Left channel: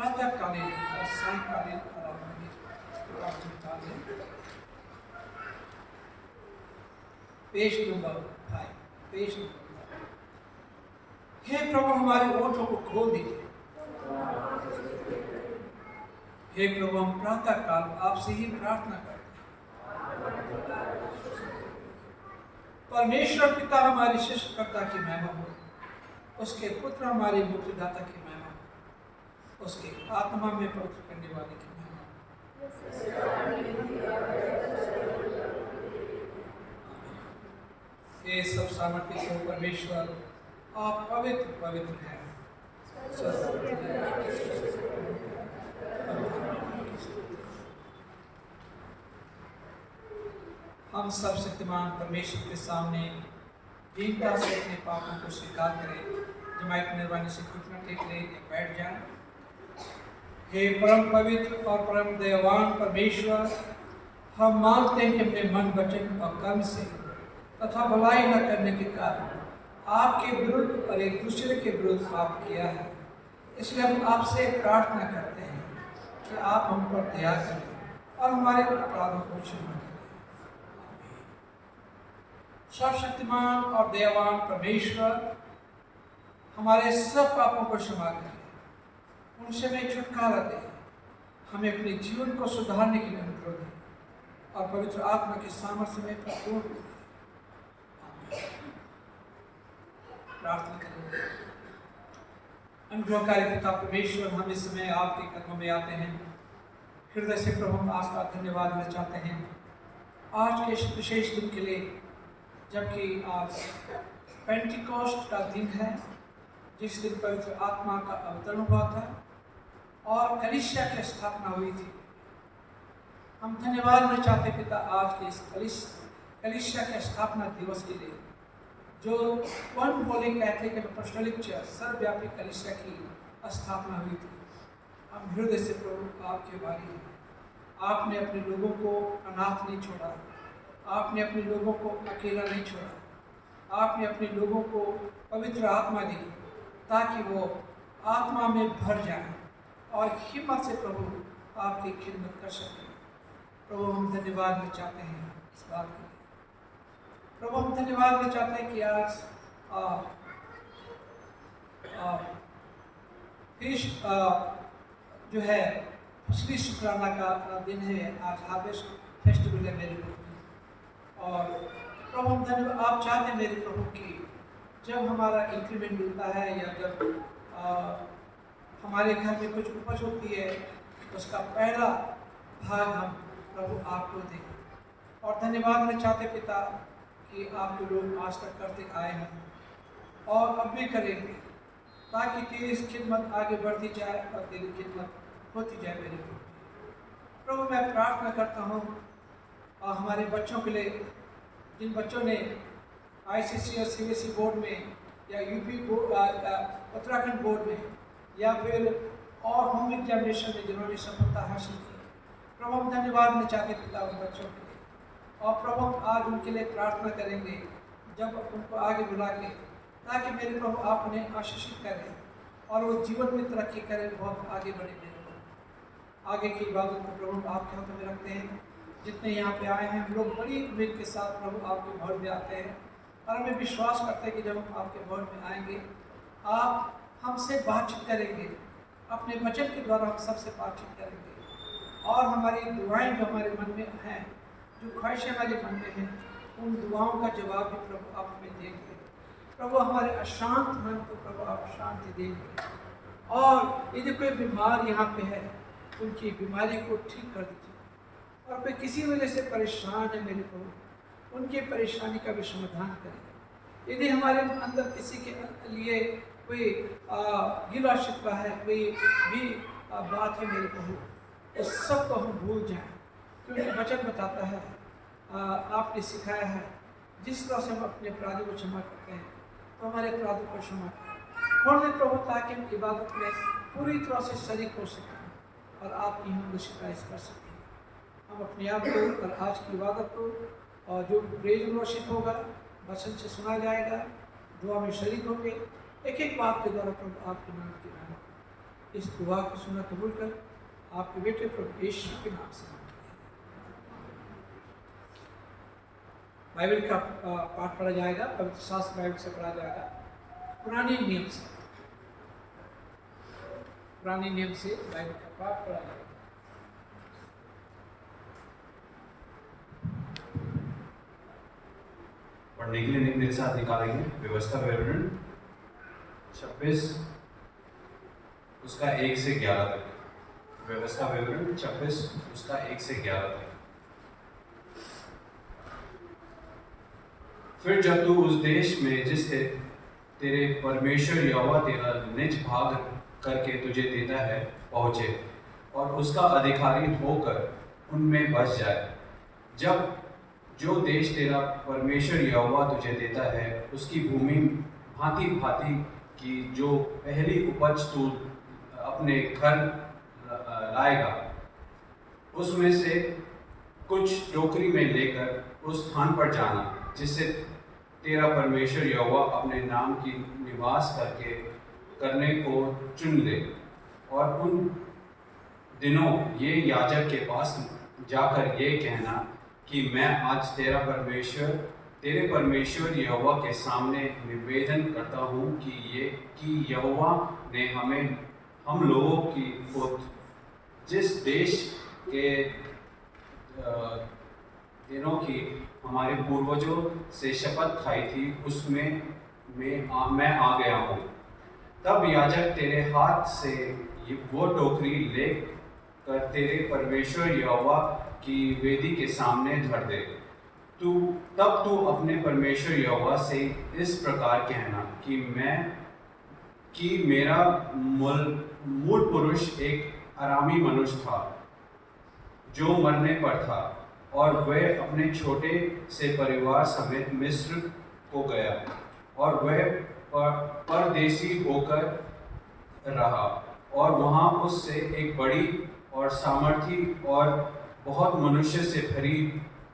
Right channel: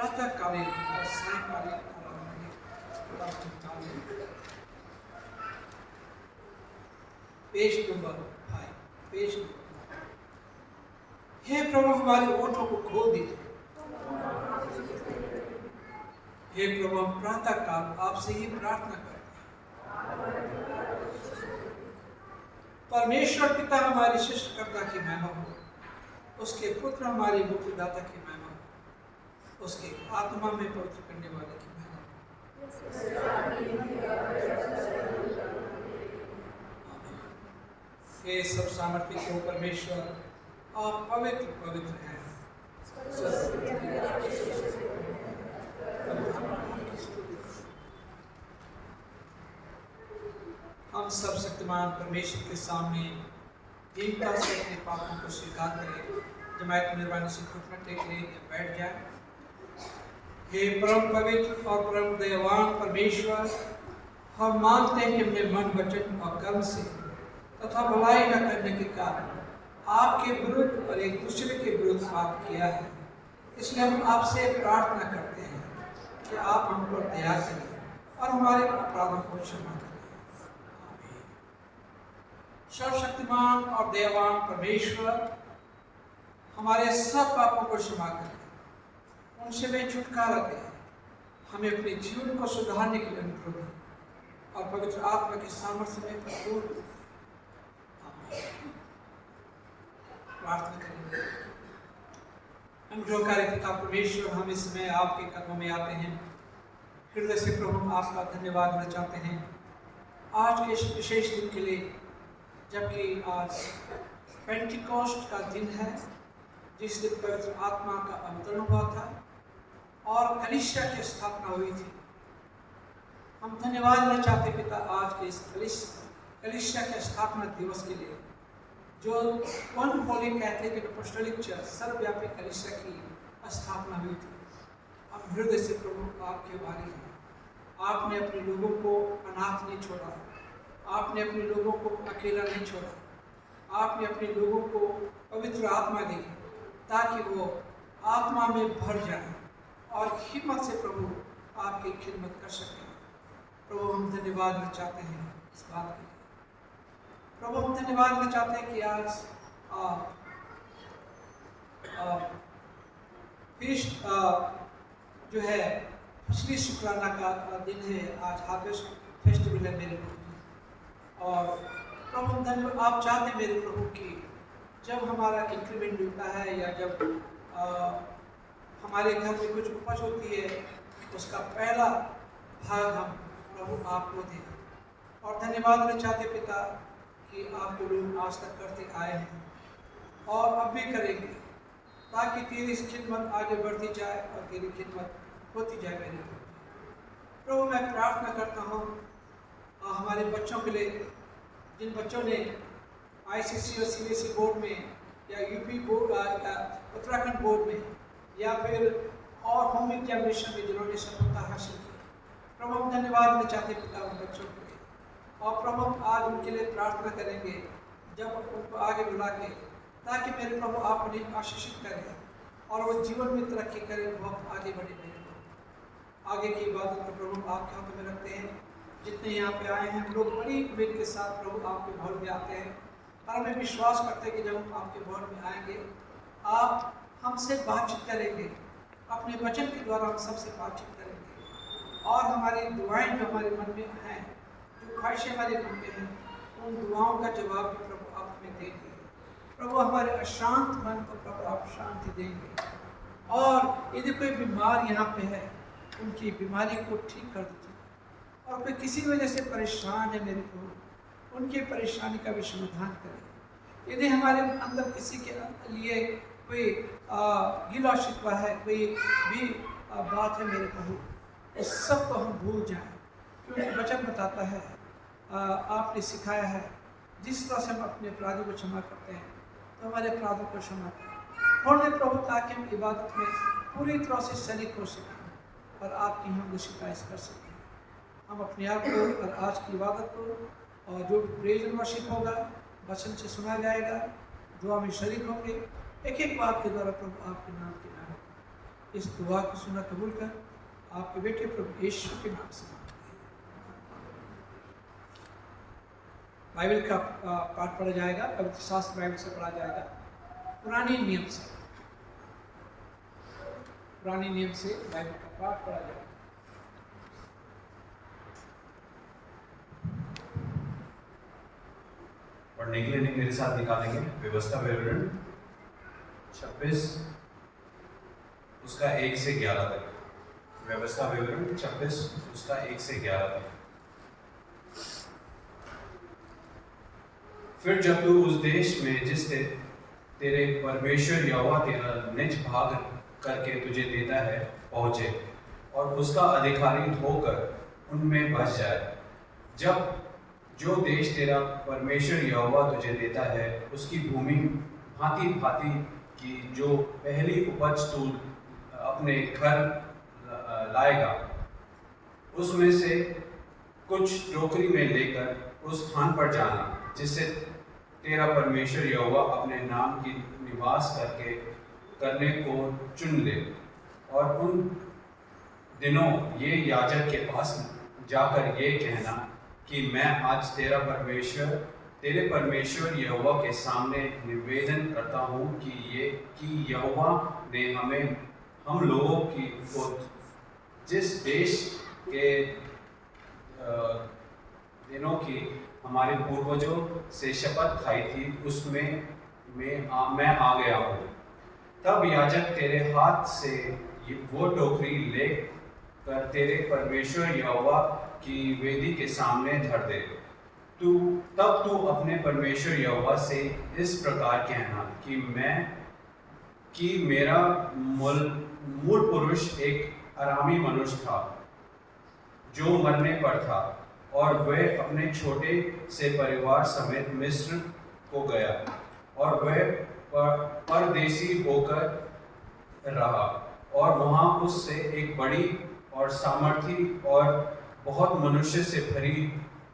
प्रातःकालीन और सायंकालीन प्रातःकालीन पेज नंबर 5। Page number 5। हे प्रभु हमारे ओठों को खोल दीजिए। हे प्रभु हम प्रातःकाल आपसे ही प्रार्थना करते हैं। परमेश्वर पिता हमारी सृष्टिकर्ता की महिमा हो, उसके पुत्र हमारे मुक्तिदाता की महिमा हो, उसके आत्मा में पवित्र करने वाले की महिमा हो। हे सब सामर्थ्य को परमेश्वर, आप पवित्र पवित्र हैं। हम सब शक्तिमान परमेश्वर के सामने दीनता से अपने पापों को स्वीकार करें। जमायत निर्वाणी से घुटना टेक ले या बैठ जाए। हे परम पवित्र और परम दयावान परमेश्वर, हम मानते हैं कि हमने मन, वचन और कर्म से तथा भलाई न करने के कारण आपके विरुद्ध और एक दूसरे के विरुद्ध पाप किया है। इसलिए हम आपसे प्रार्थना करते हैं कि आप हम पर दया करें और हमारे अपराधों को क्षमा करें। सर्वशक्तिमान और दयावान परमेश्वर, हमारे सब पापों को क्षमा करें, उनसे हमें छुटकारा दें, हमें अपने जीवन को सुधारने के लिए अनुग्रह दें और पवित्र आत्मा के सामर्थ्य में परिपूर्ण करें। प्रार्थना करें। अनुग्रहकारी पिता परमेश्वर, हम इस समय आपके कदमों में आते हैं। हृदय से प्रभु हम आपका धन्यवाद देना चाहते हैं आज के इस विशेष दिन के लिए, जबकि आज पेंटिकॉस्ट का दिन है, जिस दिन पवित्र आत्मा का अवतरण हुआ था और कलीसिया की स्थापना हुई थी। हम धन्यवाद देना चाहते पिता आज के इस कलीसिया के स्थापना दिवस के लिए, जो one Holi Catholic and apostolic church सर्वव्यापी कलीसिया की स्थापना हुई थी। हम हृदय से प्रभु आपके वाली हैं। आपने अपने लोगों को अनाथ नहीं छोड़ा, आपने अपने लोगों को अकेला नहीं छोड़ा, आपने अपने लोगों को पवित्र आत्मा दी ताकि वो आत्मा में भर जाए और हिम्मत से प्रभु आपकी खिदमत कर सकें। प्रभु हम धन्यवाद देना चाहते हैं इस बात के लिए। प्रभु हम धन्यवाद देना चाहते हैं कि आज जो है पिछली शुक्राना का दिन है। आज हार्वेस्ट फेस्टिवल है मेरे लिए। और प्रभु हम धन्यवाद, आप चाहते हैं मेरे प्रभु की जब हमारा इंक्रीमेंट मिलता है या जब हमारे घर में कुछ उपज होती है, उसका पहला भाग हम प्रभु आपको दें। और धन्यवाद देना चाहते पिता कि आपको लोग आज तक करते आए हैं और अब भी करेंगे, ताकि तेरी खिदमत आगे बढ़ती जाए और तेरी खिदमत होती जाए मेरे प्रभु। मैं प्रार्थना करता हूँ हमारे बच्चों के लिए, जिन बच्चों ने आईसीएसई और सीबीएसई बोर्ड में या यूपी बोर्ड, उत्तराखंड बोर्ड में या फिर और होम एग्जामिनेशन में जिन्होंने सफलता हासिल की, प्रभु हम धन्यवाद देना चाहते पिता उन बच्चों के लिए। और प्रभु आज उनके लिए प्रार्थना करेंगे जब उनको आगे बुला के, ताकि मेरे प्रभु आप उन्हें आशीषित करें और वो जीवन में तरक्की करें, बहुत आगे बढ़े मेरे प्रभु। आगे की इबादत को प्रभु आपके हाथों में रखते हैं। जितने यहाँ पे आए हैं हम लोग बड़ी उम्मीद के साथ प्रभु आपके भवन में आते हैं और हमें विश्वास करते हैं कि जब हम आपके भवन में आएंगे आप हमसे बातचीत करेंगे, अपने वचन के द्वारा हम सबसे बातचीत करेंगे और हमारी दुआएं जो हमारे मन में हैं, जो ख्वाहिशें हमारे मन में हैं, उन दुआओं का जवाब भी प्रभु आप हमें देंगे। प्रभु हमारे अशांत मन को प्रभु आप शांति देंगे और यदि कोई बीमार यहाँ पे है उनकी बीमारी को ठीक कर दीजिए। और कोई किसी वजह से परेशान है मेरे प्रभु, उनकी परेशानी का भी समाधान करें। यदि हमारे अंदर किसी के लिए कोई गिला शिकवा है, कोई भी बात है मेरे प्रभु, इस सब को हम भूल जाएं, क्योंकि वचन बताता है, आपने सिखाया है जिस तरह से हम अपने अपराधों को क्षमा करते हैं तो हमारे अपराधों को क्षमा करें। छोड़ दें प्रभु, ताकि हम इबादत में पूरी तरह से शरीक हो सकें और आपकी हम शिकायत कर सकें। हम अपने आप को और आज की इबादत को और जो प्रेज एंड वर्शिप होगा, वचन से सुना जाएगा, दुआ में शरीक होंगे, एक एक बात के द्वारा प्रभु आपके नाम की नाम इस दुआ को सुना कबूल कर आपके बेटे प्रभु यीशु के नाम से मांगते हैं। बाइबल का पाठ पढ़ा जाएगा, पवित्र शास्त्र बाइबल से पढ़ा जाएगा, पुराने नियम से बाइबल का पाठ पढ़ा जाएगा। पढ़ने के लिए मेरे साथ निकालेंगे व्यवस्था विवरण 26 उसका 1 से 11 तक। व्यवस्था विवरण 26 उसका 1 से 11 तक। फिर जब तू उस देश में जिससे तेरे परमेश्वर यहोवा तेरा निज भाग करके तुझे देता है पहुँचे और उसका अधिकारी होकर उनमें बस जाए, जब जो देश तेरा परमेश्वर यहोवा तुझे देता है उसकी भूमि भांति भांति की जो पहली उपज तू अपने घर लाएगा, उसमें से कुछ टोकरी में लेकर उस स्थान पर जाना जिससे तेरा परमेश्वर यहोवा अपने नाम की निवास करने को चुन ले। और उन दिनों ये याजक के पास जाकर ये कहना कि मैं आज तेरे परमेश्वर यहोवा के सामने निवेदन करता हूँ कि यहोवा ने हम लोगों को जिस देश के दिनों की हमारे पूर्वजों से शपथ खाई थी उसमें मैं आ गया हूँ। तब याजक तेरे हाथ से वो टोकरी ले कर तेरे परमेश्वर यहोवा की वेदी के सामने धर दे। तब तू अपने परमेश्वर यहोवा से इस प्रकार कहना कि मेरा मूल पुरुष एक अरामी मनुष्य था जो मरने पर था और वह अपने छोटे से परिवार समेत मिस्र को गया और वह परदेसी होकर रहा और वहाँ उससे एक बड़ी और सामर्थी और बहुत मनुष्य से भरी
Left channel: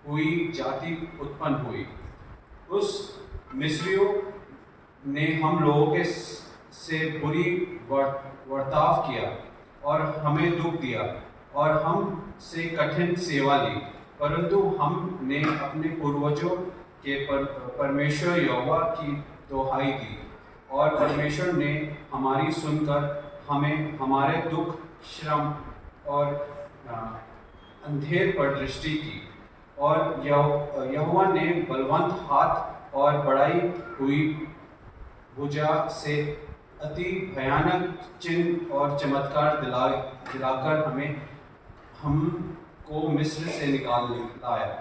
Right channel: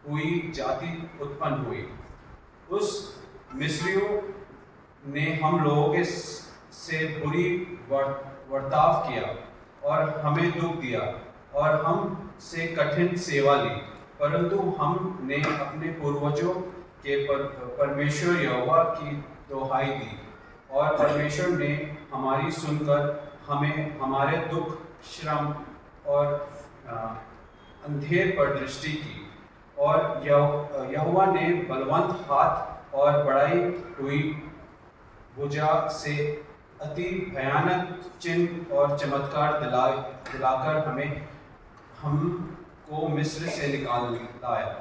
हुई जाति उत्पन्न हुई। उस मिस्रियों ने हम लोगों के से बुरी वर्ताव किया और हमें दुख दिया और हम से कठिन सेवा ली, परंतु हमने अपने पूर्वजों के परमेश्वर यहोवा की दुहाई दी और परमेश्वर ने हमारी सुनकर हमें हमारे दुख, श्रम और अंधेर पर दृष्टि की। और यहोवा ने बलवंत हाथ और बढ़ाई हुई भुजा से अति भयानक चिन्ह और चमत्कार दिलाकर हमको मिस्र से निकाल लाया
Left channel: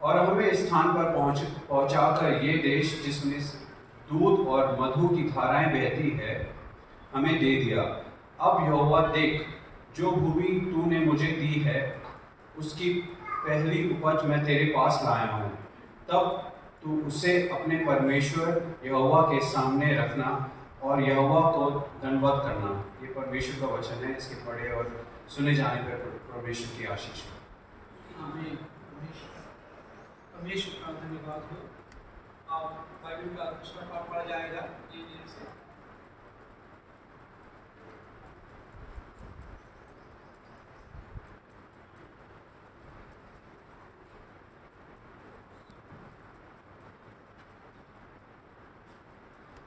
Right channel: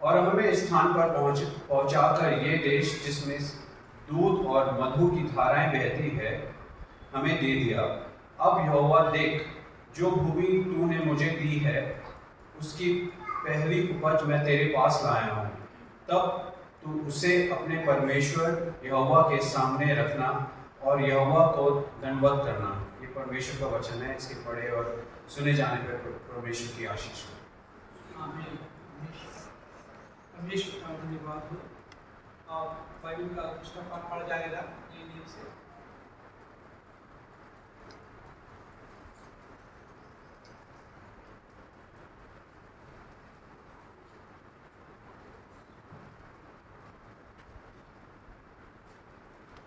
और हमें इस स्थान पर पहुंचाकर ये देश जिसमें दूध और मधु की धाराएं बहती है हमें दे दिया। अब यहोवा देख, जो भूमि तूने मुझे दी है उसकी पहली उपज मैं तेरे पास लाया हूँ। तब तू उसे अपने परमेश्वर यहोवा के सामने रखना और यहोवा को दंडवत करना। ये परमेश्वर का वचन है, इसके पढ़े और सुने जाने पर परमेश्वर की आशीष हो। आमीन। परमेश्वर का धन्यवाद हो। आप बाइबल का दूसरा पाठ पढ़ा जाएगा ये नियम से।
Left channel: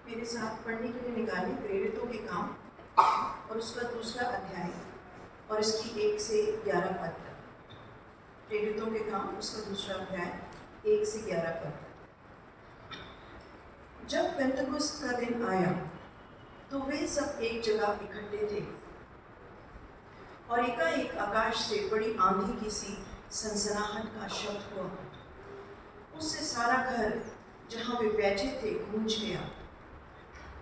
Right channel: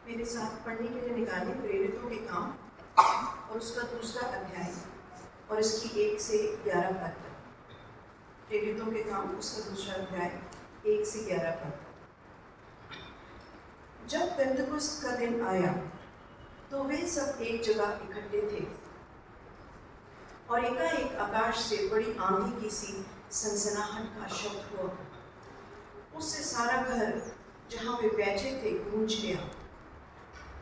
मेरे साथ पढ़ने के लिए निकालें प्रेरितों के काम और उसका दूसरा अध्याय और इसकी 1 से 11 पद तक। प्रेरितों के काम उसका दूसरा अध्याय 1 से 11 पद तक। जब पेंतकुस्त का दिन आया तो वे सब एक जगह इकट्ठे थे और एकाएक आकाश से बड़ी आंधी की सी सनसनाहट का शब्द हुआ। उससे सारा घर जहाँ वे बैठे थे गूंज गया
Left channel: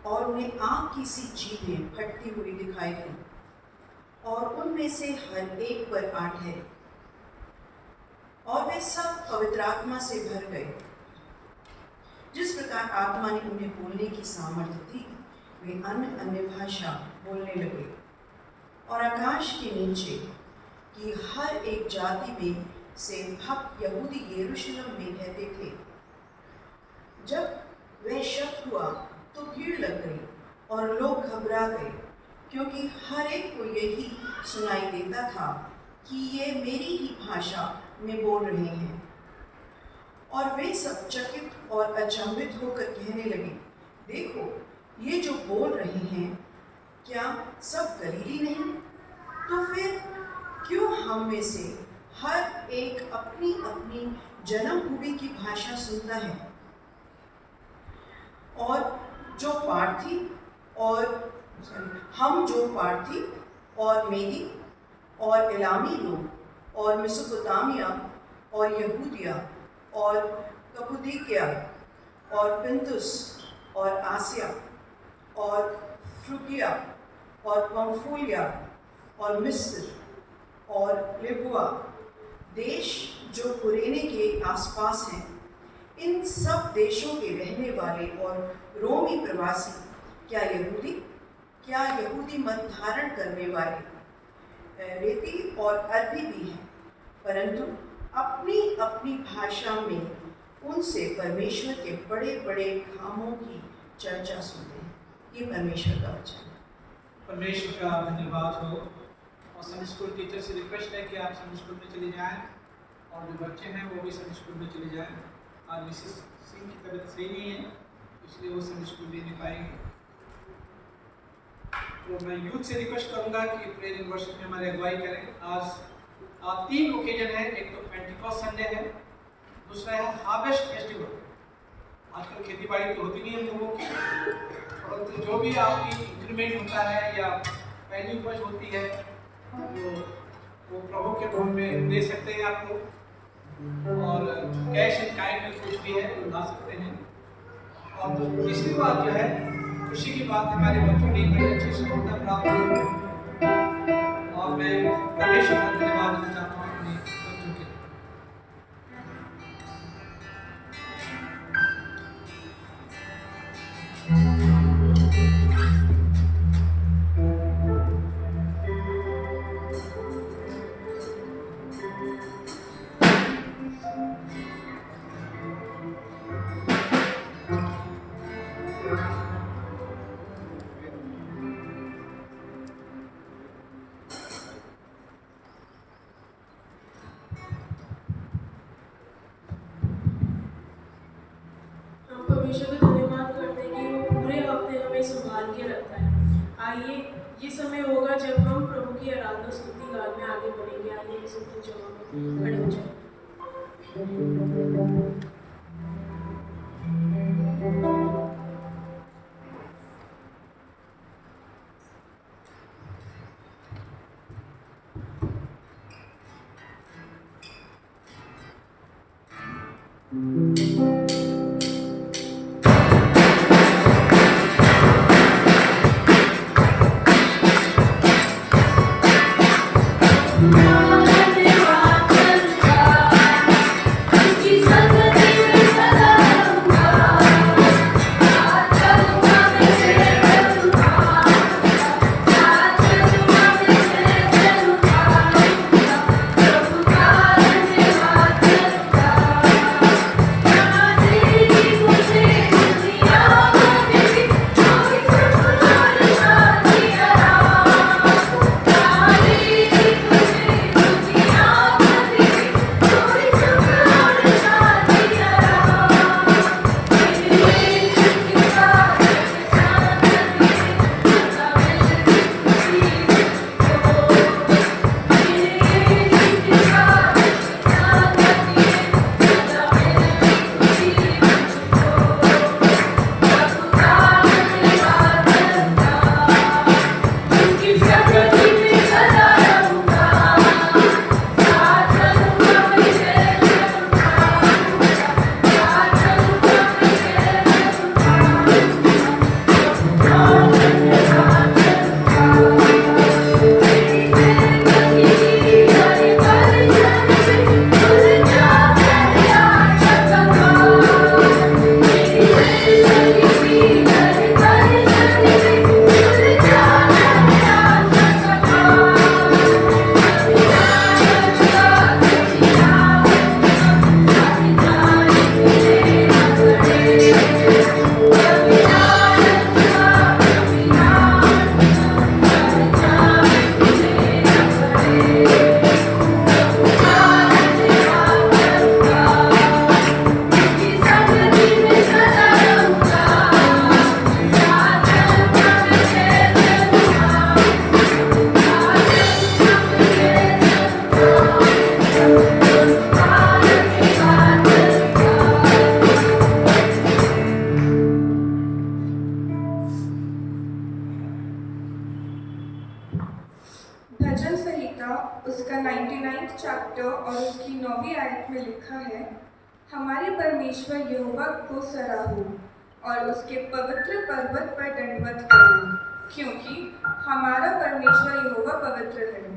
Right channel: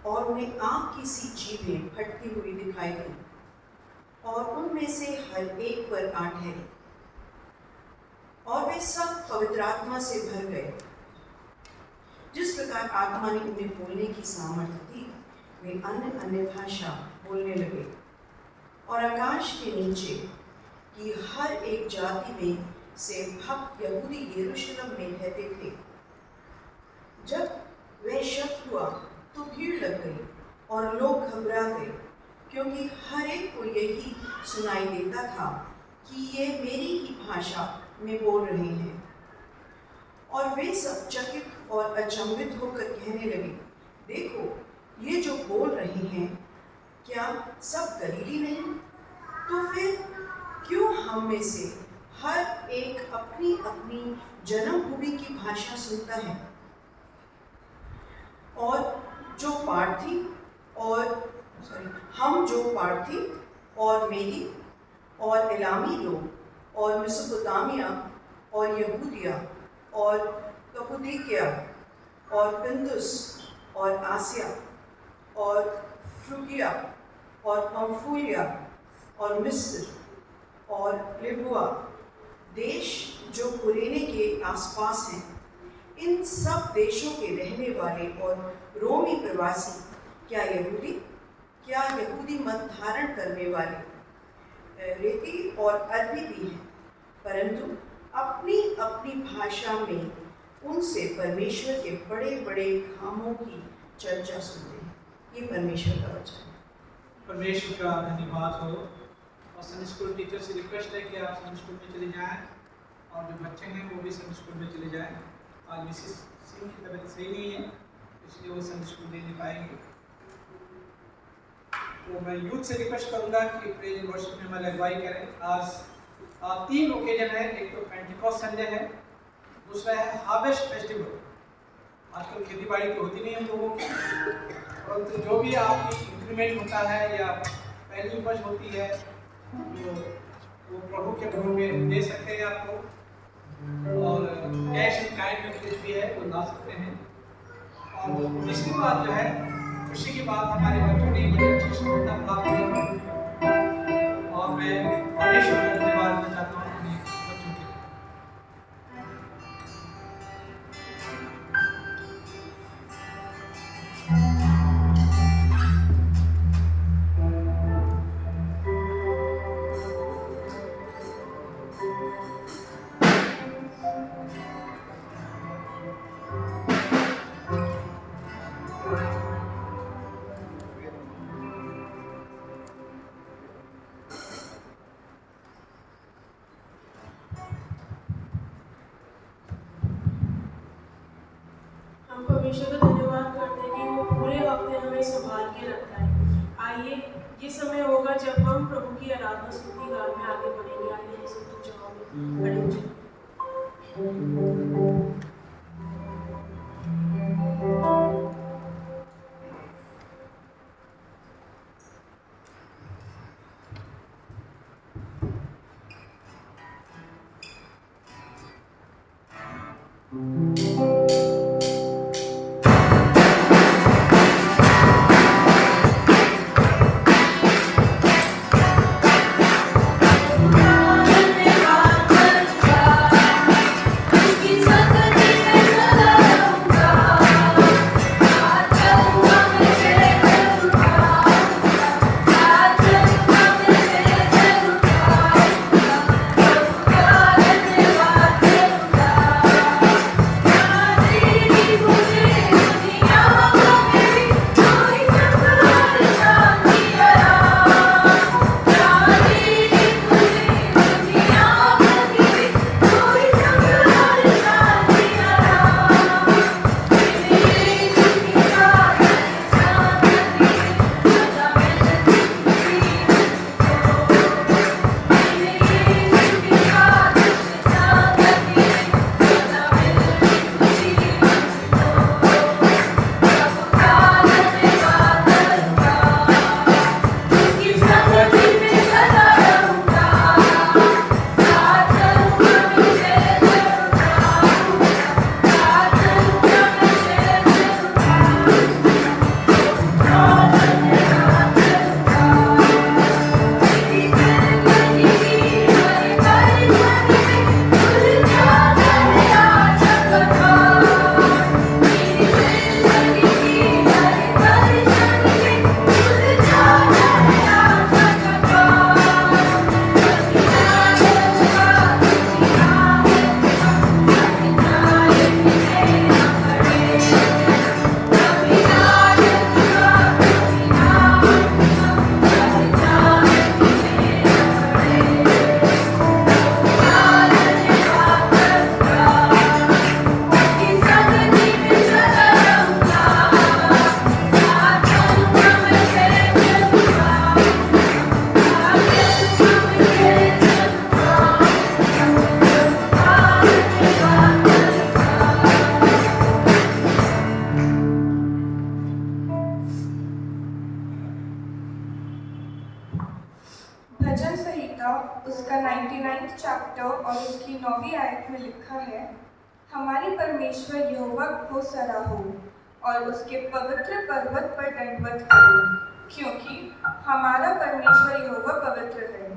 और उन्हें आग की सी जीभें फटती हुई दिखाई दी और उनमें से हर एक पर आ ठहरी और वे सब पवित्र आत्मा से भर गए। जिस प्रकार आत्मा ने उन्हें बोलने की सामर्थ्य दी, वे अन्य अन्य भाषा बोलने लगे और आकाश के नीचे की हर एक जाति में से भक्त यहूदी यरूशलेम में रहते थे। जब वह शब्द हुआ तो भीड़ लग गई और लोग घबरा गए क्योंकि हर एक को यही सुनाई देता था कि ये मेरी ही भाषा में बोल रहे हैं। और वे सब चकित और अचंभित होकर कहने लगे, देखो, ये जो बोल रहे हैं, क्या सब गलीली नहीं? तो फिर क्यों हम में से हर एक अपनी अपनी जन्मभूमि की भाषा सुनता है? और जो पार्थी और मेदी और एलामी लोग और मेसोपोटामिया और यहूदिया और कप्पदोकिया और पिंतुस और आसिया और फ्रुगिया और पंफूलिया और मिस्र और लिबुआ देश जो कुरेने के आसपास हैं, इन सब देशों के रहने वाले और रोमी प्रवासी, क्या यहूदी मत धारण करने वाले रेती और अरबी भी हैं, परंतु अपनी अपनी भाषा में उनसे परमेश्वर के बड़े बड़े कामों की चर्चा सुनते हैं। ये परमेश्वर का वचन है। परमेश्वर का धन्यवाद हो। और संडे स्कूल टीचर से रिक्वेस्ट है कि आप संडे स्कूल में चले जाएं, और जो बच्चे हैं वो भी संडे स्कूल में चले जाएं। और मिसिस सिंह की तबीयत सही नहीं है, इसलिए वो संडे स्कूल नहीं पाएंगे। तो मैं यूथ से रिक्वेस्ट करूंगा कि प्रेज एंड वर्शिप में हमारी अगुवाई करें। आज 3 ओकेजन है। एक तो पेंटिकॉस्ट संडे है, दूसरा है हार्वेस्ट फेस्टिवल। आजकल खेती बाड़ी तो होती नहीं है लोगों की, परंतु जो भी आपकी इंक्रीमेंट होता है या पहली उपज होती है तो वो प्रभु के भवन में दे सकते हैं आप लोग, और कैश एंड काइंड में कुछ भी है वो ला सकते हैं। और तीसरी बात जो है, खुशी की बात, हमारे बच्चों ने बड़े अच्छी सफलता प्राप्त की, और मैं परमेश्वर का धन्यवाद देना चाहता हूँ अपने बच्चों के लिए। परमेश्वर का धन्यवाद करते हैं कि वो पूरे हफ्ते हमें संभाल के रखता है। आइए, ये समय होगा जब हम प्रभु की आराधना स्तुति गान में आगे बढ़ेंगे। आइए हम सब कुछ जवाब खड़े हो जाएं। धन्यवाद भजन संहिता उसका 99 चैप्टर और उसकी 9वीं आयत में लिखा है, हमारे परमेश्वर यहोवा को सराहो और उसके पवित्र पर्वत पर दंडवत करो, क्योंकि हमारा परमेश्वर यहोवा पवित्र है।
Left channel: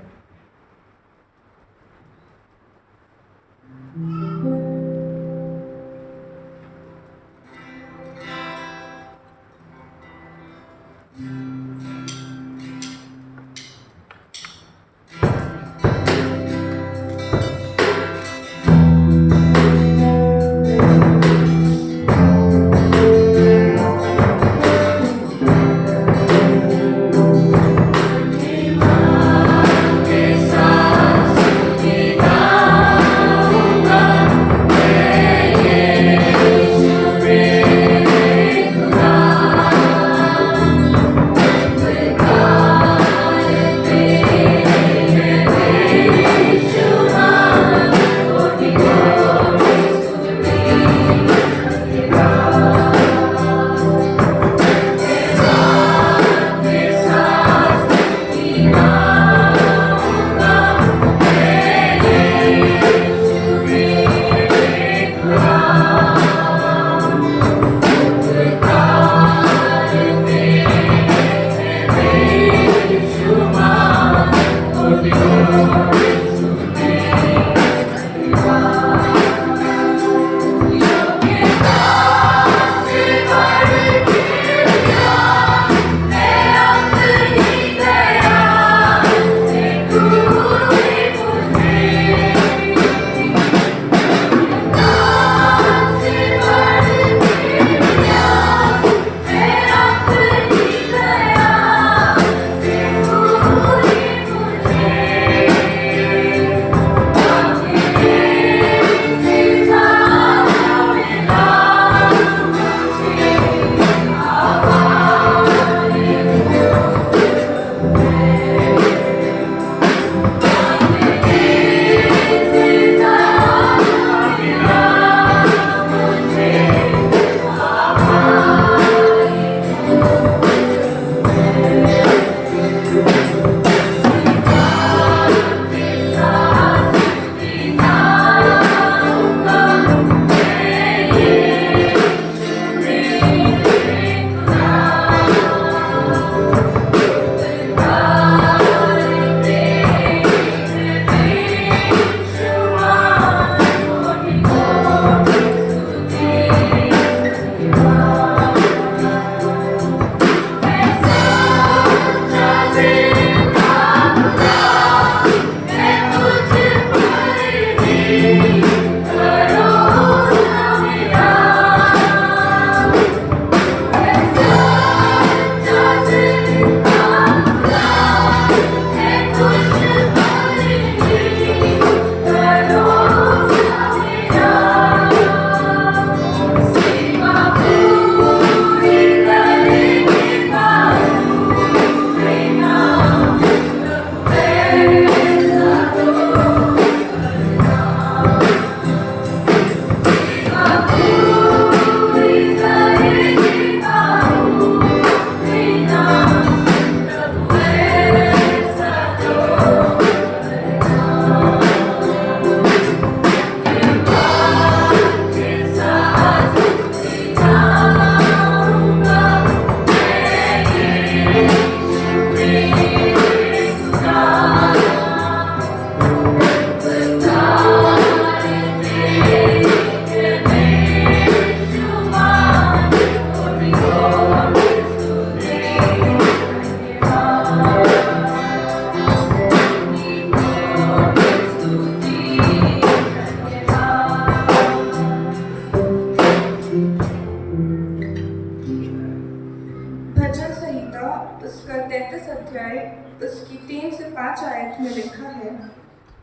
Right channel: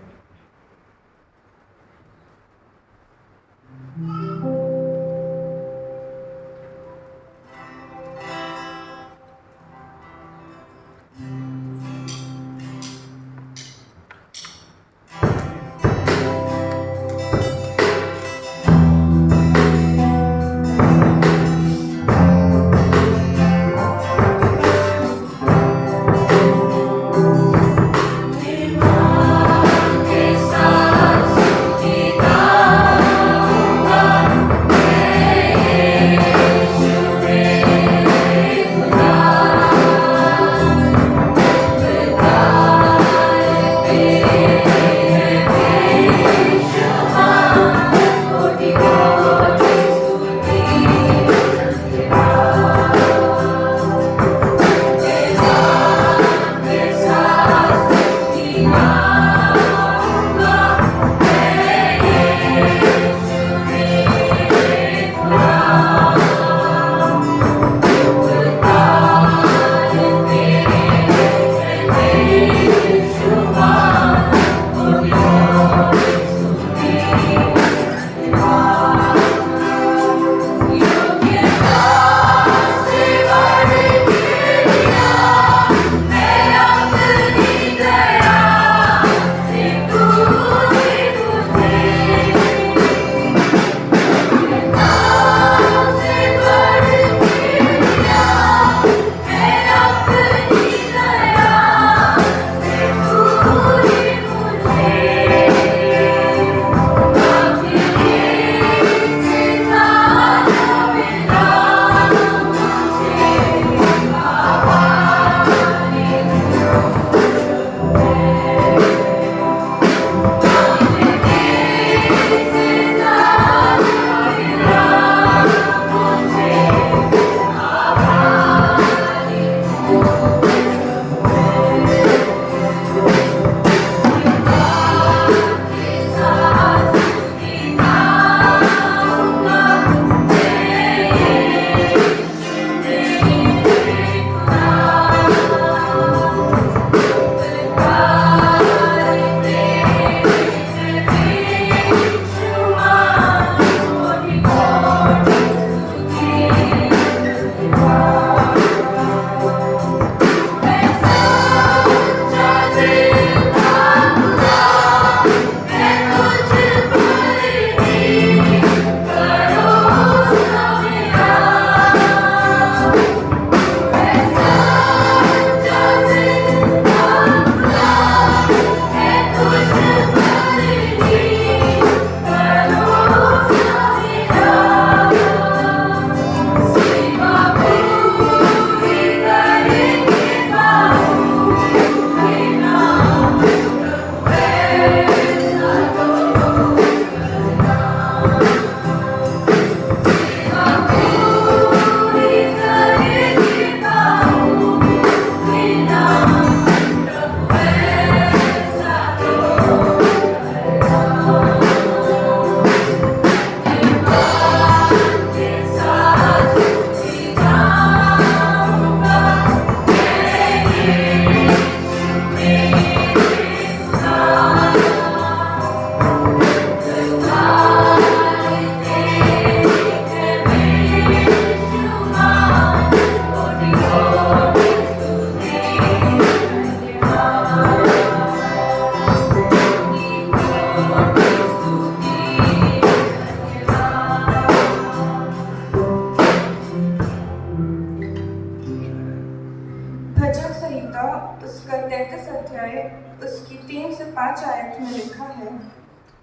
उसका 33 अध्याय उसकी 3 से 5 आयत में लिखा है,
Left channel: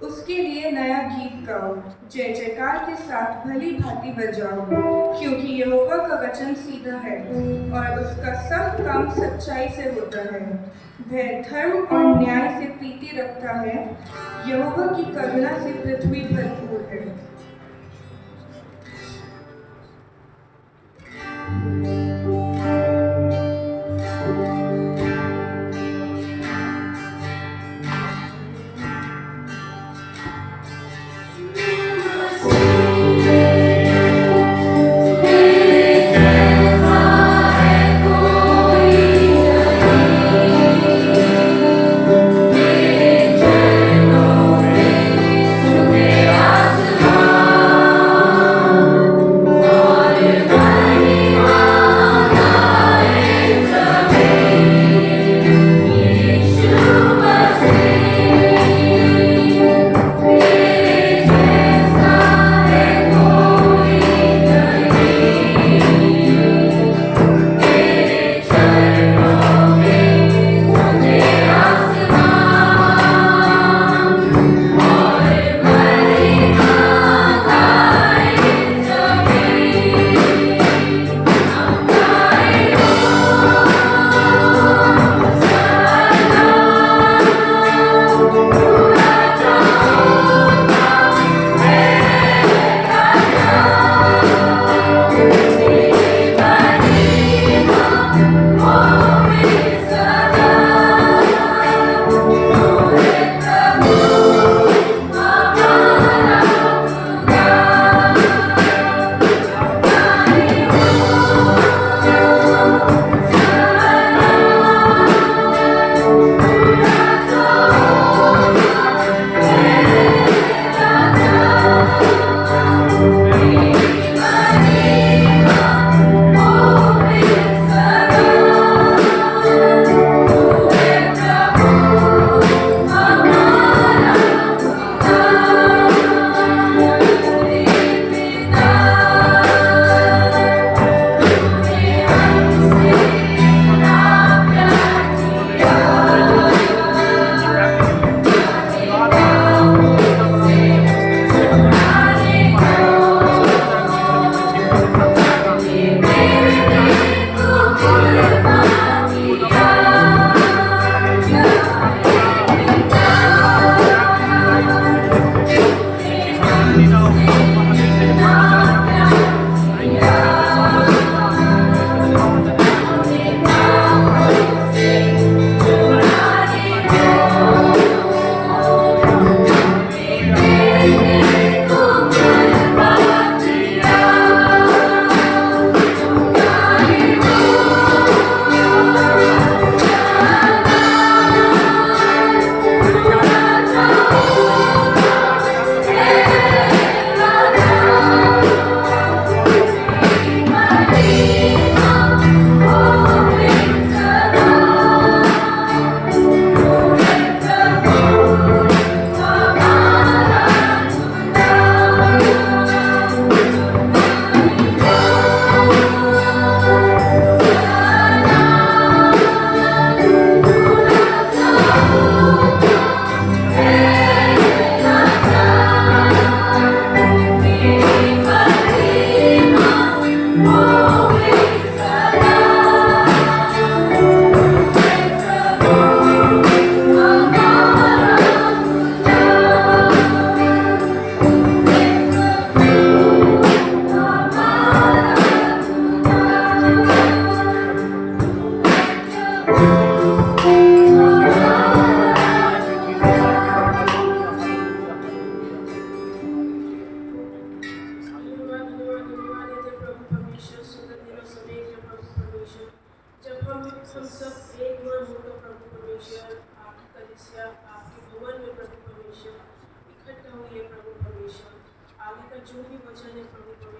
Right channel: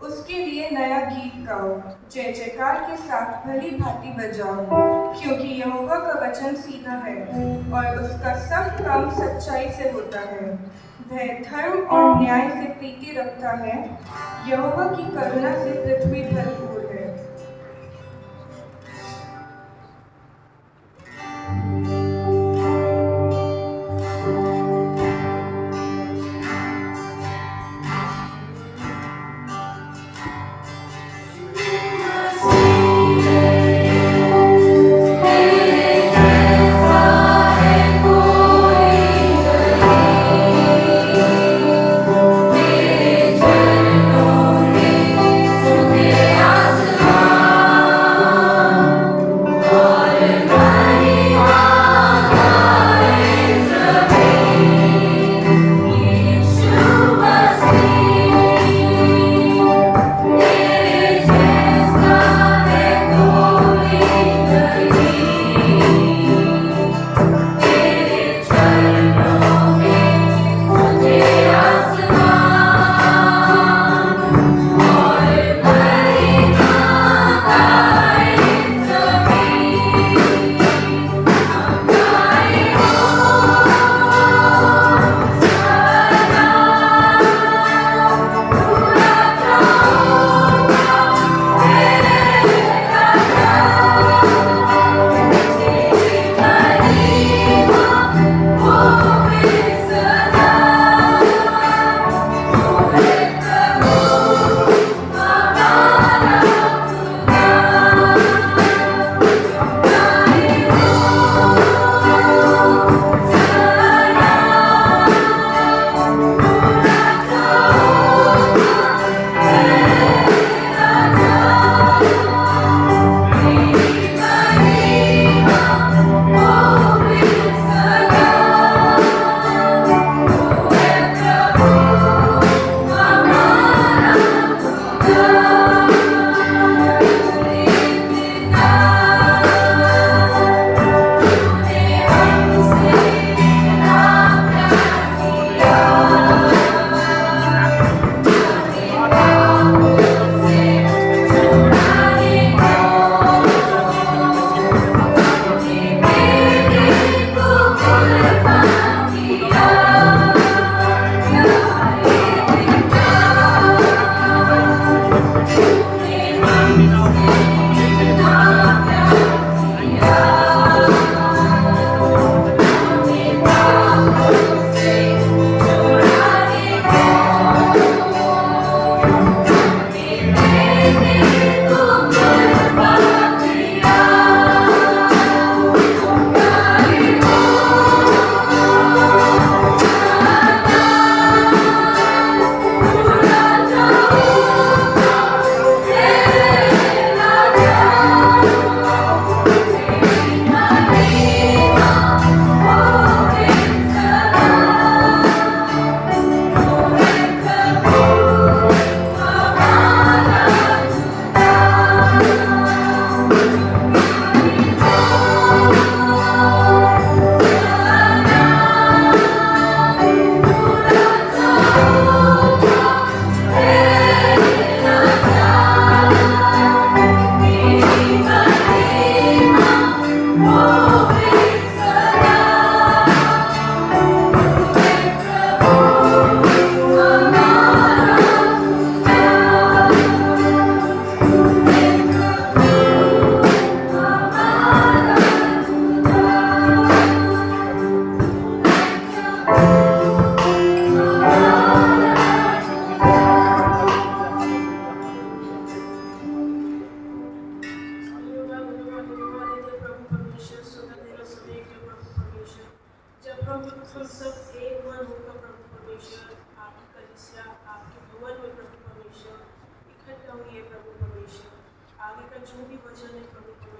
उसके लिए नया गीत गाओ, जय जयकार के साथ भली भांति बजाओ, क्योंकि यहोवा का वचन सीधा है और उसका सब काम सच्चाई से होता है। वह धर्म और न्याय से प्रीति रखता है, यहोवा की करुणा से पृथ्वी भरपूर है।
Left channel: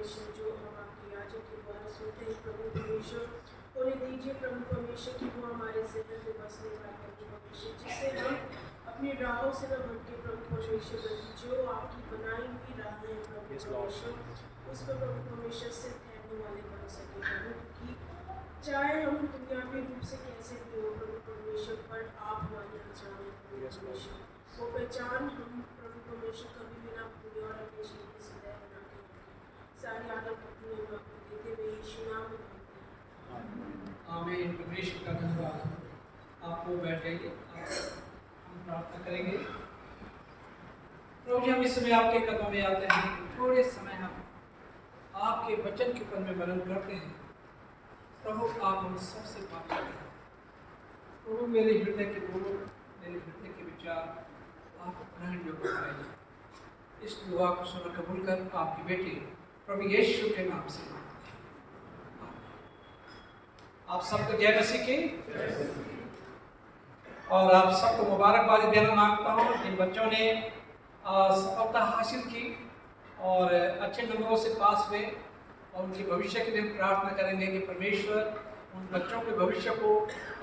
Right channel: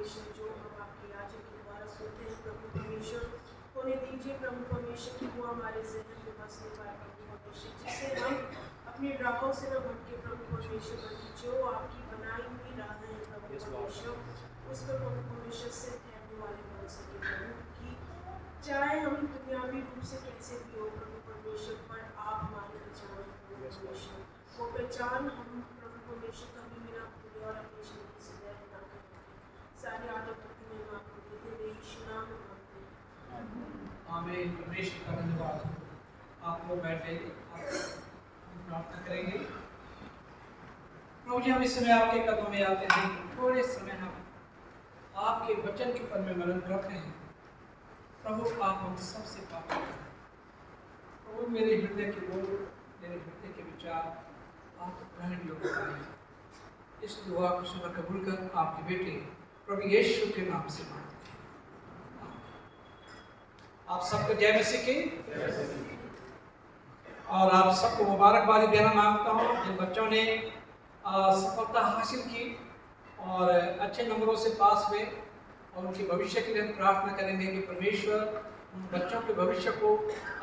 परमेश्वर, जो हम आपके याजक के द्वारा सुनते हैं प्रभु परमेश्वर, होने दीजिए प्रभु परमेश्वर कि वो हमारे ज़हन में बसने वाला प्रभु परमेश्वर, जिससे हम अपनी राहों से न भटके प्रभु परमेश्वर, बल्कि जो आपकी बनाई हुई राहें हैं प्रभु परमेश्वर, उस पर प्रभु परमेश्वर से ठहरने वाले बन सके प्रभु, कि चाहे हम दुनियावी रूप से कैसे भी हो प्रभु परमेश्वर, पर आप हमारी पहचान है प्रभु परमेश्वर। वो पहचान हम प्रभु परमेश्वर कभी भी ना भूलें और अपने शरीर से दया ना करें। सारी आदत भक्ति में हम आपको देते हुए यीशु नाम में मांगते हैं। आमीन। परमेश्वर का धन्यवाद। आप वो बैठे, हम प्रार्थना करेंगे। प्रभु जी, हम इस समय आपके कदमों में आते हैं। थोड़े समय हम आपके वचन के पद में मनन करते हैं। प्रभु, आप हम सबसे बात करें। प्रभु, मेरे हृदय के बोल, मेरे हृदय के विचार आप ग्रहण योग्य पाए। इस दुआ को सुन कबूल कर आपकी बेटी प्रभु यीशु के नाम से मांगते हैं। आप सबको जय मसीह की और आप सबको मुबारकबादी देना मांगता हूँ जिन बच्चों ने सफलता हासिल की और अच्छे नंबरों से पास हुए, और उनके भविष्य के लिए प्रार्थना करेंगे कि परमेश्वर उन बच्चों के भविष्य को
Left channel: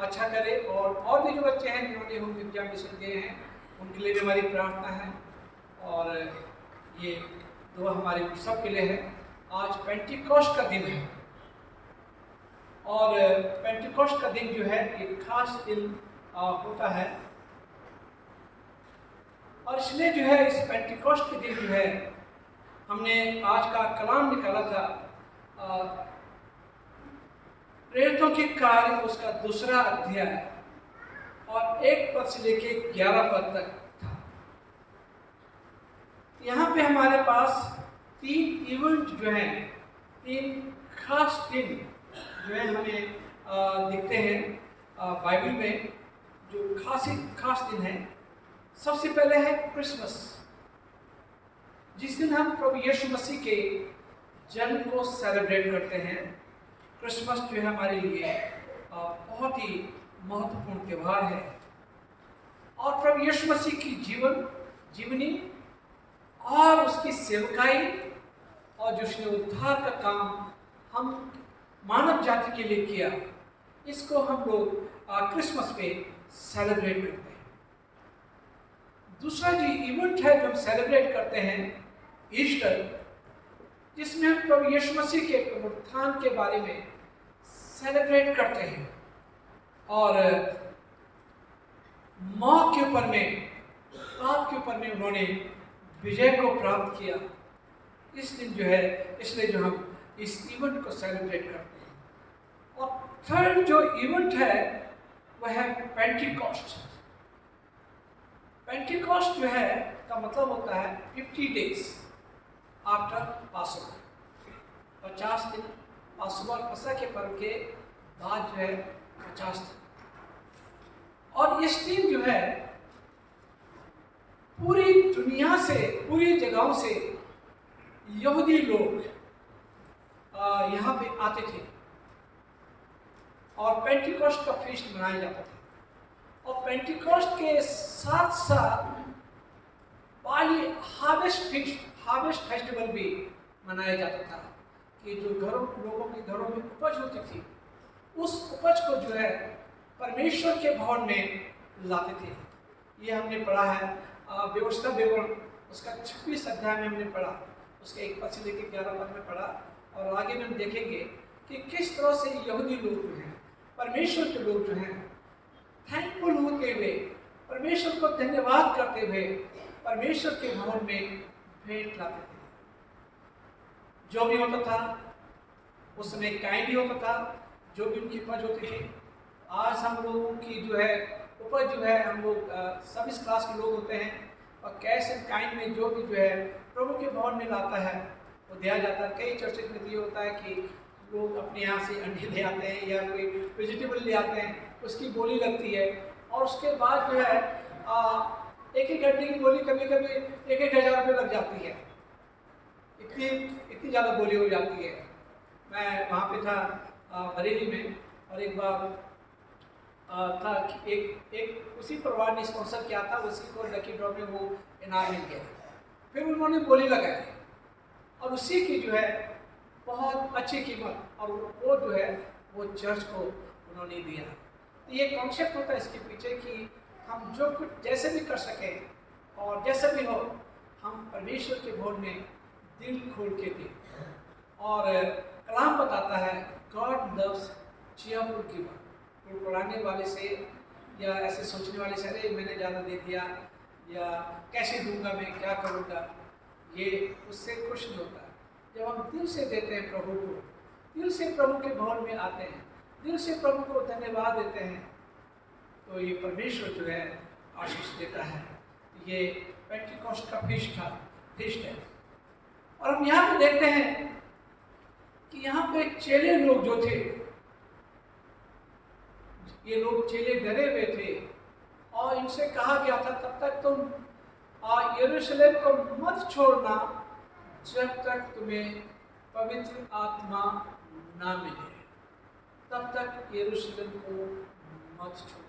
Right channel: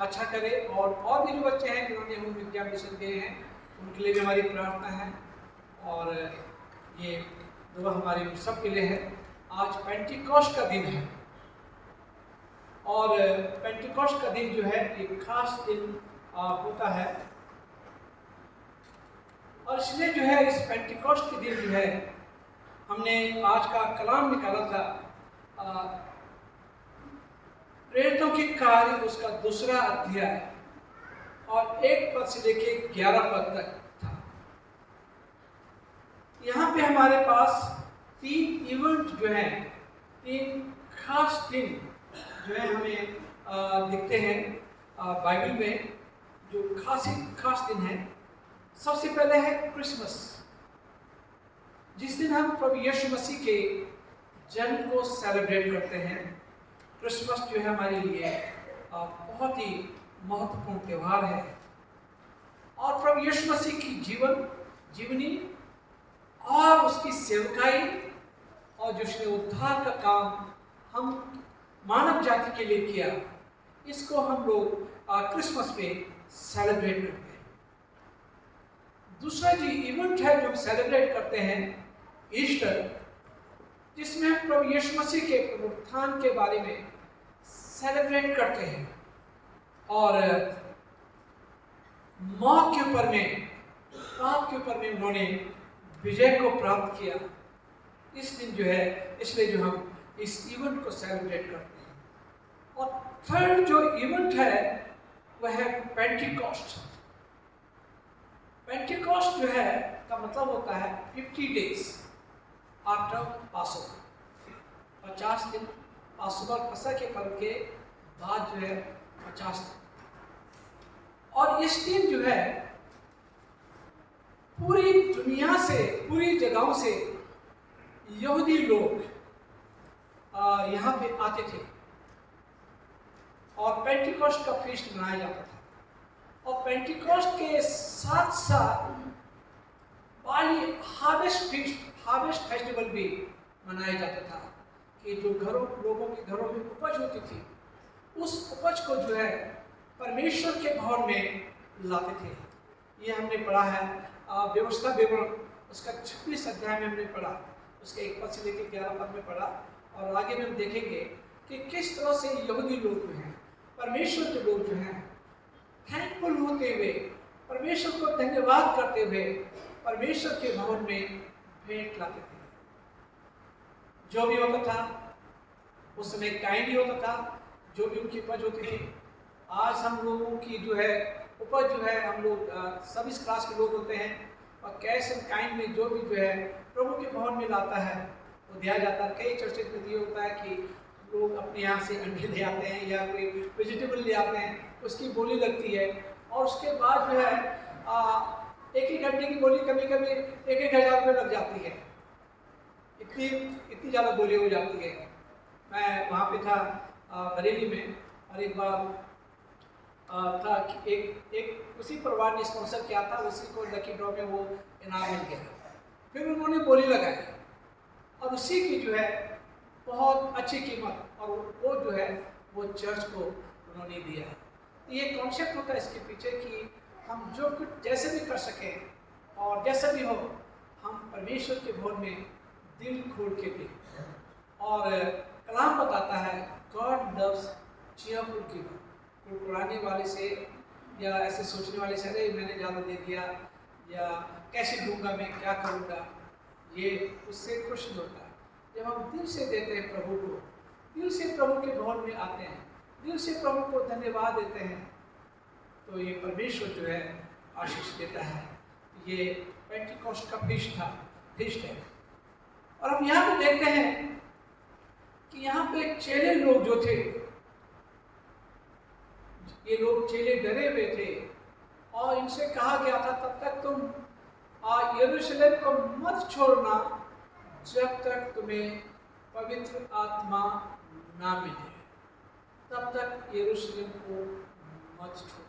अच्छा करे। और भी जो बच्चे हैं जिन्होंने हम विद्या मिशन गए हैं, उनके लिए भी हमारी प्रार्थना है। और ये दुआ हमारे सब के लिए है। आज पेंटिकॉस्ट का दिन है और पेंटिकॉस्ट का दिन जो है एक खास दिन होता है, और इसलिए जो है इस पेंटिकॉस्ट के दिन जो है हमने आज का कलाम निकाला था प्रेरितों के कार्य, उसका 2 अध्याय और 1 पद से लेके 11 पद तक था। यहाँ पे हमारे पास 3 इवेंट जो हैं, 3 खास दिन जो है हमें दिखते हैं बाइबल में, जो खास दिन है। सबसे पहले है क्रिसमस, जिस दिन हम प्रभु यीशु मसीह के जन्म को सेलिब्रेट करते हैं। क्रिसमस जो है हमारे लिए बहुत ही महत्वपूर्ण त्यौहार है, और प्रभु यीशु मसीह की जीवनी और उसकी सेवकाई और जो उसने उद्धार का काम हम मानव जाति के लिए किया, इसको हम लोग क्रिसमस पे सेलिब्रेट करते हैं। दूसरा जो इवेंट है जो हम सेलिब्रेट करते हैं, ईस्टर, जिसमें हम प्रभु यीशु मसीह के पुनरुत्थान के बारे में सेलिब्रेट करते हैं और मौत के ऊपर में, पाप के ऊपर में उन्होंने विजय को प्राप्त किया। इस दिन जो है, इसलिए जो हम इस इवेंट को सेलिब्रेट करते हैं। और थर्ड जो इवेंट है वह है पेंटिकॉस्ट। पेंटिकॉस्ट जो है का मतलब होता है 50 डेज आफ्टर पासओवर, 50 दिन पासओवर फसह के पर्व के बाद जो है 50 दिन। और इस दिन जो है पूरी दुनिया से, पूरी जगहों से यहूदी लोग यहाँ पे आते थे और पेंटिकॉस्ट का फीस्ट मनाया जाता था। और पेंटिकॉस्ट के साथ साथ हार्वेस्ट फेस्टिवल भी मनाया जाता था, कि जो लोगों के घरों में उपज होती थी, उस उपज को जो है परमेश्वर के भवन में लाते थे। ये हमने पढ़ा है व्यवस्था विवरण, उसका 26 अध्याय में हमने पढ़ा, उसके 1 पद से लेकर 11 पद में पढ़ा। और आगे में हम देखेंगे कि किस तरह से यहूदी लोग जो हैं, परमेश्वर के लोग जो हैं, थैंकफुल होते हुए, परमेश्वर को धन्यवाद करते हुए परमेश्वर के भवन में भेंट लाते थे। जो भी होता था उस समय काइन भी होता था, जो भी उनकी उपज होती थी। आज हम लोगों की जो है उपज जो है, हम लोग सब इस क्लास के लोग होते हैं, और कैश एंड काइन में जो भी जो है प्रभु के भवन में लाता है वो दिया जाता है। कई चर्चेज में ये होता है कि लोग अपने यहाँ से अंडे ले आते हैं या कोई वेजिटेबल ले आते हैं, उसकी बोली लगती है, और उसके बाद जो है एक अंडे की बोली कभी कभी 1,000 रुपये लग जाती है। इतनी ज़्यादा बोली हो जाती है। मैं वहाँ पे था बरेली में, और एक बार था कि एक उसी परिवार ने स्पॉन्सर किया था, उसी को लकी ड्रॉ में वो इनाम मिल गया। फिर उन्होंने बोली लगाई और उसी की जो है बहुत अच्छी कीमत, और वो जो है वो चर्च को उन्होंने दिया। तो ये कॉन्सेप्ट होता है इसके पीछे कि हम जो कुछ जैसे भी कर सकें और जैसे भी हो, हम परमेश्वर के भवन में दिल खोल के दें। और कलाम बताता है गॉड लव्स चीयरफुल गिवर। कुड़कुड़ाने वाले से या ऐसे सोचने वाले से अरे मैंने ज़्यादा दे दिया या कैसे दूंगा, मैं क्या करूँगा, ये उससे खुश नहीं होता। जब हम दिल से देते हैं प्रभु को, दिल से प्रभु के भवन में आते हैं, दिल से प्रभु को धन्यवाद देते हैं, तो ये परमेश्वर जो है आशीष देता है। ये पेंटिकॉस्ट का फीस्ट है। और हम यहाँ पे देखते हैं कि यहाँ पे चेले लोग जो थे, ये लोग चेले डरे हुए थे और इनसे कहा गया था तब तक तुम यरूशलेम को मत छोड़ना जब तक तुम्हें पवित्र आत्मा ना मिले, तब तक यरूशलेम को मत छोड़ो।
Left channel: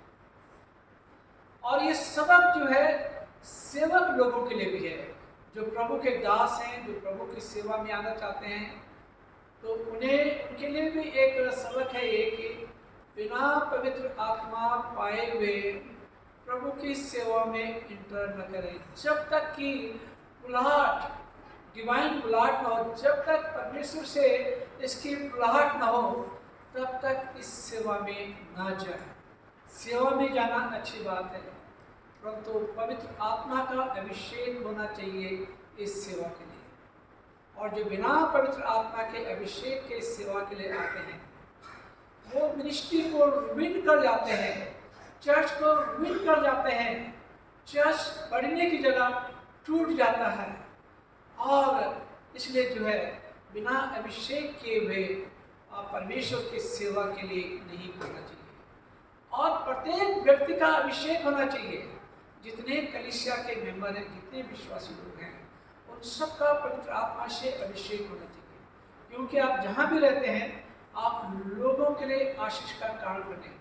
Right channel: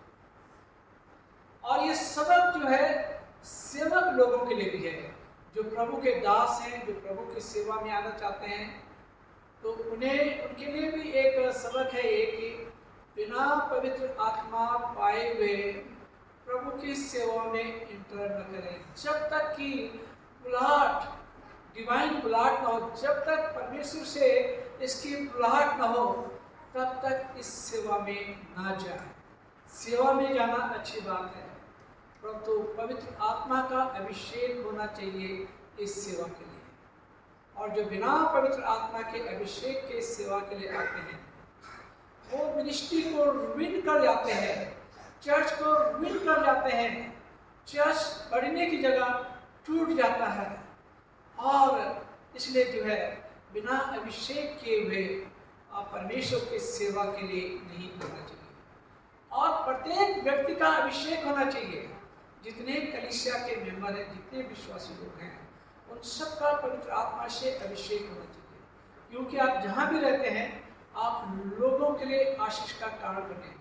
और ये सबक जो है सेवक लोगों के लिए भी है, जो प्रभु के दास हैं, जो प्रभु की सेवा में आना चाहते हैं, तो उनके लिए भी एक सबक है ये कि बिना पवित्र आत्मा पाए हुए प्रभु की सेवा में इंटर न करें। जब तक कि बुलाहट, डिवाइन बुलाहट न हो, जब तक परमेश्वर से इसकी बुलाहट न हो, तब तक इस सेवा में ना जाए। सेवा में जाना अच्छी बात है, परंतु पवित्र आत्मा का अभिषेक होना चाहिए इस सेवा के लिए। और जो बिना पवित्र आत्मा के अभिषेक के सेवा के लिए आते हैं, वो मिनिस्ट्री को रुइन कर जाते हैं, चर्च को रुइन कर जाते हैं। चर्च बढ़ने की जगह टूट जाता है। और इसलिए जो है बिना अभिषेक किए हुए परमेश्वर की सेवा के लिए नहीं करना चाहिए। और प्रत्येक व्यक्ति का अभिषेक होना चाहिए। जितने कलीसिया के मेंबर हैं, जितने विश्वासी लोग हैं, उन सबका पवित्र आत्मा से अभिषेक होना चाहिए। क्योंकि आप जहाँ भी रहते हैं, आप लोगों के लिए आशीष का कारण बने,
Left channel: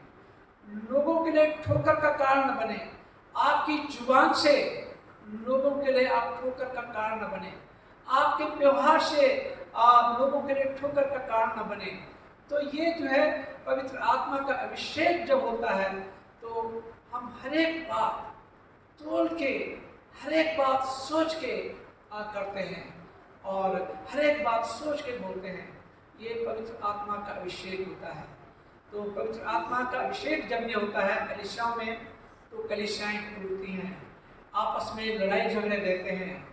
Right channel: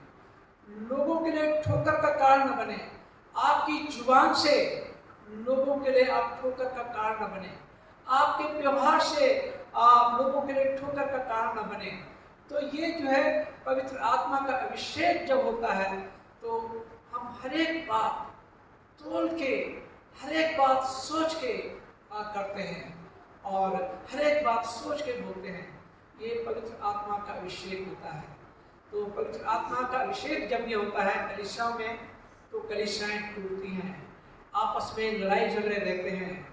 लोगों के लिए ठोकर का कारण न बने। आपकी जुबान से लोगों के लिए आप ठोकर का कारण न बने, आपके व्यवहार से आप लोगों के लिए ठोकर का कारण न बने। तो ये जो है पवित्र आत्मा का अभिषेक जब होता है, तो हम हर एक बात तोल के, हर एक बात सोच के करते हैं और हर एक बात सोच के बोलते हैं। ये पवित्र आत्मा का अभिषेक होता है। तो पवित्र आत्मा का अभिषेक जब ये होता है कलीसियाओं में, तो कलीसियाएं टूटती हैं, आपस में लड़ाई झगड़े रहते हैं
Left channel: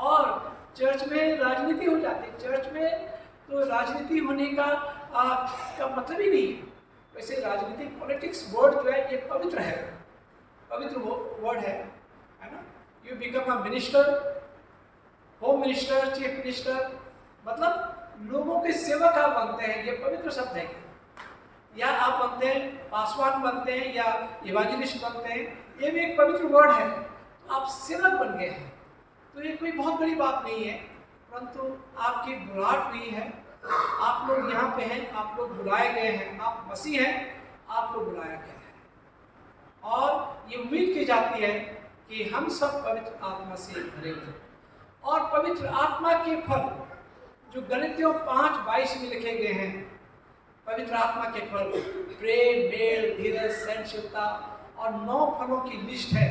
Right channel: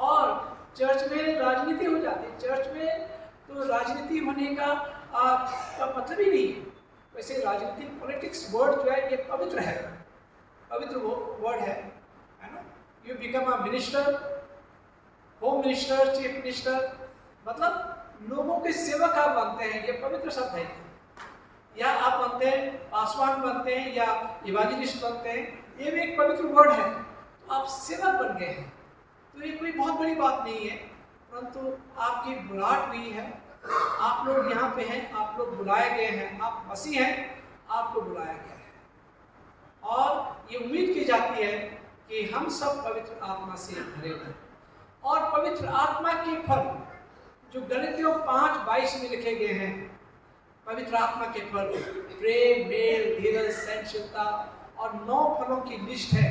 और चर्च में राजनीति हो जाती है। चर्च में तो राजनीति होने का मतलब ही नहीं है। वैसे राजनीति, पॉलिटिक्स वर्ड जो है ये पवित्र है, पवित्र वर्ड है ना। You become a minister, home minister, chief minister, मतलब लोगों के सेवक आप बनते हैं, ये पवित्र शब्द है। या आप बनते हैं पासवान बनते हैं या इवांजलिस्ट बनते हैं, ये भी एक पवित्र वर्ड है। तो आप सेवक बन गए हैं, तो ये कोई बहुत बड़ी बात नहीं है, परंतु आपकी बुलाहट नहीं है। आप लोग यहाँ पे हैं, आप लोग बुलाए गए हैं, आप मसीह हैं, आपको बुलाया गया है। और ये उम्मीद की जाती है कि हम सब पवित्र आत्मा से भरे हैं। और पवित्र आत्मा के फल जो गलातियों 5:22 में लिखे गए हैं, पवित्र आत्मा के फल प्रेम, मेल, धीरज, सहनशीलता और 9 फलों की लिस्ट है,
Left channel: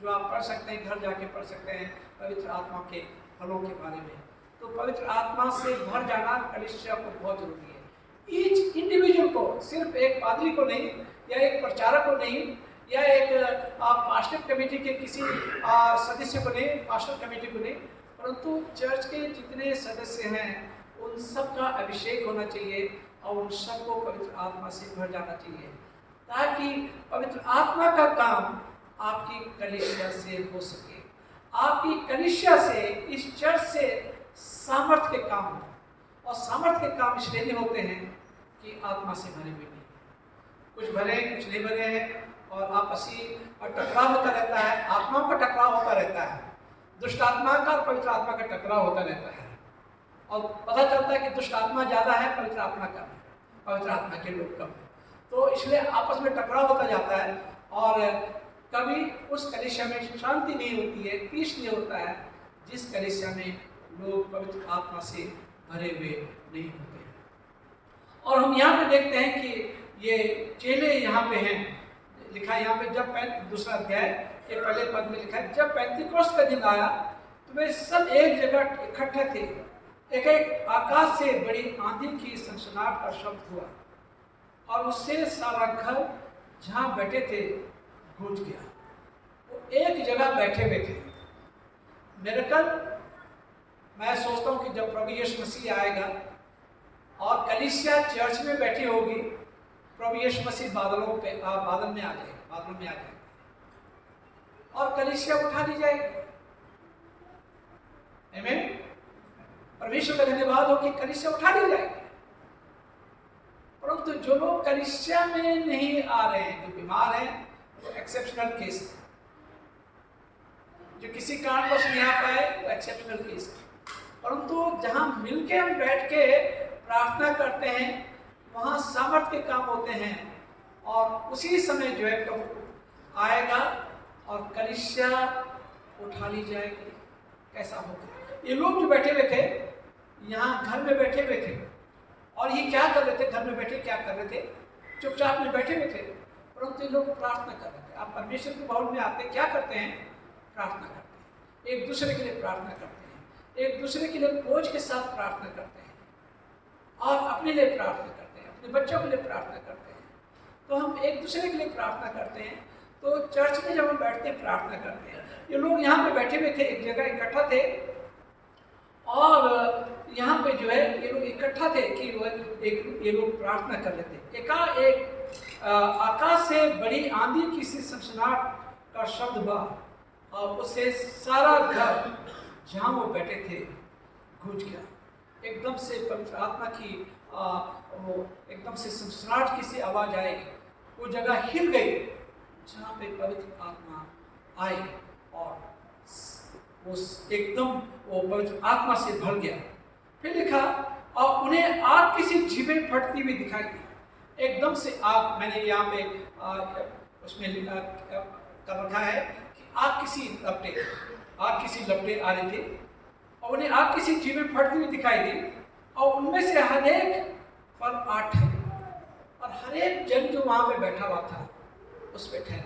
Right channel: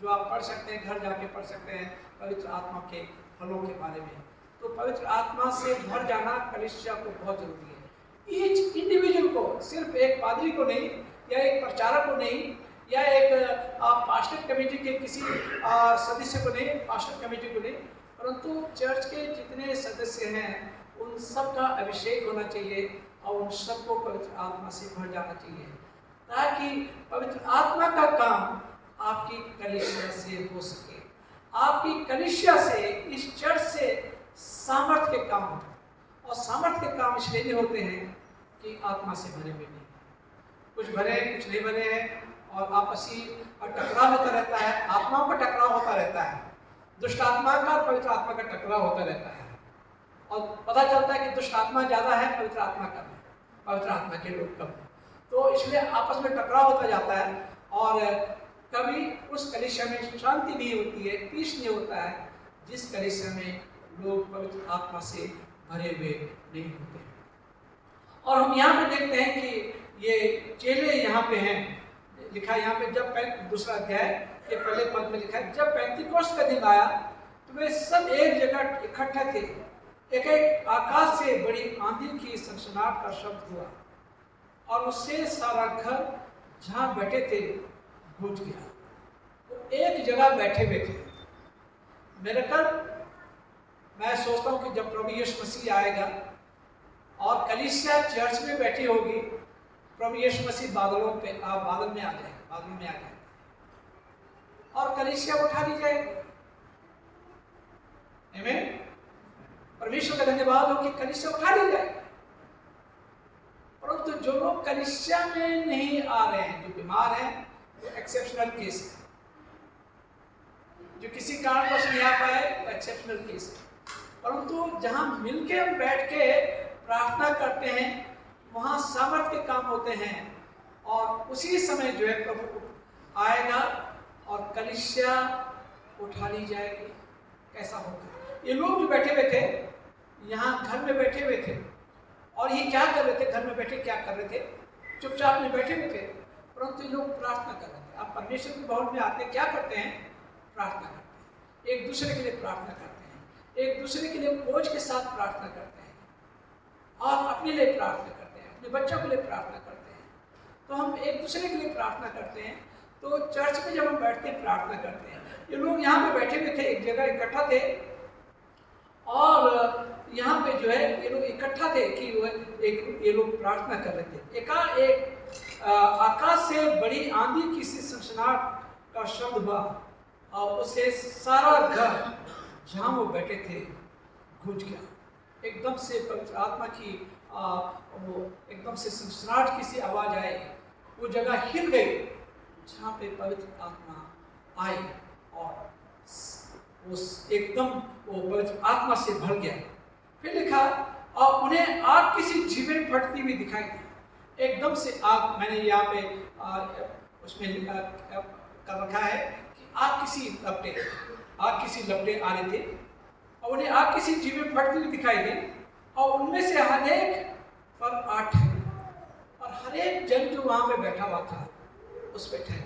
जो आप पढ़ सकते हैं, घर जाके पढ़ सकते हैं पवित्र आत्मा के फलों के बारे में। तो पवित्र आत्मा से भर जाना कलीसिया को बहुत जरूरी है। ईच इंडिविजुअल को, सिर्फ एक पादरी को नहीं, या एक प्रचारक को नहीं, या एक पास्टर कमेटी के किसी सदस्य को नहीं, पास्टर कमेटी को नहीं, परंतु चर्च के जितने सदस्य हैं उन सब का अभिषेक होना चाहिए और उन सबको पवित्र आत्मा से भर जाना चाहिए, ताकि पवित्र आत्मा का काम आपकी कलीसिया से हो सके। आपकी कलीसिया से, इस चर्च से सामर्थ्य के काम हो। और सामर्थ्य के काम इसलिए नहीं होते हैं कि आत्मा से भरे हुए नहीं, कुछ भरे कुछ नहीं भरे हैं, और आपसी टकराव होता रहता है, आत्माओं का टकराव होता रहता है, दुष्ट आत्मा का और पवित्र आत्मा का टकराव होता रहता है। और पता चलता है कि दुष्ट आत्मा ज़्यादा है, पवित्र आत्मा कम है, पवित्र आत्मा के लोग कम है। तो इसलिए आपस में टकराव होता जाता है और कभी उस कलीसिया में शांति नहीं होती है, पीस नहीं होता है, जिस कलीसिया में लोग पवित्र आत्मा से भरे हुए नहीं होते हैं। और हम यहाँ पे देखते हैं कि ये चेले यहाँ पे हैं, लिखा है यहाँ पे जब दूसरा अध्याय के पहले पद में लिखा है, जब पेंतीकोस्त का दिन आया तो वे सब एक जगह इकट्ठा थे। एक आकाश से बड़ी आंधी की सनसनाहट का शब्द हुआ और उससे सारा घर जहाँ बैठे थे गूंज गया। वो एक जगह बैठे हुए थे। मेरे कल मैं सोचता हूँ कि जब प्रभु यीशु मसीह आएगा और कलीसिया चर्च में बैठी होगी, प्रभु यीशु मसीह बादल में आ जाएगा और कलीसिया उठा दी जाएगी। आमीन। परमेश्वर का धन्यवाद हो कि कलीसिया उठा दी जाएगी। परंतु जो लोग कलीसिया में नहीं आ रहे हैं, जो बीमार हैं, वो एक्सेप्शनल केस है। जो किसी कारणवश नहीं आ पाए वो एक्सेप्शनल केस है। परंतु जहाँ मिलके हम बैठ के प्रार्थना करते हैं वहाँ सामर्थ के काम होते हैं और उसी समय जो है प्रभु आएगा और कलीसिया उठा ली जाएगी। कैसा होगा? ये लोग जो बैठे हुए थे यहाँ घर में बैठे हुए थे और ये क्या कर रहे थे? घर में बैठे क्या कर रहे थे? चुपचाप में बैठे हुए थे, परंतु ये लोग प्रार्थना कर रहे थे। आप परमेश्वर की भवन में आते क्या करते हैं? प्रार्थना करते हैं, एक दूसरे के लिए प्रार्थना करते हैं, एक दूसरे के लिए बोझ के साथ प्रार्थना करते हैं और अपने लिए प्रार्थना करते हैं, अपने बच्चों के लिए प्रार्थना करते हैं। तो हम एक दूसरे के लिए प्रार्थना करते हैं। तो चर्च में जब हम बैठते हैं प्रार्थना करते हैं, ये लोग यहाँ पे बैठे हुए थे, एक जगह इकट्ठा थे और यहाँ पे जो है ये लोग इकट्ठा थे कि ये लोग प्रार्थना कर रहे थे। एक आकाश से बड़ी आंधी की सी सनसनाहट का शब्द हुआ और उससे सारा घर जहाँ वो बैठे थे गूंज गया। एकदम से पवित्र आत्मा की वो एकदम से सनसनाहट की सी आवाज आई, वो जगह हिल गई जहाँ पे पवित्र आत्मा आई और उस एकदम वो पवित्र आत्मा से भर गया। फिर लिखा और उन्हें आग किसी जीवे फटती हुई दिखाई दी। एकदम से आग, मैंने यहाँ पे उसमें लिखा कर रखा है कि आग किसी लपटे आ रहे थे और उन्हें आग किसी जीवे फटती हुई दिखाई दी और उनमें से हर एक पर आग ठहरी और हर एक जन जो वहाँ पे बैठा हुआ था उस पर ठहर।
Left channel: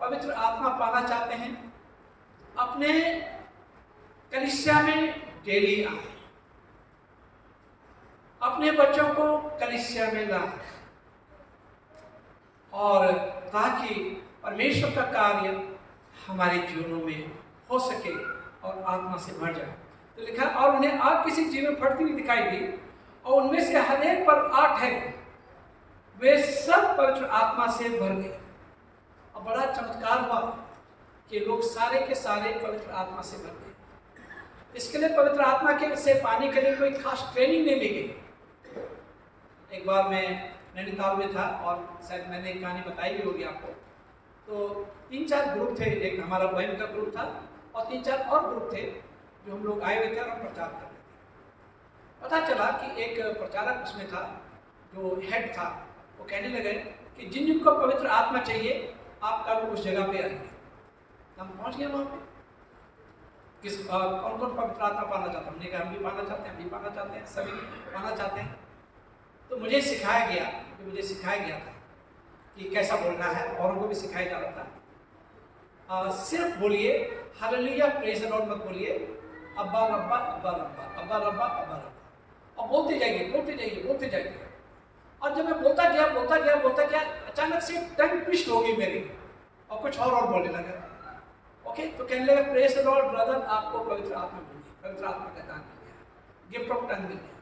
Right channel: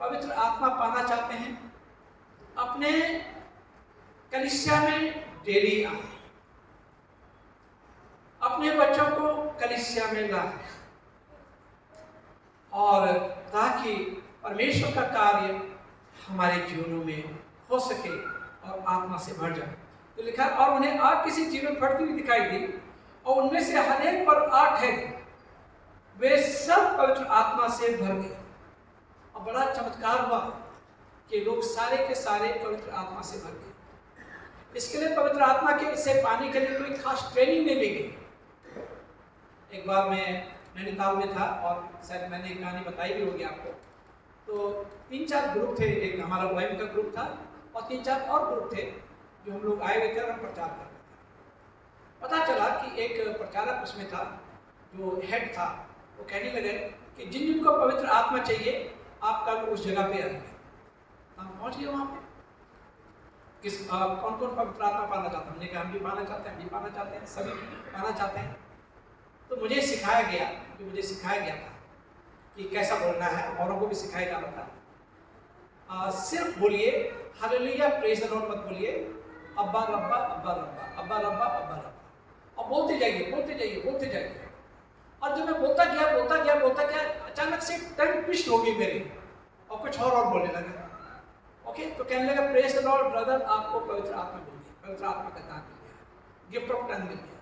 पवित्र आत्मा पाना चाहते हैं, अपने कलीसिया में डेली आए, अपने बच्चों को कलीसिया में लाएं और ताकि परमेश्वर का कार्य हमारे जीवनों में हो सके और आत्मा से भर जाए। तो लिखा और उन्हें आग किसी जीव में फटती हुई दिखाई दी और उनमें से हर एक पर आग ठहरी। वे सब पवित्र आत्मा से भर गए। और बड़ा चमत्कार हुआ कि लोग सारे के सारे पवित्र आत्मा से भर गए। इसके लिए पवित्र आत्मा के से पाने के लिए कोई खास ट्रेनिंग नहीं ली गई। एक बार मैं नैनीताल में था और शायद मैंने एक कहानी बताई भी होगी आपको। तो 3-4 ग्रुप थे, एक हमारा बहन का ग्रुप था और 3-4 और ग्रुप थे जो हम लोग आए हुए थे और हम प्रचार कर रहे थे। पता चला कि एक प्रचारक उसमें था, जो हेड था, वो कहने लगे कि जिन जिनको पवित्र आत्मा चाहिए आप कल उस जगह पे आइए। हम पहुँच गए वहाँ पे। कौन कौन पवित्र आत्मा पाना चाहता है? हमने कहा हम भी पाना चाहते हैं, हम भी पाना चाहते हैं, सभी पाना चाहते हैं। तो मुझे सिखाया गया था कि कैसा बोलना है, औरों को भी सिखाया जा रहा था। सिर्फ बोलिए हालेलुया प्रेज़ द लॉर्ड, मत बोलिए अब्बा रब्बा अब्बा रब्बा अब्बा रब्बा अब्बा रब्बा, और बोलते जाइए। और जब मैं बोलता गया अचानक से टंग ट्विस्ट हो गई मेरी और कुछ और बोलने लगा। ओके, तो कहने लगा प्रेज़ द लॉर्ड ब्रदर, आपको पवित्र आत्मा मिल गई, पवित्र आत्मा का दान मिल गया, गिफ्ट ऑफ टंग मिल गया।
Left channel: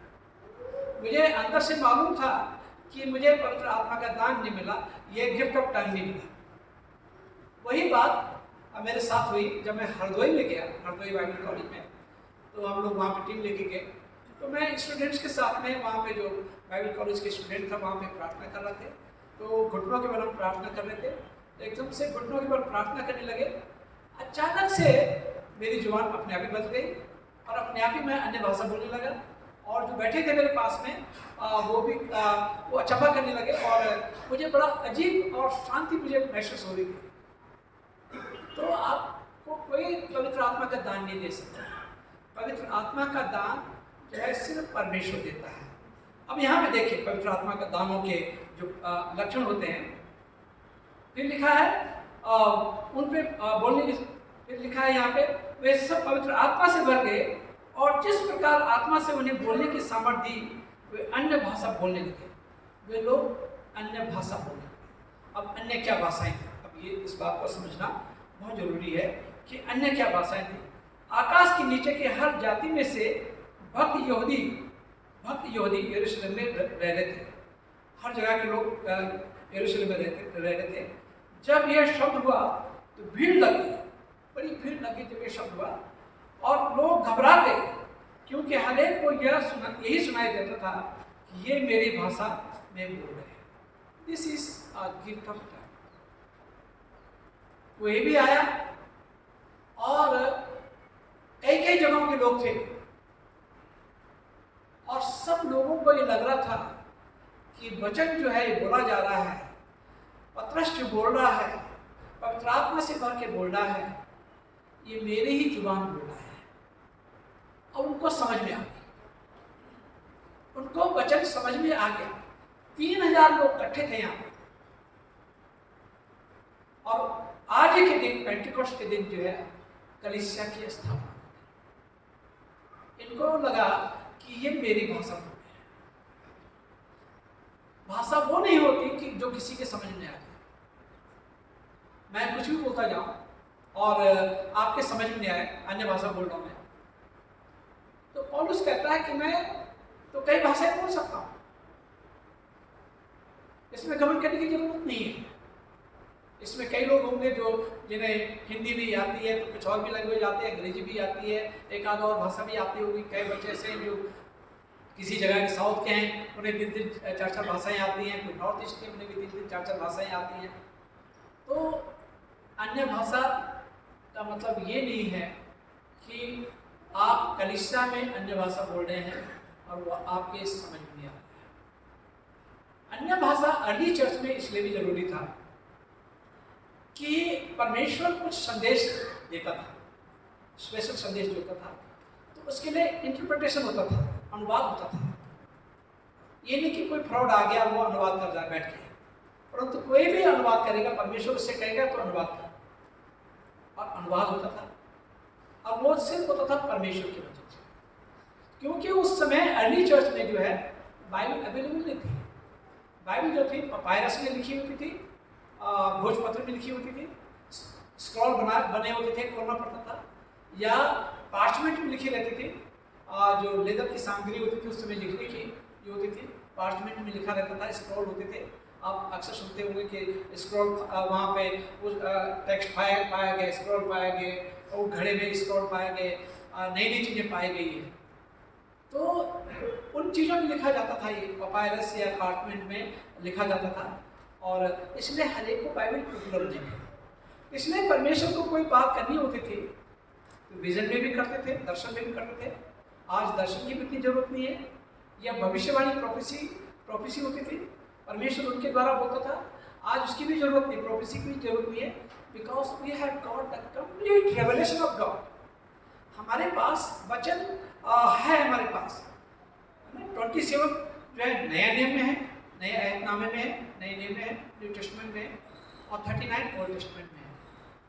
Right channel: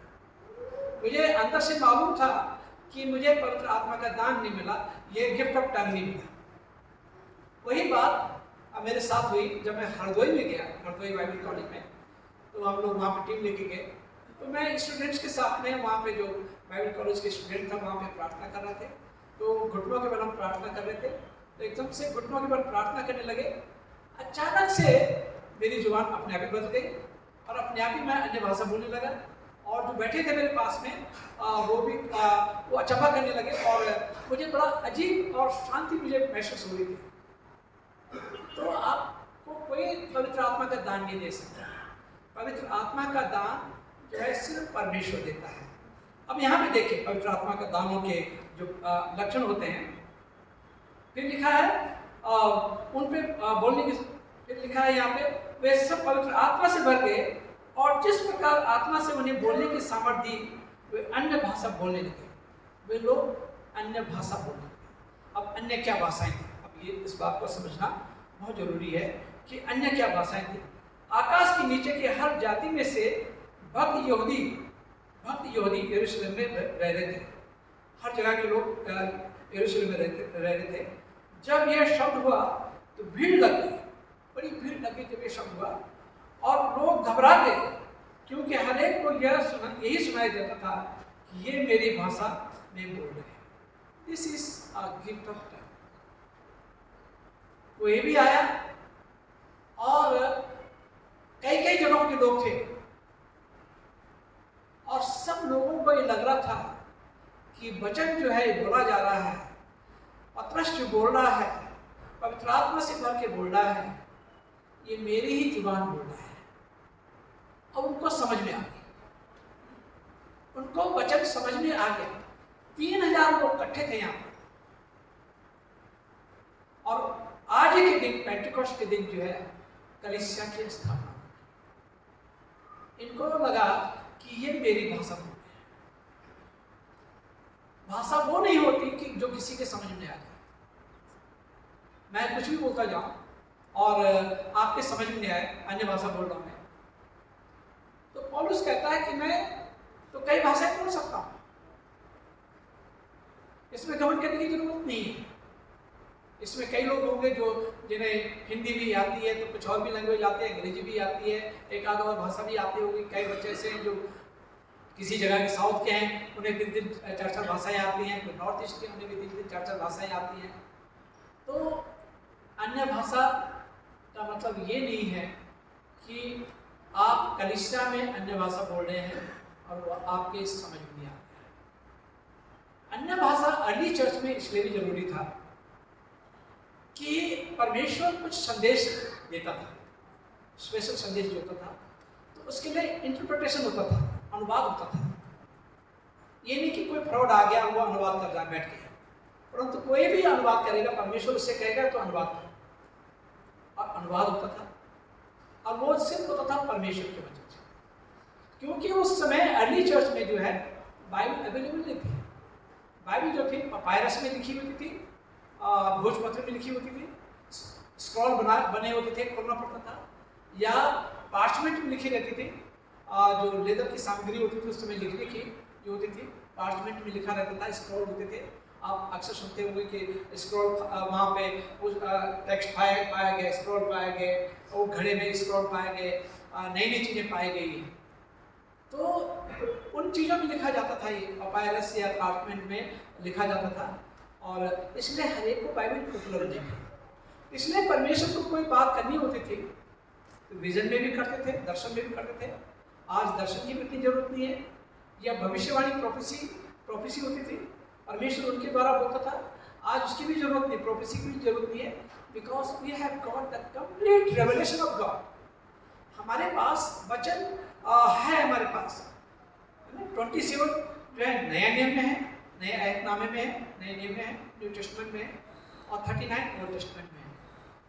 मुझे अंदर से मालूम था कि मुझे पवित्र आत्मा का दान नहीं मिला, ये गिफ्ट ऑफ टंग नहीं मिला। वही बात मेरे साथ हुई जब मैं हरदोई में गया, हरदोई बाइबल कॉलेज में। तो हम लोग वहाँ पे टीम लेके गए, तो मैं स्टूडेंट्स के साथ में वहाँ पे जो बाइबल कॉलेज के स्टूडेंट था वहाँ पे प्रार्थना कर रहे थे। तो घुटनों के बल हम प्रार्थना कर रहे थे, तो एकदम से घुटनों के बल प्रार्थना करने लगे। अचानक से मेरी जुबान अपने आप ही बदल गई और अपने आप ही मैं अन्य भाषा बोलने लगा। और जो बैठे थे मेरे पास में वो भी वो अचंभा करने लगे और मुझे बड़ा अजीब और शांति मुझे महसूस हो रही थी। तो आपको कोई पवित्र आत्मा का दान नहीं दे सकता। पवित्र आत्मा का दान जो है सिर्फ परमेश्वर देता है। अब यहाँ पे देखिए पवित्र आत्मा का दानों के जो लक्षण होते हैं, फिर लिखा है उन पे बोलने की, फिर लिखा है यहाँ पे वे सब पवित्र आत्मा से भर गए और जिस प्रकार आत्मा से उन्हें बोलने की सामर्थ्य दी वे अन्य भाषा बोलने लगे। वे लोग अन्य भाषा बोलने लगे। अब अन्य क्या भाषाएं थी? अब ये इस बात को समझना बहुत जरूरी है कि अन्य क्या भाषाएं थी। आकाश के नीचे के हर जाति में से भक्त यहूदी यरूशलेम में रह रहे थे। हर जगह के लोग यरूशलेम में रह रहे थे। जब यह शब्द हुआ तो भीड़ लग गई, बड़ी भीड़ लग गई जब ये शब्द हुआ, और लोग घबरा गए क्योंकि हर एक को यही सुनाई देता था कि ये मेरी भाषा में बोल रहे हैं। This is a gift of God. कोई भी आया और कई कई जगहों के लोग थे और सब लोगों को ये लग रहा था कि वचन जो है बोला जा रहा है, पतरस जो बोल रहा है, पवित्र आत्मा से भर के बोल रहा है, ये मेरी ही जुबान बोल रहा है। और उनको समझ में आ गया, उनको वचन समझ में आ गया। 3000 लोग इकट्ठे थे यहाँ पर, और आज के दिन पेंटिकोस्ट के दिन जो है कलीसिया की स्थापना, इनको लगा कि ये मेरी भाषा बोल रहे हैं। भाषा वो नहीं होती कि जो किसी के समझ में आ जाए। मैं कुछ भी बोलता जाऊं और आपके समझ में नहीं आए, अन्य भाषा बोल रहा हूं मैं, तो पौलुस कहता है कि मैं तो कई भाषाएं बोल सकता हूं, इसमें घमंड करने की जरूरत नहीं है। इसमें कई लोग होंगे जो जिन्हें हिंदी भी आती है, तो कुछ और भी लैंग्वेज आती है, अंग्रेजी भी आती है, एक आध और भाषा भी आती होगी। कई बच्चे ऐसे हैं जो किसी जगह के साउथ के हैं, उन्हें 3-3 4-4 भाषाएं आती हैं। कोई नॉर्थ ईस्ट के, उन्हें भी 3-3 4-4 भाषाएं आती हैं। तो अन्य भाषा का मतलब ये नहीं है कि आप कलीसिया में अन्य भाषा बोल रहे हैं और वो आपके समझ में नहीं आ रहा है। अन्य भाषा अर्ली चर्च में इसलिए भी जरूरी था कि परमेश्वर कुछ संदेश देता था, स्पेशल संदेश देता था, तो उसके लिए इंटरप्रिटेशन होता था, अनुवाद होता था। ये नहीं कि कोई फ्रॉड आ गया वो अनुवाद कर रहा बैठ के, परंतु कोई भी अनुवाद करेगा, परमेश्वर उससे कहेगा तो अनुवाद था, और अनुवाद होता था, और वो सिर्फ होता था परमेश्वर की वजह से। क्योंकि उस समय अर्ली चर्च में जो है बाइबल अवेलेबल नहीं थी। बाइबल जो थी पपायरस में लिखी होती थी, भोजपत्र में लिखी होती थी, स्क्रॉल बने होते थे, खोलना पड़ता था, या पार्चमेंट में लिखी रहती थी। जो लेदर की सामग्री होती थी उस समय लिखने की जो होती थी, पार्चमेंट में लिखा रहता था, स्क्रॉल होते थे। आप अक्सर सुनते होंगे कि स्क्रॉल वहाँ पे टेक्स्ट पाया गया, स्क्रॉल पाया गया, और घड़े में स्क्रॉल पाए गए, नई नई चीज़ें पाई गई हैं। तो उन चीज़ों में लिखा जाता था, ये पपायरस या पार्चमेंट में लिखा जाता था, और इसलिए हर एक को बाइबल उपलब्ध नहीं है। इसलिए परमेश्वर को कोई बात करनी होती थी तो विजन में भी करते थे, दर्शन में भी करते थे। आज दर्शन की भी इतनी जरूरत नहीं है, या भविष्यवाणी प्रोफेसी होती थी, परमेश्वर उनके द्वारा होता था। आज उसकी भी जरूरत नहीं, प्रोफेसी की भी जरूरत नहीं है, because we have got the complete revelation of God. हमारे पास वचन है, हमारे पास 27 जो है नया नियम में है, नए आयतनामे में है, नए नियम में है, न्यू टेस्टमेंट में है, और 39 ओल्ड टेस्टमेंट में है।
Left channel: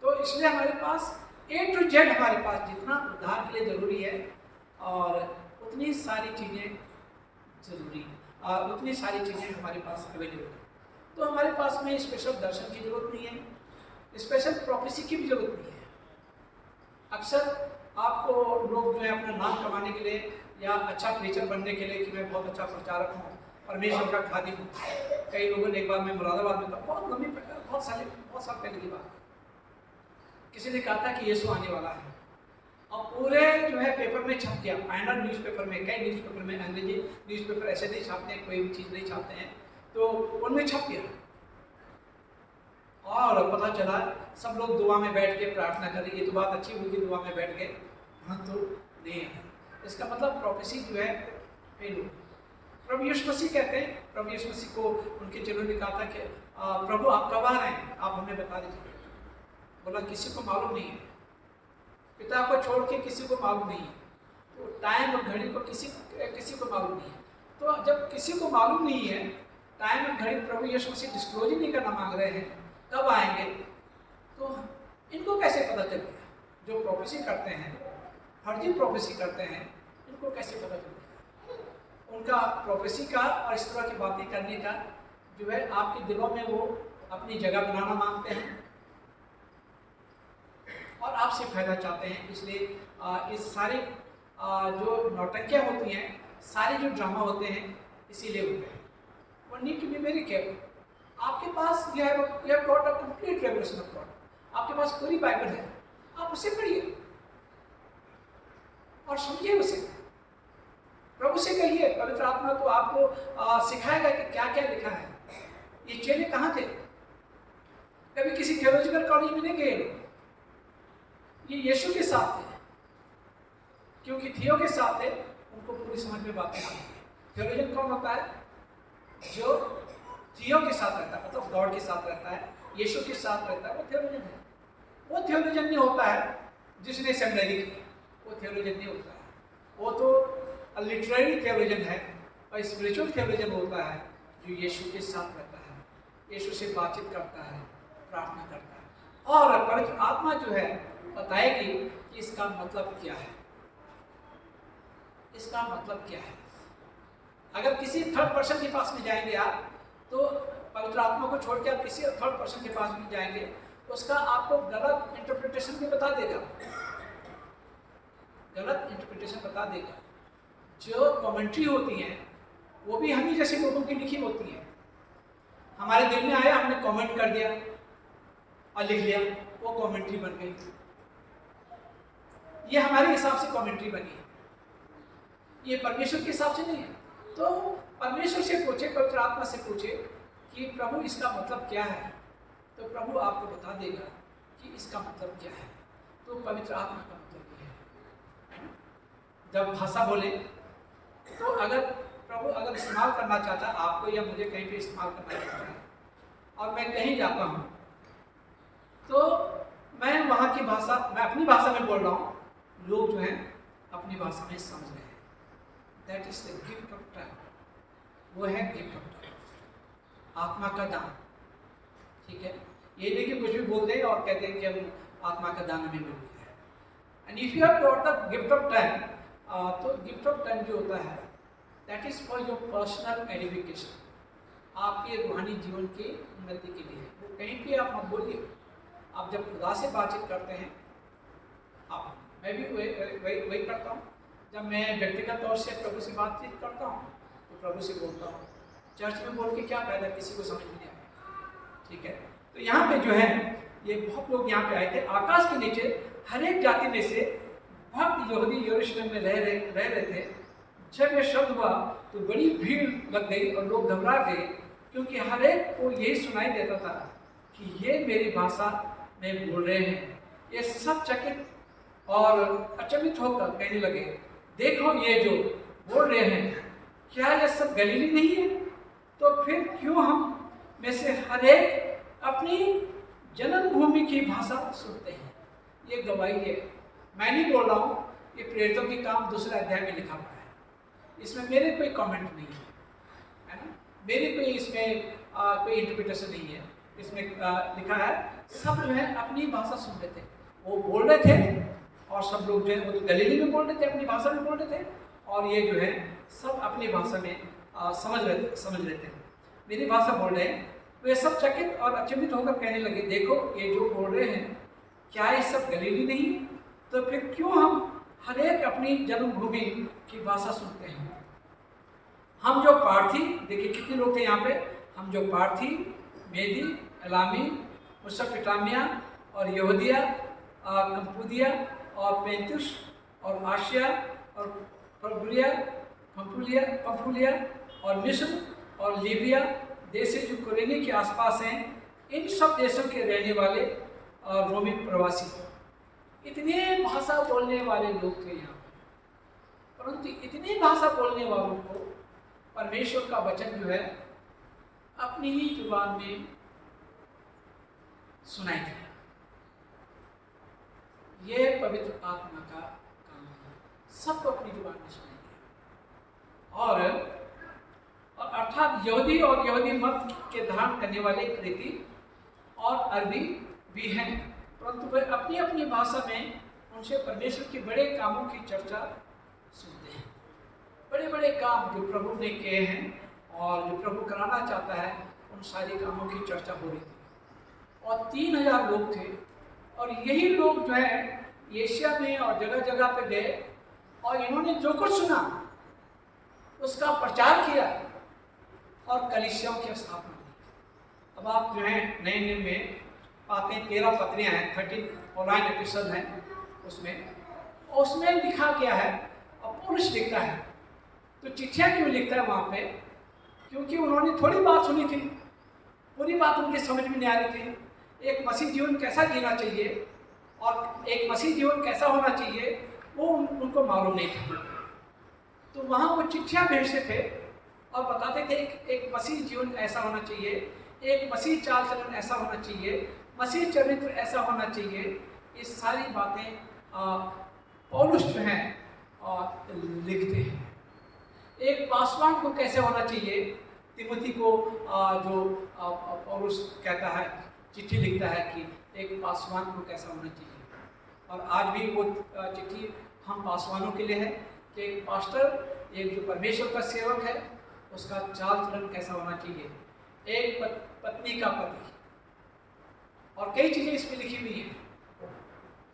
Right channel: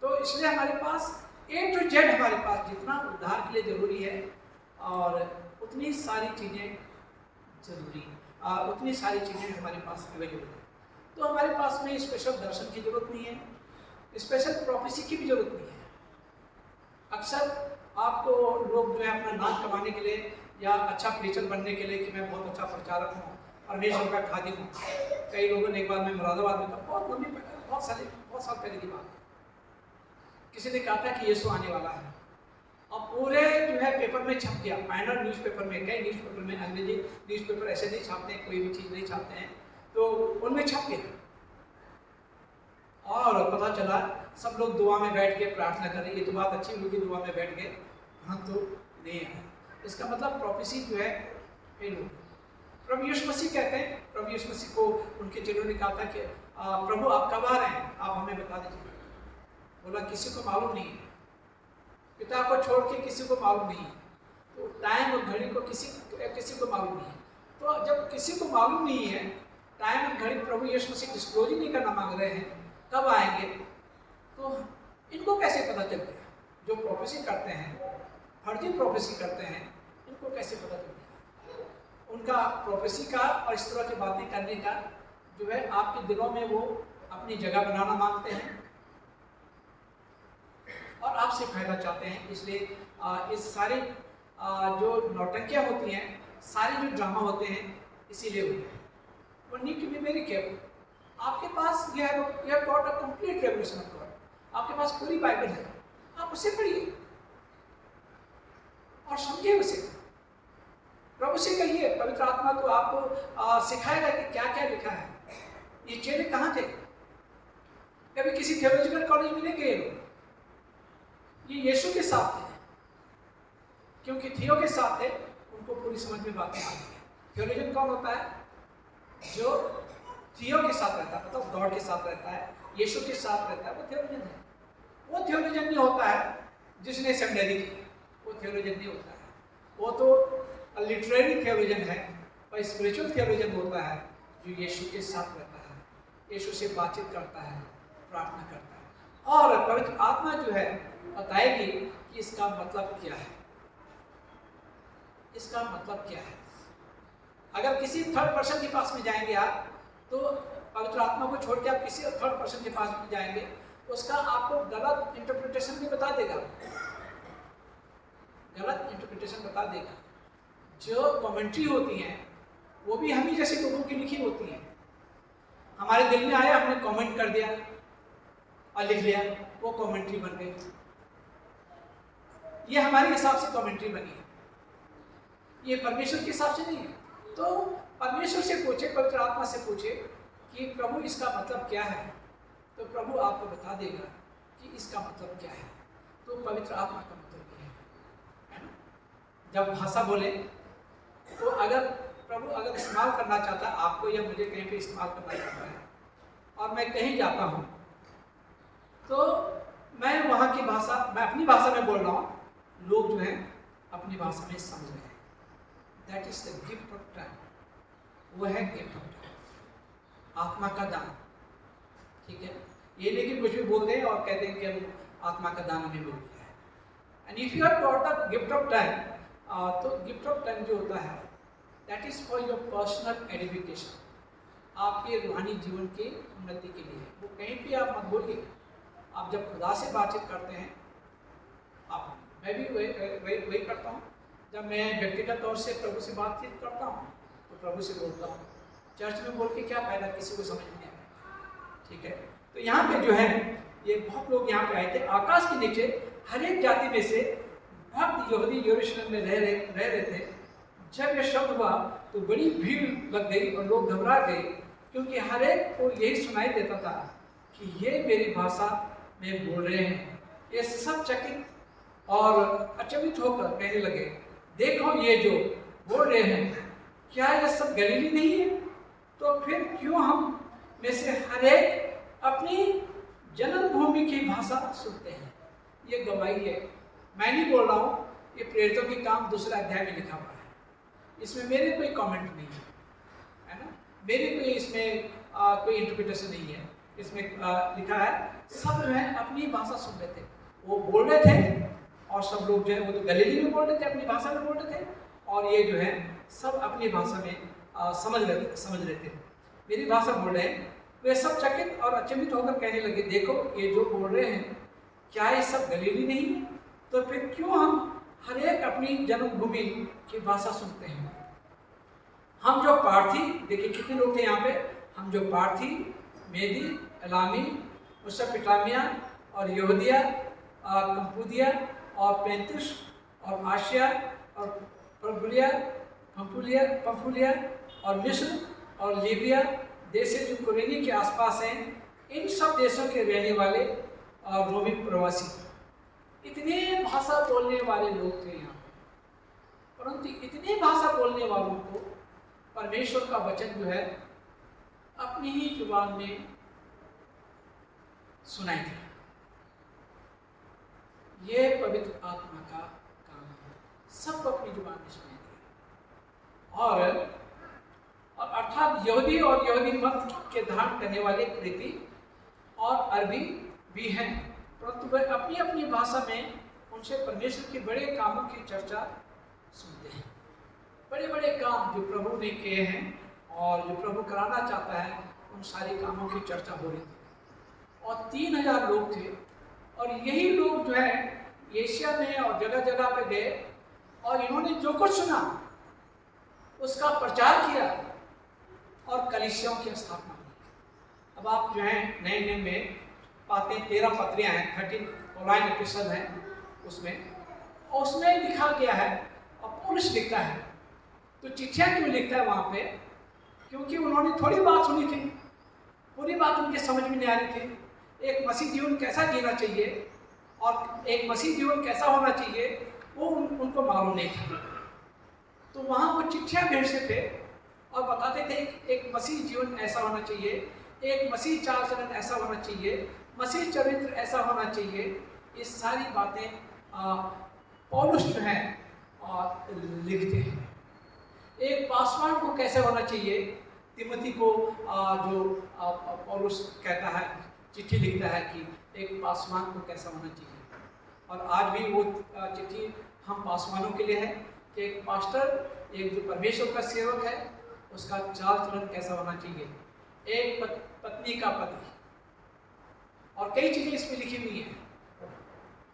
तो इसलिए हमारे पास A to Z हमारे पास जितना उद्धार के लिए जरूरी है, और उतनी सारी चीज़ें उतनी सारी चीज़ें हमारे पास अवेलेबल है। तो हमारे पास में स्पेशल दर्शन की जरूरत नहीं है, स्पेशल प्रोफेसी की भी जरूरत नहीं है। अक्सर आपको लोग जो है अपना नाम कमाने के लिए या अच्छा प्रीचर बनने के लिए कि मैं बहुत अच्छा प्रचारक हूँ, परमेश्वर का खादिम हूँ। कई लोगों ने, एक बार मैं मुरादाबाद में था, बहुत साल पहले की बात, किसी ने कहा था कि यीशु आने वाला है, और पूरे जो है पेपर में छप गया, पैनल न्यूज़पेपर में, कई न्यूज़पेपर में, अंग्रेजी न्यूज़पेपर ऐसे नहीं छापते हैं, कोई भी चीज़ नहीं छापते हैं, तो उनमें छप गया। और पता चला सब लोग दुआ में बैठ के प्रार्थना कर रही, ये तो बात अच्छी होगी, दुआ में बैठ गए, हाँ तो नहीं है। इसका मतलब प्रोफेसी जो है फेल हो। प्रभु यीशु मसीह कहते हैं, प्रभु यीशु मसीह को उनके चेलों ने कहा था कि प्रभु आप कब आ रहे हैं, आप हमें बता दीजिए। बोला किसी को मालूम नहीं है, पिता को छोड़ के किसी को मालूम नहीं है। तो टाइम और घड़ी को किसी को मालूम नहीं है। तो जब किसी को मालूम नहीं है, टाइम और घड़ी प्रभु यीशु मसीह डिस्क्लोज ही नहीं करना मांग रहे हैं, कब आएंगे, तो इनको कैसे पता चल गया? जो प्रोफेसी करते हैं, फर्जी प्रोफेसी करते हैं, इनको कैसे पता चल गया? उनका प्रोफेसी का और इस तरह की बातें करने का जो है आपके दिलों में वो अपनी जगह बनाना मांगते हैं और आपसे फायदा चाहते हैं। इसलिए इस सारे जो नौटंकियाँ होती हैं, सारे जो ड्रामा होते हैं, इसीलिए होते हैं। One need to be very careful. आपके पास you have got a complete revelation of God. आपके पास पूरी बाइबल है, आप उसे पढ़िए और समझिए उसे। प्रभु से कहिए, पवित्र आत्मा तो आपको सिखाएगा कि क्या क्या लिखा है। ये चेले कहाँ थे? कभी किसी थियोलॉजिकल कॉलेज में नहीं गए लोग। ये यीशु के साथ थे, क्योंकि थियो के साथ थे, उनको पूरी समझ में बातें आती है। थियोलॉजियन कौन होता है? जो थियो के साथ रहता है, मतलब गॉड के साथ रहता है, यीशु के साथ रहता है, वो थियोलॉजियन है। वो थियोलॉजियन नहीं होता है जिसने सेमिनरी की, वो थियोलॉजियन नहीं होता है। वो तो लिटरेरी थियोलॉजियन है, और स्पिरिचुअल थियोलॉजियन होता है जो यीशु के साथ रहता है, यीशु से बातचीत करता है, प्रार्थना करता है, और पवित्र आत्मा जो है बताएगी कि इसका मतलब क्या है, इसका मतलब क्या है। अगर किसी थर्ड पर्सन के पास में जाएंगे आप, तो पवित्र आत्मा को छोड़ के आप किसी थर्ड पर्सन के पास में जाएंगे, तो उसका आपको गलत इंटरप्रिटेशन भी बता देगा, गलत इंटरप्रिटेशन बता देगा। जो कमेंट्री होती हैं वो भी हम ही जैसे लोगों की लिखी होती हैं। हमारे दिल में आया, हमने कमेंट कर दिया और लिख लिया, वो कमेंट्री बन गई। ये हमारे हिसाब से कमेंट्री बनी है, ये परमेश्वर के हिसाब से नहीं है। तो परमेश्वर से पूछे, पवित्र आत्मा से पूछे कि प्रभु इसका मतलब क्या है, तो प्रभु आपको बता देगा कि इसका मतलब क्या है। तो पवित्र आत्मा का मतलब ये है ना? जब भाषा बोले तो अगर प्रभु अगर इस्तेमाल करना चाहता है आपको या मुझे, कहीं पे इस्तेमाल करना चाहता है और मैं कहीं जाता हूँ, तो मैं वहाँ की भाषा, मैं अपनी भाषा में बोल रहा हूँ, लोग जो हैं अपनी भाषा में समझ रहे हैं। That is the gift of time. वो है गिफ्ट ऑफ टाइम, आत्मा का दान। ठीक है, ये नहीं कि कुछ भी बोल दें और कहते हैं कि हम आत्मा का दान हमें मिल गया है। And if you have got the gift of time, तो गिफ्ट ऑफ टाइम जो होता है that is for your personal edification, आपके रूहानी जीवन की उन्नति के लिए। वो कहीं भी आप मत बोलिए। आप जब खुदा से बातचीत करते हैं, आप, मैं भी वही करता हूँ। जब मैं व्यक्तिगत तौर से प्रभु से बातचीत करता हूँ तो प्रभु से बोलता हूँ। चर्च में बोल के क्या फायदा, किसी को समझ नहीं आएगा। ठीक है, तो यहाँ पे जो है ये बहुत लोग यहाँ पे आए थे आकाश के नीचे, हर एक जाति में से भक्त यहूदी यरूशलेम में रह रहे थे। जब ये शब्द हुआ तो बड़ी भीड़ लग गई और लोग घबरा गए, क्योंकि हर एक को यही सुनाई देता था कि ये मेरी भाषा में बोल रहे हैं। ये सब चकित और अचंभित होकर कहने लगे, देखो ये जो बोल रहे हैं, क्या ये सब गलीली नहीं है? तो फिर क्यों हम में से हर एक अपनी जन्मभूमि की भाषा सुनते हैं? ये गवाही है, मैं नहीं बोल रहा हूँ, ये प्रेरितों के काम 2 अध्याय में लिखा हुआ है। इसमें मेरे कोई कमेंट नहीं है ना, मेरे कोई इसमें कोई इंटरप्रिटेशन नहीं है। इसमें लिखा है सब जो है अपनी भाषा सुन रहे थे, वो बोल रहे थे, और सब लोग जो है वो तो गलीली में बोल रहे थे, अपनी भाषा में बोल रहे थे, और ये जो है सब अपनी भाषा में समझ रहे थे। मेरी भाषा बोल रहे हैं। वे सब चकित और अचंभित होकर कहने लगे, देखो ये जो बोल रहे हैं, क्या ये सब गलीली नहीं? तो फिर क्यों हम हर एक अपनी जन्मभूमि की भाषा सुनते हैं? हम जो पार्थी, देखिए कितने लोग थे यहाँ पे, हम जो पार्थी, मेदी, एलामी, मेसोपोटामिया और यहूदिया, कंपुदिया और पेंतुस और आशिया और पंफूलिया और मिस्र और लीबिया देश जो कुरेनी के आसपास हैं, इन सब देशों के रहने वाले और रोमी प्रवासी, इतने भाषा बोलने वाले लोग थे यहाँ। परंतु इतने भाषा बोलने वालों को परमेश्वर का वचन जो है अपनी ही जुबान में सुनाई दिया। ये पवित्र आत्मा का काम है। सबको अपनी जुबान में सुनाई दिया। और अर्थात यहूदी और यहूदी मत के धारण करने वाले क्रेती और अरबी भी हैं, परंतु वे अपनी अपनी भाषा में उनसे परमेश्वर के बड़े कामों की चर्चा सुनते हैं। बड़े बड़े काम जो प्रभु ने किए हैं और जो प्रभु कराना चाहता है, उन सारे कामों की चर्चा हो रही थी। और 3000 लोग थे, और यही लोग जो है एशिया में और जगह जगह पे गए और इन्होंने जो कुछ सुना उसका प्रचार किया और कलीसियाओं की स्थापना की। अब आप जो है नए नियम में पाते हैं 13 पत्रियां हैं, 13 ऑनलाइन एपिसोड हैं उसमें लिखा गया है। और पौलुस लिखता है, तो चिट्ठियाँ क्यों लिखता है वहाँ पे? क्योंकि उन्होंने थोड़ी बात सुनी थी, पूरी बात उनके समझ में नहीं आ रही थी। एक मसीह जीवन कैसा जीना चाहिए और एक मसीह जीवन कैसा होना चाहिए वो उनको मालूम नहीं था। तो वहाँ वो चिट्ठियाँ भेजते थे और बताते थे एक मसीह जीवन ऐसा होना चाहिए, एक मसीह चाल चलन ऐसा होना चाहिए, मसीह चरित्र ऐसा होना चाहिए। ये सारी बातें पौलुस जो हैं लिखते हैं। एक पासवान को कैसे होना चाहिए, तिमोथी को जो पौलुस कहता है, चिट्ठी लिखता है कि एक पासवान को कैसा होना चाहिए। और आज भी वो चिट्ठी हम पासवानों के लिए है कि एक पास्टर, एक जो परमेश्वर का सेवक है, उसका चाल चलन कैसा होना चाहिए, एक पत्नी का पति, और कई चीज़ें इसमें लिखी हुई हैं।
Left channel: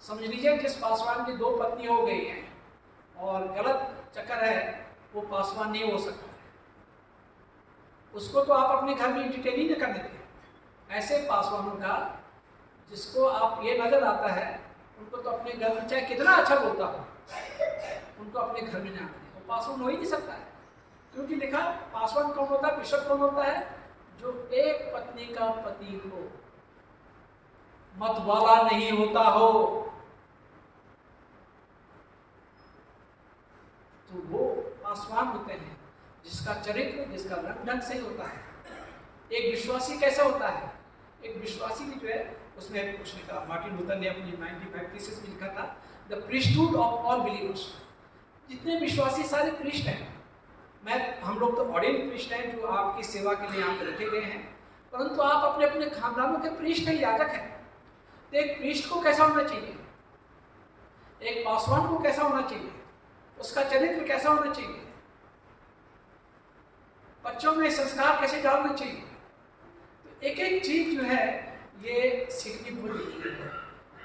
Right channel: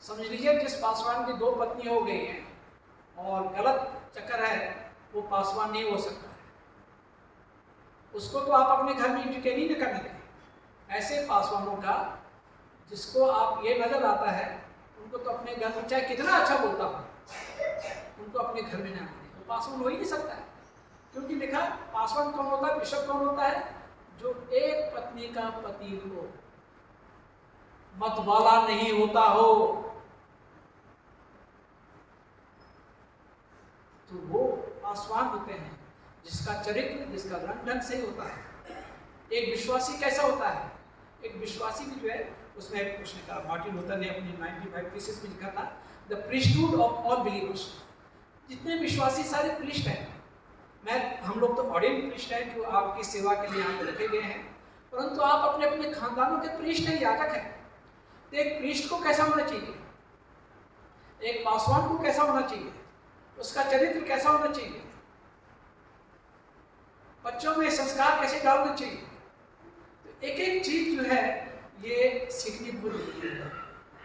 समझ लीजिए जिस पासवान की 2 पत्नी हो गई हैं और गलत चक्कर है, वो पासवान नहीं हो सकता है। उसको तो आप अपने घर में एंटरटेन ही नहीं करने दें। ऐसे पासवानों का जिसको आप ये नजर आता है, उनको तो अपने घर में चाहे कितना अच्छा बोलता हो, उनको अपने घर में नहीं आने दें। वो पासवान हो ही नहीं सकता है, क्योंकि लिखा पासवान कौन होता है, बिशप कौन होता है, जो एक पत्नी का पति हो, मतवाला नहीं होता हो, तो वो पासवान होते हैं जिसका चरित्र, जिसका रंग ढंग सही होता है। एक विश्वासी कैसा होता है? एक विश्वासी भी जो है, उसमें उसने कहा, मार्टिन लूथर ने अपनी 95 थीसिस में लिखा था, the priesthood of all believers. जितने विश्वासी सारे प्रीस्ट हैं, हम लोग तो ऑर्डिनेट प्रीस्ट हैं जो आपकी सेवा के लिए यहाँ पे रखे गए हैं, परंतु आप अपने अपने खानदानों के प्रीस्ट हैं, याजक हैं। तो एक प्रीस्ट को कैसा होना चाहिए, एक पासवान को कैसा होना चाहिए, उसका चरित्र कैसा होना चाहिए, बच्चों में संस्कार कैसे डालना चाहिए। तो एक एक चीज जो है ये सीखनी बहुत जरूरी है।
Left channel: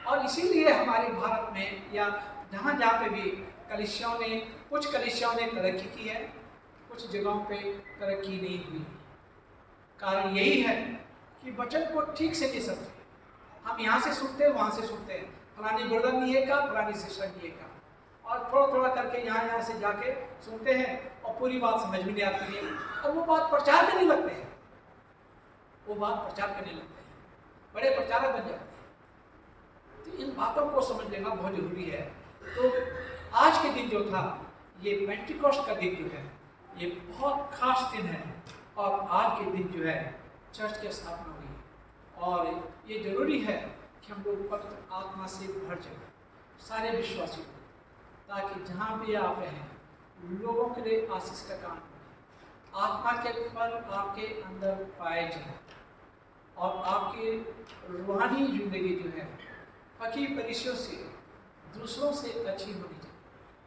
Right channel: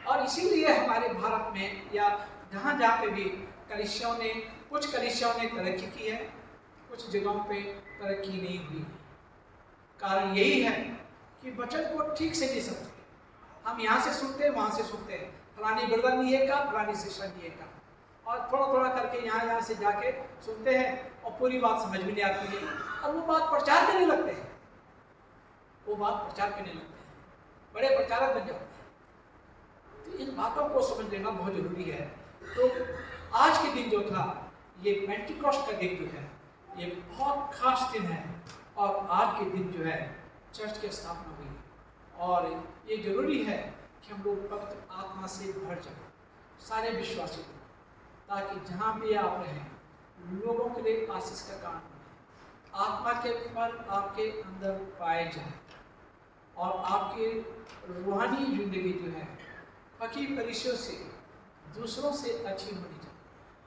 और इसीलिए हमारे भारत में या जहाँ जहाँ पे भी कुछ कलीसियाओं ने तरक्की की है, कुछ जगहों पे तरक्की नहीं हुई। कारण यही है कि वचन को ठीक से नहीं समझते। हम यहाँ से सुनते हैं, वहाँ से सुनते हैं, फलानी ब्रदर नहीं है का, फलानी सिस्टर नहीं है का, और थोड़ा थोड़ा करके यहाँ से जाके सुनते हैं और पूरी बात समझ में नहीं आती है, और वो बात प्रचार करने लगते हैं, बड़े प्रचारक बन जाते हैं। तो इन बातों को समझ लेना बहुत जरूरी है। तो आज के दिन जो था, ये पेंटिकॉस्ट का दिन जो है, ये बहुत खास दिन है, और आज के दिन जो है चर्च की स्थापना हुई, और ये जरूरी है कि हम लोग पवित्र आत्मा से भर जाए, सारे विश्वासी लोग, ताकि जहाँ भी आप रहें लोगों के लिए आशीष का काम बने, आत्मा के फल आपके अंदर पाए जाए, और आपकी रूहानी जिंदगी जो है पकी परिचयों से दूसरों से अच्छी होनी चाहिए।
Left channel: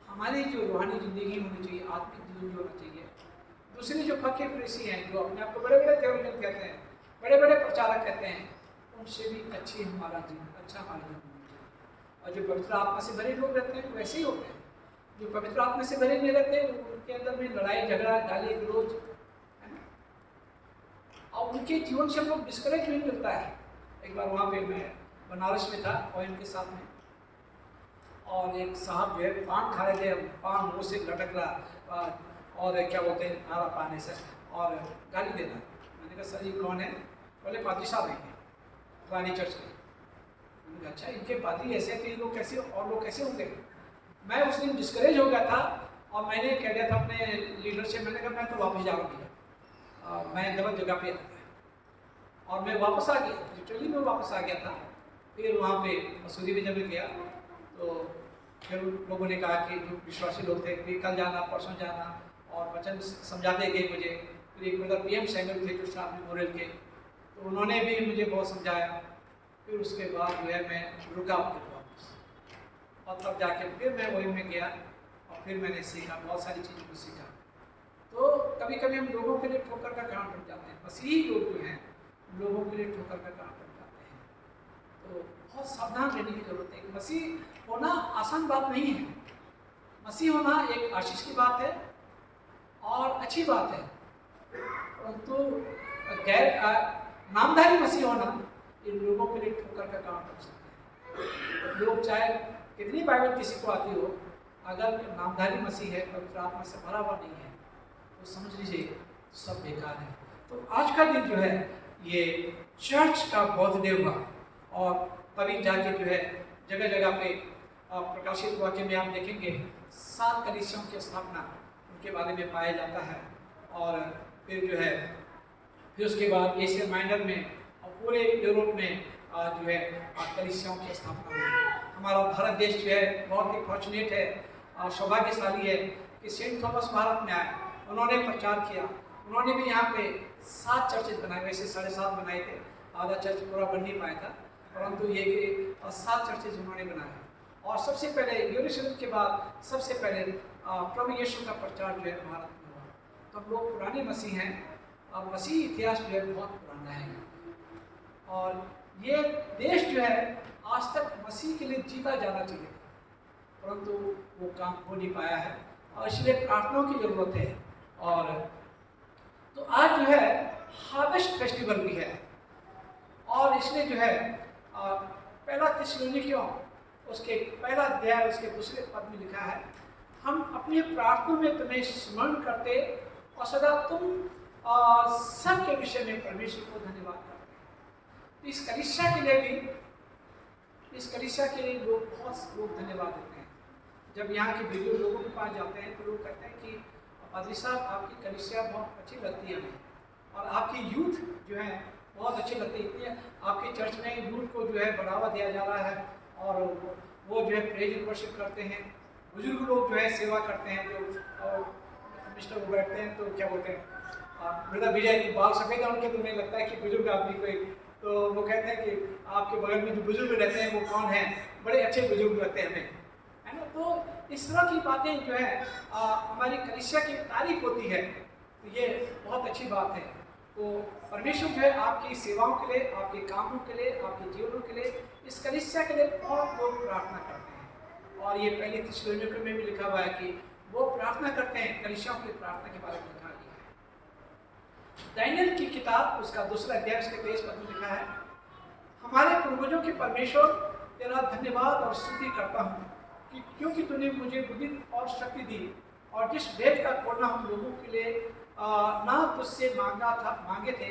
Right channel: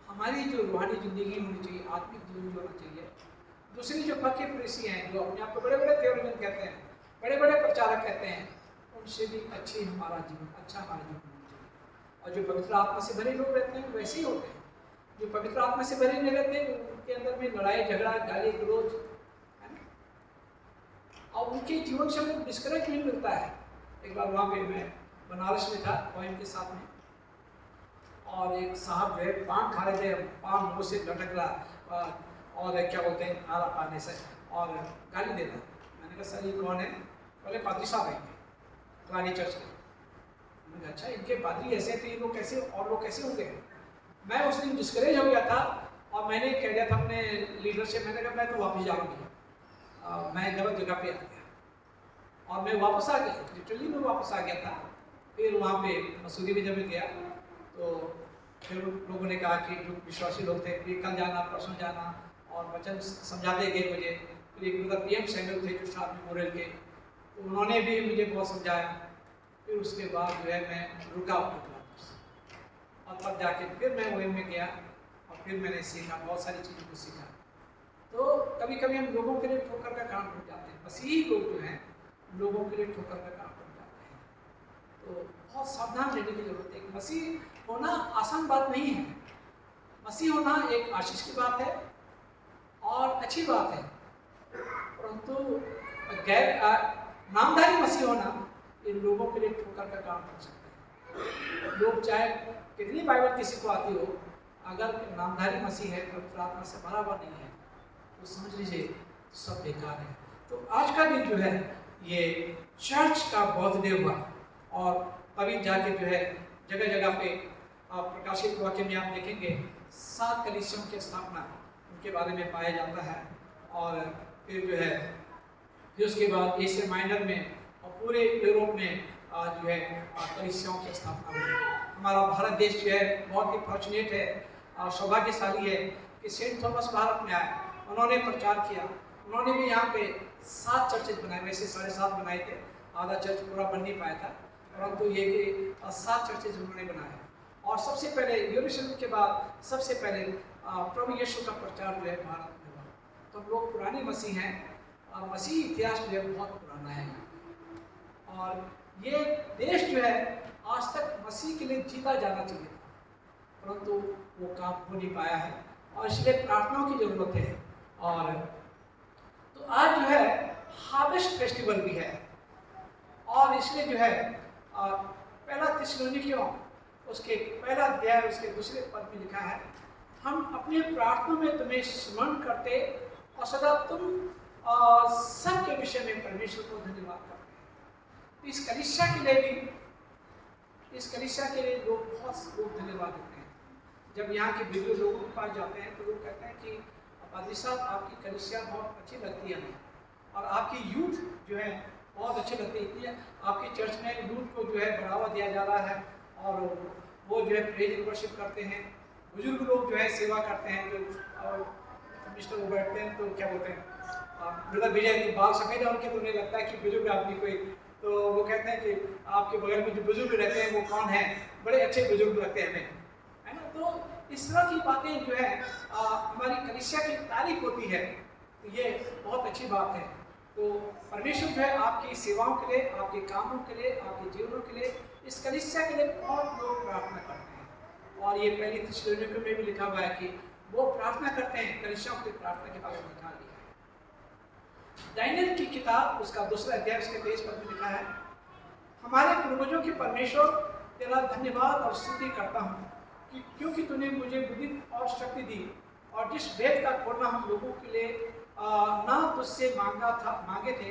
हमारी जो रूहानी जिंदगी होनी चाहिए, आत्मिक जीवन होना चाहिए। दूसरी जो पक्के फरीसी हैं, जो अपने आप को बड़े बड़े थियोलॉजियन कहते हैं, बड़े बड़े प्रचारक कहते हैं, उनसे भी अच्छी हमारा जीवन होना चाहिए। और जो पवित्र आत्मा से भरे लोग रहते हैं वैसे ही होते हैं। जो पवित्र आत्मा से भरे नहीं रहते, उनके अंदर में लड़ाई झगड़ा, गाली गलौज है ना, और उनके जीवन से हम लोग डिस्करेजमेंट मिलता है। एक बार वहाँ पे मैं बनारस में था और इनके साथ में, और एक साहब जो है पान खा रहे थे, पान मुँह से लटक रहा, और क्या बोलते हैं नारा पाने से, और गाली देना। मैंने कहा सर ये कौन है? बोले पादरी साहब हैं पुरानी चर्च के। मैंने कहा अच्छा, इनके पादरी ऐसे थे, लोग कैसे, और लोग कैसे होंगे? मैं उस दिन डिस्करेज हो गया था, और मैंने कह दिया था अपने लीडर से, मैंने कहा मैं तो वापस जा रहा हूँ, मैं गलत जगह पे आ गया, और मैं वापस आ गया, लिटरली मैं वापस आ गया था। फिर वहाँ पे मसूरी में जब मैं गया तो फिर उन लोगों ने कहा कि जो विश्वासी लोग थे कि कल जाना, परसों जाना, और वचन समझाते गए मुझे। फिर एक मतलब PM सैंगल थे जो शाम में मोरल के, तो उन्होंने भी मुझे बहुत समझाया। फिर उसके बाद जो है मैं रुका वापस, और तब जाके फिर मैं वही में गया और फिर मैंने सीखा, बहुत सारी चीज़ों को सीखा। तो कभी कभी हम लोगों के लिए ठोकर का काम पड़ जाते हैं, मसीही लोग जो हैं लोगों के लिए ठोकर का काम पड़ जाते हैं। तो बहुत सावधान रहने की जरूरत है। मसीह होना आसान बात नहीं है। मसीह होना एक आशीष की बात है और अच्छी बात है, परंतु गैर नामधारी मसीह होना इन लोगों के लिए ठोकर का काम कर सकते हैं। लोग चाहे कितनी बाइबल किसी को आती हो, अगर नामधारी मसीह है, पवित्र आत्मा से भरा हुआ नहीं है, तो समझ लीजिए सब बेकार है। तो आज का दिन जो है ये चर्च का बर्थडे हुआ, और तभी जाके जो है जगह जगह पे प्रकाशित वाक्य में आप देखेंगे 7 कलीसियाओं की स्थापना उनके बारे में पाया जाता है। और फिर जो है फिर उसके बाद एशिया माइनर में और पूरे यूरोप में जो है कलीसियाओं की स्थापना हुई। हमारा भारत देश जो है बहुत ही फॉर्चुनेट है और सौभाग्यशाली है कि सेंट थॉमस भारत में आए, उन्होंने प्रचार किया। उन्होंने भी यहाँ पे 7 चर्चेज बनाए, वैसे 7.5 बनाए थे, आधा चर्च पूरा बन नहीं पाया था, परंतु ये कि 7 चर्चेज उन्होंने बनाए। और सबसे पहले यरूशलेम के बाद सबसे पहले प्रभु यीशु का प्रचार जो है भारत में हुआ। तो हम लोग पुराने मसीह हैं, और मसीह इतिहास जो है बहुत पुराना है, और ये देश जो है आज तक मसीह के लिए जीता जाना चाहिए, परंतु वो काम हो नहीं पाया है, और इसलिए प्रार्थनाओं की ज़रूरत है। और तो आज जो है हार्वेस्ट फेस्टिवल भी है, और इसलिए जो है पहला थिस्सलुनीकियों उसके पहला अध्याय उसके दूसरे पद में लिखा है, हम अपनी प्रार्थनाओं में तुम्हें स्मरण करते और सदा तुम सब के विषय में परमेश्वर को धन्यवाद करते हैं। इस कलीसिया के लिए भी, इस कलीसिया के लिए लोग बहुत लोग धन्यवाद देते हैं। जब यहाँ के वीडियो लोगों के पास जाते हैं तो लोग कहते हैं कि पादरी साहब आपकी कलीसिया बहुत अच्छी लगती है हमें, और आपकी यूथ जो है बहुत अच्छी लगती है। इतनी आपके चर्च में यूथ को जो है बढ़ावा दिया जा रहा है, और वो जो है प्रेज एंड वर्शिप करते हैं। बुजुर्ग लोग जो है सेवा करते हैं, जो मिस्टर वो बैठते हैं तो क्या बोलते हैं मतलब विजय की बाल सफ़ेद है उनके, तो उन्हें लगता है कि बुजुर्ग आदमी कोई, तो वो कहते हैं कि आपके बगल में जो बुजुर्ग रहते हैं वो कौन है, बड़े अच्छे बुजुर्ग लगते हैं हमें, है ना। तो इस तरह की बातें जो है हमारी कलीसिया की तारीफ होती है, तो ये बहुत अच्छी बात है। तो परमेश्वर जो है आपकी सेवाओं के लिए, आपके कामों के लिए, आपके जीवनों के लिए, इस कलीसिया के लिए बहुत लोग प्रार्थना करते हैं। और ये पहली थिस्सलुनीकियों में भी लिखा हुआ है कि वो प्रार्थना करते हैं, कलीसियाओं की प्रार्थना के बारे में लिखा गया है। दानियेल की किताब उसका 2 अध्याय उसके 23 पद में लिखा है, हमारे पूर्वजों के परमेश्वर तेरा धन्यवाद और स्तुति करता हूँ कि क्योंकि तूने मुझे बुद्धि और शक्ति दी, और जिस वेद का खोलना हम लोगों के लिए ना तुझसे मांगे थे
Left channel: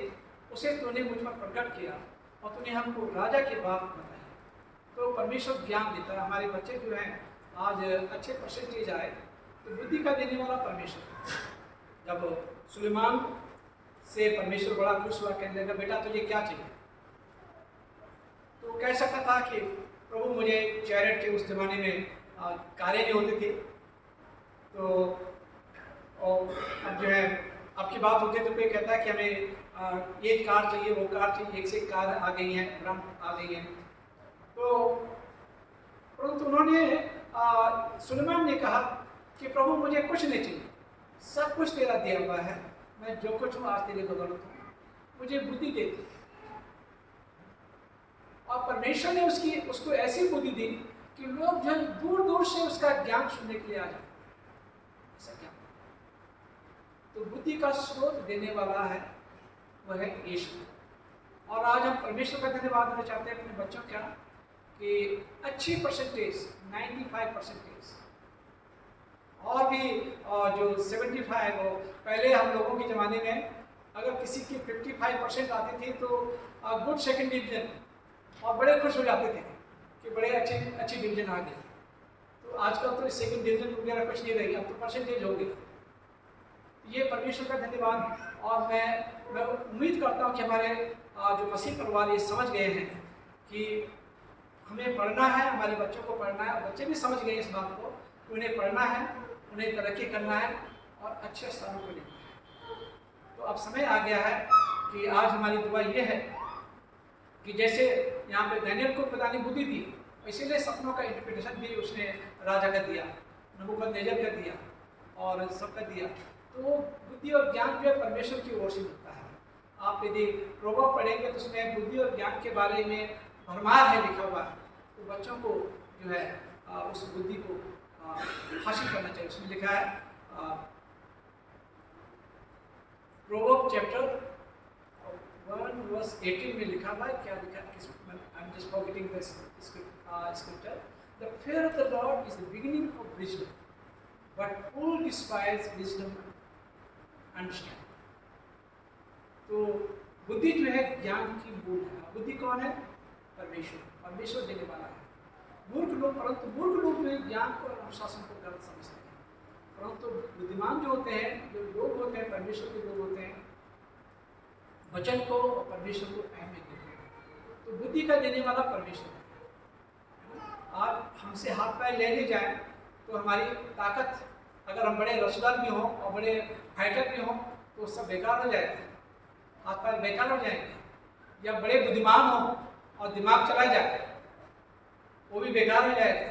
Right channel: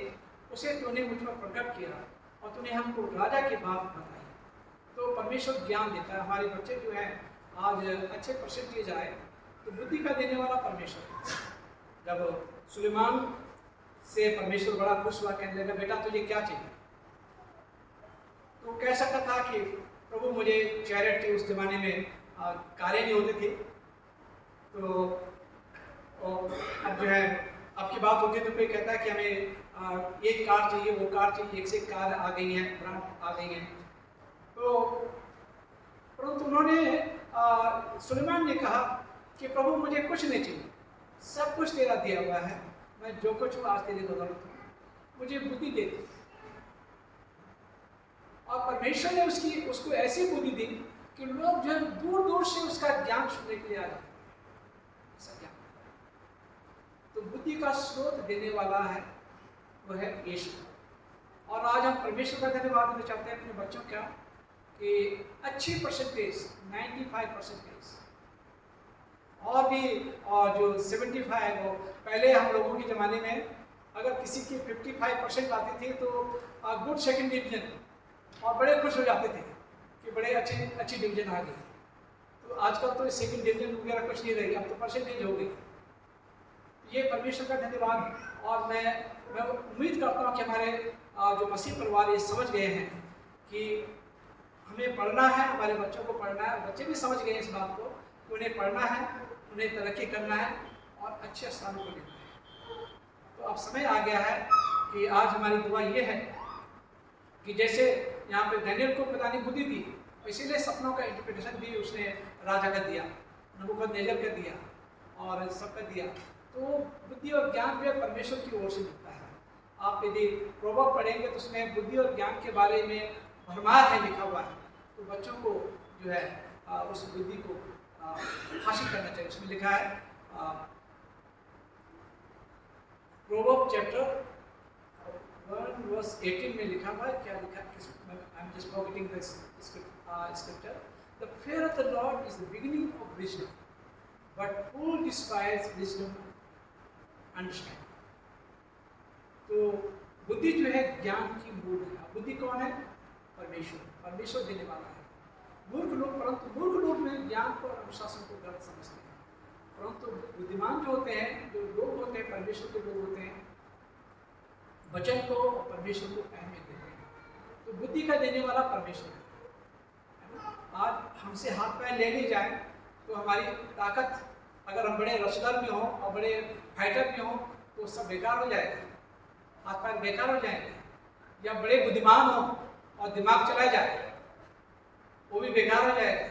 उसे तूने मुझ पर प्रकट किया, और तूने हमको राजा की बात बताई। तो परमेश्वर ज्ञान देता है। हमारे बच्चे जो हैं आज अच्छे परसेंटेज आए तो बुद्धि का देने वाला परमेश्वर है। जब सुलेमान से परमेश्वर बड़ा खुश हुआ, कहने लगा बेटा तुझे क्या चाहिए, तो कह सकता था कि प्रभु मुझे चैरियट के उस जमाने में कारें नहीं होते थे, तो अब जो है आपकी बात होती है तो कोई कहता है कि हमें ये कार चाहिए, वो कार चाहिए, एक से एक कार आ गई हैं, ब्रांड आ गई हैं। तो परंतु उन्होंने सुलेमान ने कहा कि प्रभु मुझे कुछ नहीं चाहिए, सब कुछ तेरा दिया हुआ है, मैं जो कुछ हूँ आज तेरे बदौलत हूँ, मुझे बुद्धि दे दी। और परमेश्वर ने उसको ऐसी बुद्धि दी कि लोग जो है दूर दूर से उसका ज्ञान सुनने के लिए आ जाते हैं। ऐसा ज्ञान तो बुद्धि का स्रोत देने वाला है, वह है यीशु। और आज हम परमेश्वर का धन्यवाद देना चाहते हैं अपने बच्चों का कि अच्छी परसेंटेज 95%, और भी जो 75 वो पहले हम लोगों के ज़माने में अगर किसी की 55% आती थी तो गुड सेकंड डिवीजन, और बड़े खुश हो जाते थे कि बड़े अच्छी डिवीजन आ गई। तो आजकल तो सेकंड डिवीजन वगैरह कुछ नहीं रही, अब तो परसेंटेज हो गई। ये परमेश्वर का धन्यवाद। और मैं उम्मीद करता हूँ कि हमारे जो मसीह परिवार ये समझ गए हैं कि हमें पढ़ना है, हमारे बच्चों को पढ़ना है, और बच्चे भी समझ गए इस बात को कि उन्हें पढ़ना है, उन्हें तरक्की करना है और अच्छे स्थानों को लेना है। तो अब समय आ गया है कि आज हमारी दुआ ये है कि जैसे यहाँ पे दानियेल को खुदा ने बुद्धि दी, इसीलिए सपनों का इंटरप्रिटेशन भी उसने राजा का दिया, नबूकदनेस्सर का दिया और सबका दिया। तो बुद्धि और ज्ञान जो है परमेश्वर की ओर से मिलता है। आप यदि प्रोवर्ब पढ़ेंगे तो उसमें बुद्धि और ज्ञान के बारे में भरमार है लिखा हुआ है। तो बच्चों को जो है उस बुद्धि को हासिल करना चाहिए। उसमें लिखा है प्रोवर्ब चैप्टर 1 वर्स 18 में लिखा हुआ है, क्या लिखा है, I am just forgetting this scripture. The fear of the Lord is the beginning of wisdom, but fool despise wisdom and understanding. तो बुद्धि जो है ज्ञान की मूल है। बुद्धि कौन है? परमेश्वर, परमेश्वर देने वाला है। मूर्ख लोग, परंतु मूर्ख लोग जो है ज्ञान को और अनुशासन को गलत समझते हैं, परंतु बुद्धिमान जो होते हैं, जो लोग होते हैं, परमेश्वर के लोग होते हैं, वचन को और परमेश्वर को अहमियत देते हैं। तो बुद्धि का देने वाला परमेश्वर है। आज हमसे हाथ पैर ले ली जाए तो हमारी ताकत, अगर हम बड़े रसलर भी हों और बड़े फाइटर भी हों तो सब बेकार हो जाएगा, हाथ पैर बेकार हो जाएंगे। या बड़े बुद्धिमान हों और दिमाग चला जाए वो भी बेकार हो जाएगा।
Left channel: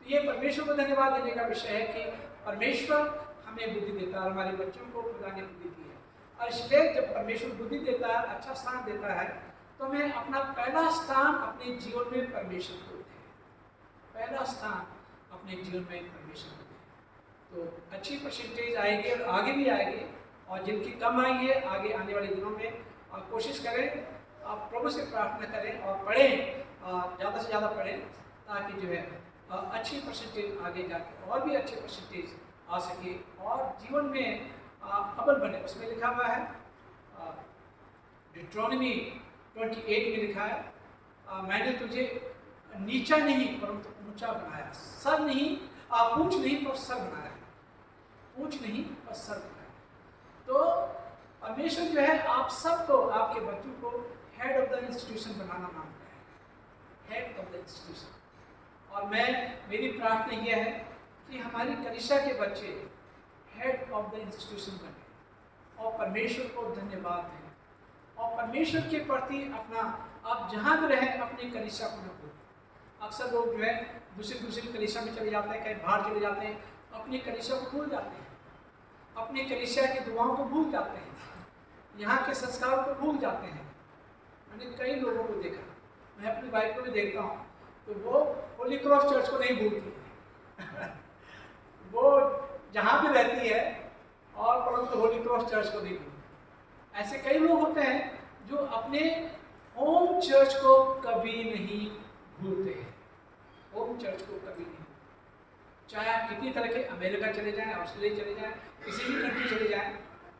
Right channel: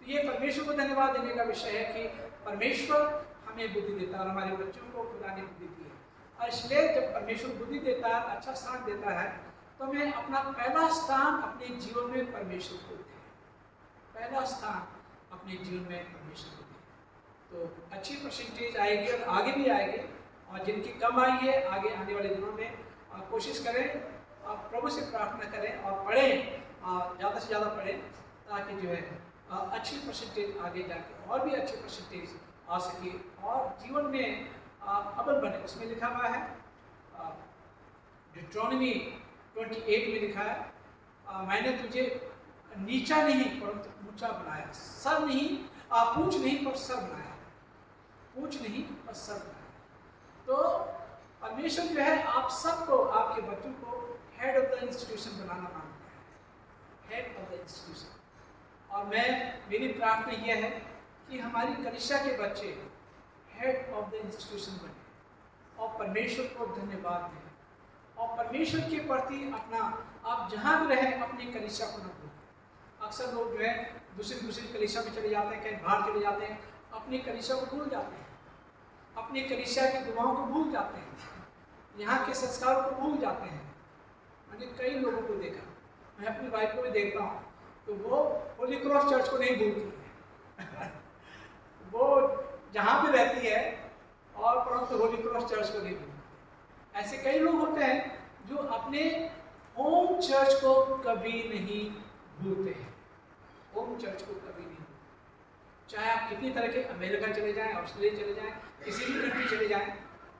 तो ये परमेश्वर को धन्यवाद देने का विषय है कि परमेश्वर हमें बुद्धि देता है और हमारे बच्चों को खुदा ने बुद्धि दी है। और इसलिए जब परमेश्वर बुद्धि देता है, अच्छा स्थान देता है, तो हमें अपना पहला स्थान अपने जीवन में परमेश्वर को दें। पहला स्थान अपने जीवन में परमेश्वर को दें तो अच्छी परसेंटेज आएगी और आगे भी आएगी। और जिनकी कम आई है, आगे आने वाले दिनों में कोशिश करें, आप प्रभु से प्रार्थना करें और पढ़ें, ज़्यादा से ज़्यादा पढ़ें, ताकि जो है अच्छी परसेंटेज आगे जाके और भी अच्छी परसेंटेज आ सके और जीवन में अव्वल बने। उसमें लिखा हुआ है, डिट्रोनमी 28 में लिखा है, मैंने तुझे नीचा नहीं परंतु ऊंचा बनाया, सर नहीं, पूंछ नहीं पर सर बनाया, पूंछ नहीं पर सर बनाया। तो परमेश्वर जो है आप सबको, आपके बच्चों को हेड ऑफ द इंस्टीट्यूशन बनाना मांगता है, हेड ऑफ द इंस्टीट्यूशन। और मेरी प्रार्थना यह है कि हमारी कलीसिया के बच्चे हेड ऑफ द इंस्टीट्यूशन बने और परमेश्वर को धन्यवाद दें और परमेश्वर के प्रति अपना, आप जहाँ भी रहें अपनी कलीसिया को न भूलें। अक्सर लोग जो है दूसरी कलीसिया में चले जाते हैं, कहीं बाहर चले जाते हैं, अपनी कलीसिया को भूल जाते हैं, अपनी कलीसिया की दुआओं को भूल जाते हैं, यहाँ के संस्कारों को भूल जाते हैं। मैंने कई लोगों को देखा, मैं अपनी वाइफ को भी देखता हूँ, तो वो होली क्रॉस चर्च को नहीं भूलती है वो जहाँ भी रहती है और परंतु होली क्रॉस चर्च को नहीं भूलती। ऐसे कई लोग होते हैं जो अपने होम चर्च को कभी नहीं भूलते हैं, होम चर्च को कभी नहीं भूलते। चाहे आप कितनी तरह के अमेरिका चले जाएं, ऑस्ट्रेलिया चले जाएं, किसी भी कंट्री चले जाएं,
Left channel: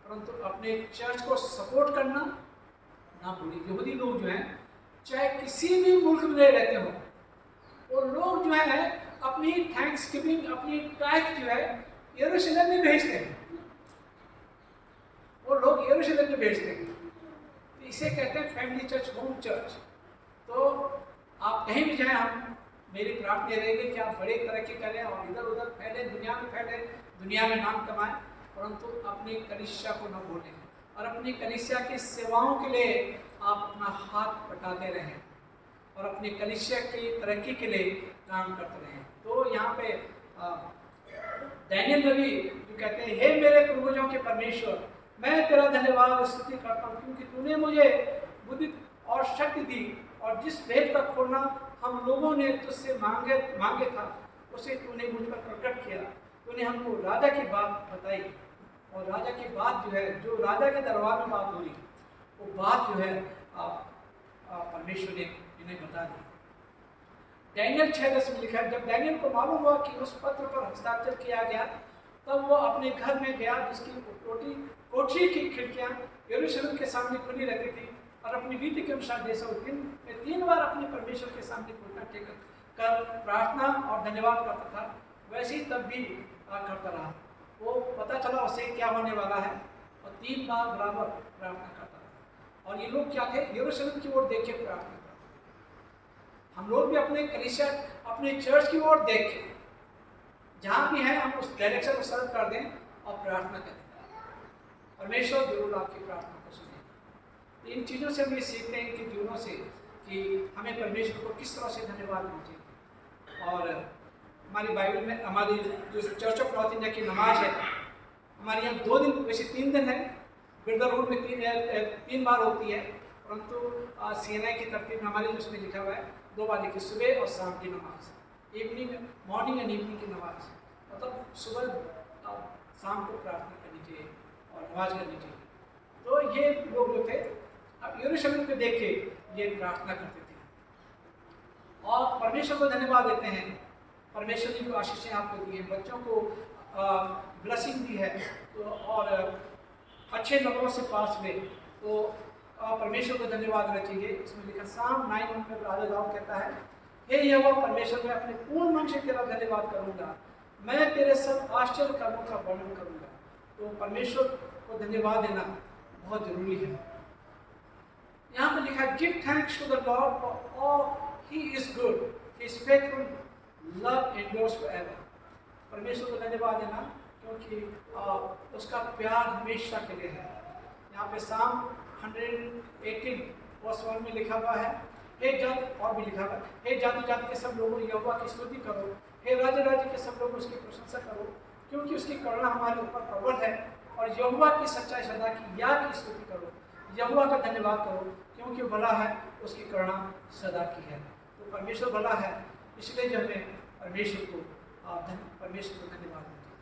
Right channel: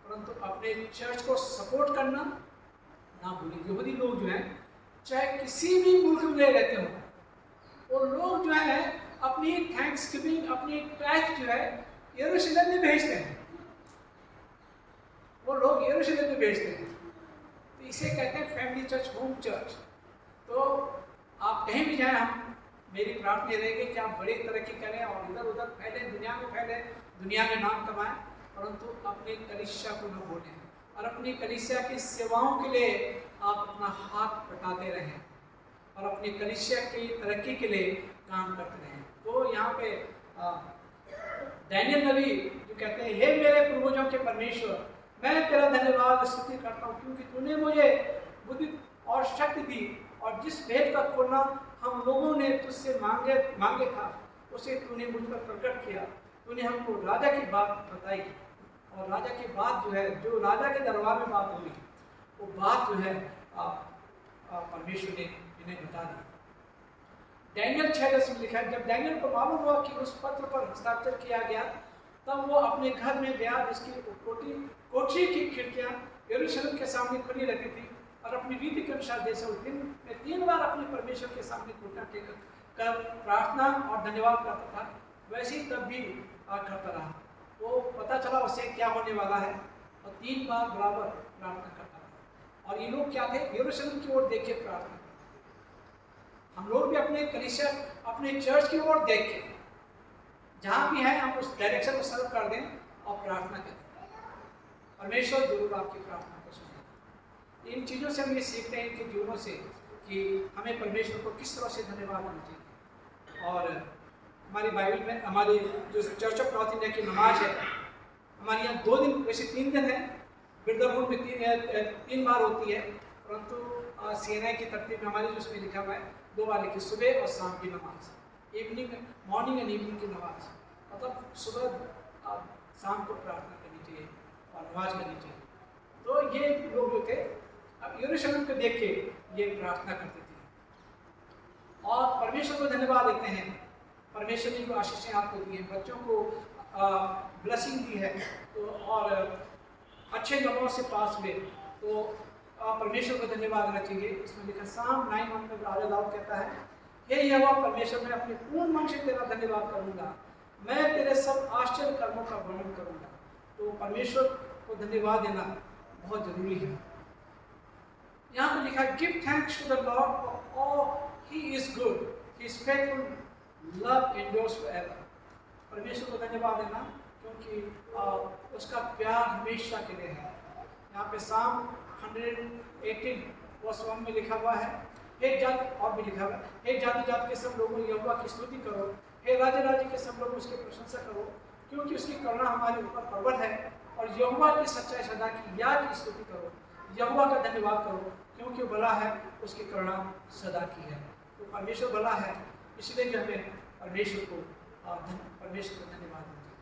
परंतु अपने चर्च को सपोर्ट करना ना भूलें। यहूदी लोग जो हैं, चाहे किसी भी मुल्क में रहते हों, वो लोग जो है अपनी थैंक्सगिविंग, अपनी टैक्स जो है यरूशलेम में भेजते हैं, वो लोग यरूशलेम में भेजते हैं। तो इसे कहते हैं फैमिली चर्च, होम चर्च। तो आप कहीं भी जाएं, हम मेरी प्रार्थना रहेगी कि आप बड़ी तरक्की करें और इधर उधर फैले, दुनिया में फैले, दुनिया में नाम कमाएं, परंतु अपनी कलीसिया को न भूलें और अपनी कलीसिया की सेवाओं के लिए आप अपना हाथ बटाते रहें और अपनी कलीसिया की तरक्की के लिए काम करते रहें। तो यहाँ पे दानियेल नबी जो कहते हैं, हे मेरे पूर्वजों के परमेश्वर, मैं तेरा धन्यवाद स्तुति करता हूँ क्योंकि तूने मुझे बुद्धि और शक्ति दी और जिस भेद का खोलना हम लोगों ने तुझसे मांगे था उसे तूने मुझ पर प्रकट किया। तूने हमको राजा की बात बताई और राजा की बात जो है, जो राजा के दरबार में बात हुई, वो बात जो है परमेश्वर ने इन्हें बता दी। दानियेल 6:10 में लिखा है, जब दानियेल को मालूम हुआ कि उस पत्र पर हस्ताक्षर किया गया, तब वो अपने घर में गया जिसकी कोठरी की खिड़कियां यरूशलेम के सामने खुली रहती थी और अपनी रीति के अनुसार जैसा दिन में 3 बार अपने परमेश्वर के सामने घुटना टेक कर प्रार्थना और धन्यवाद करता था, वैसे ही तब भी करता रहा। वो पता चला उसे क्या होने वाला है और 3 बार बराबर प्रार्थना करता रहा। और ये लोग क्या थे? यरूशलेम की ओर देखे प्रार्थना करते। हम लोग भी अपने कलीसिया, अपने चर्च की ओर देख के जहाँ भी हैं हम उस डायरेक्शन को सर्व कर दें और प्रार्थना करें। परमेश्वर जरूर आपकी प्रार्थना को सुनेगा। इन चीज़ों से हम ये सीखते हैं इनके जीवनों से कि हमें परमेश्वर को किस तरह से धन्यवाद देना चाहिए। और हमारी बाइबल में हमारी जो चर्च ऑफ नॉर्थ इंडिया की नमाज है, हमारे यहाँ 2 दिन, वैसे 3 दिन है, बिरदरहुड में 3 बार होती है, परंतु सीएनआई की तरतीब में हमारे जिसमें लिखा हुआ है 2 बार लिखी, सुबह और शाम की नमाज, इवनिंग, मॉर्निंग एंड इवनिंग की नमाज, मतलब सुबह शाम को प्रार्थना करनी चाहिए और नमाज करनी चाहिए। तो ये लोग जो थे अब यरूशलेम पे देख के ये प्रार्थना करते थे और परमेश्वर को धन्यवाद देते हैं। परमेश्वर ने जो आशीषें आपको दी हैं, बच्चों को ब्लेसिंग दी है, तो और अच्छे लोगों से पास हुए, तो परमेश्वर को धन्यवाद देना चाहिए। इसमें लिखा साम 9:1 में राजा दाऊद कहता है, हे यहोवा परमेश्वर, मैं अपने पूर्ण मन से तेरा धन्यवाद करूंगा, मैं तेरे सब आश्चर्य कर्मों का वर्णन करूंगा। तो परमेश्वर को धन्यवाद देना बहुत जरूरी है। यहाँ पे लिखा है, give thanks to the Lord for all he is good, his faithful love endures forever. परमेश्वर को धन्यवाद देना क्योंकि उसका प्यार हमेशा के लिए है। यहाँ पे साम 118:1 में लिखा हुआ है, हे जाति, और भी लिखा हुआ है, हे जाति जाति के सब लोगों यहोवा की स्तुति करो, हे राज्य राज्य के सब लोगों उसकी प्रशंसा करो, क्योंकि उसकी करुणा हमारे ऊपर प्रबल है, और यहोवा की सच्चाई सदा की याद की स्तुति करो। यहोवा का धन्यवाद करो क्योंकि भला है, उसकी करुणा सदा की है। तो परमेश्वर भला है, इसलिए जो हमें परमेश्वर को धन्यवाद दीजिए।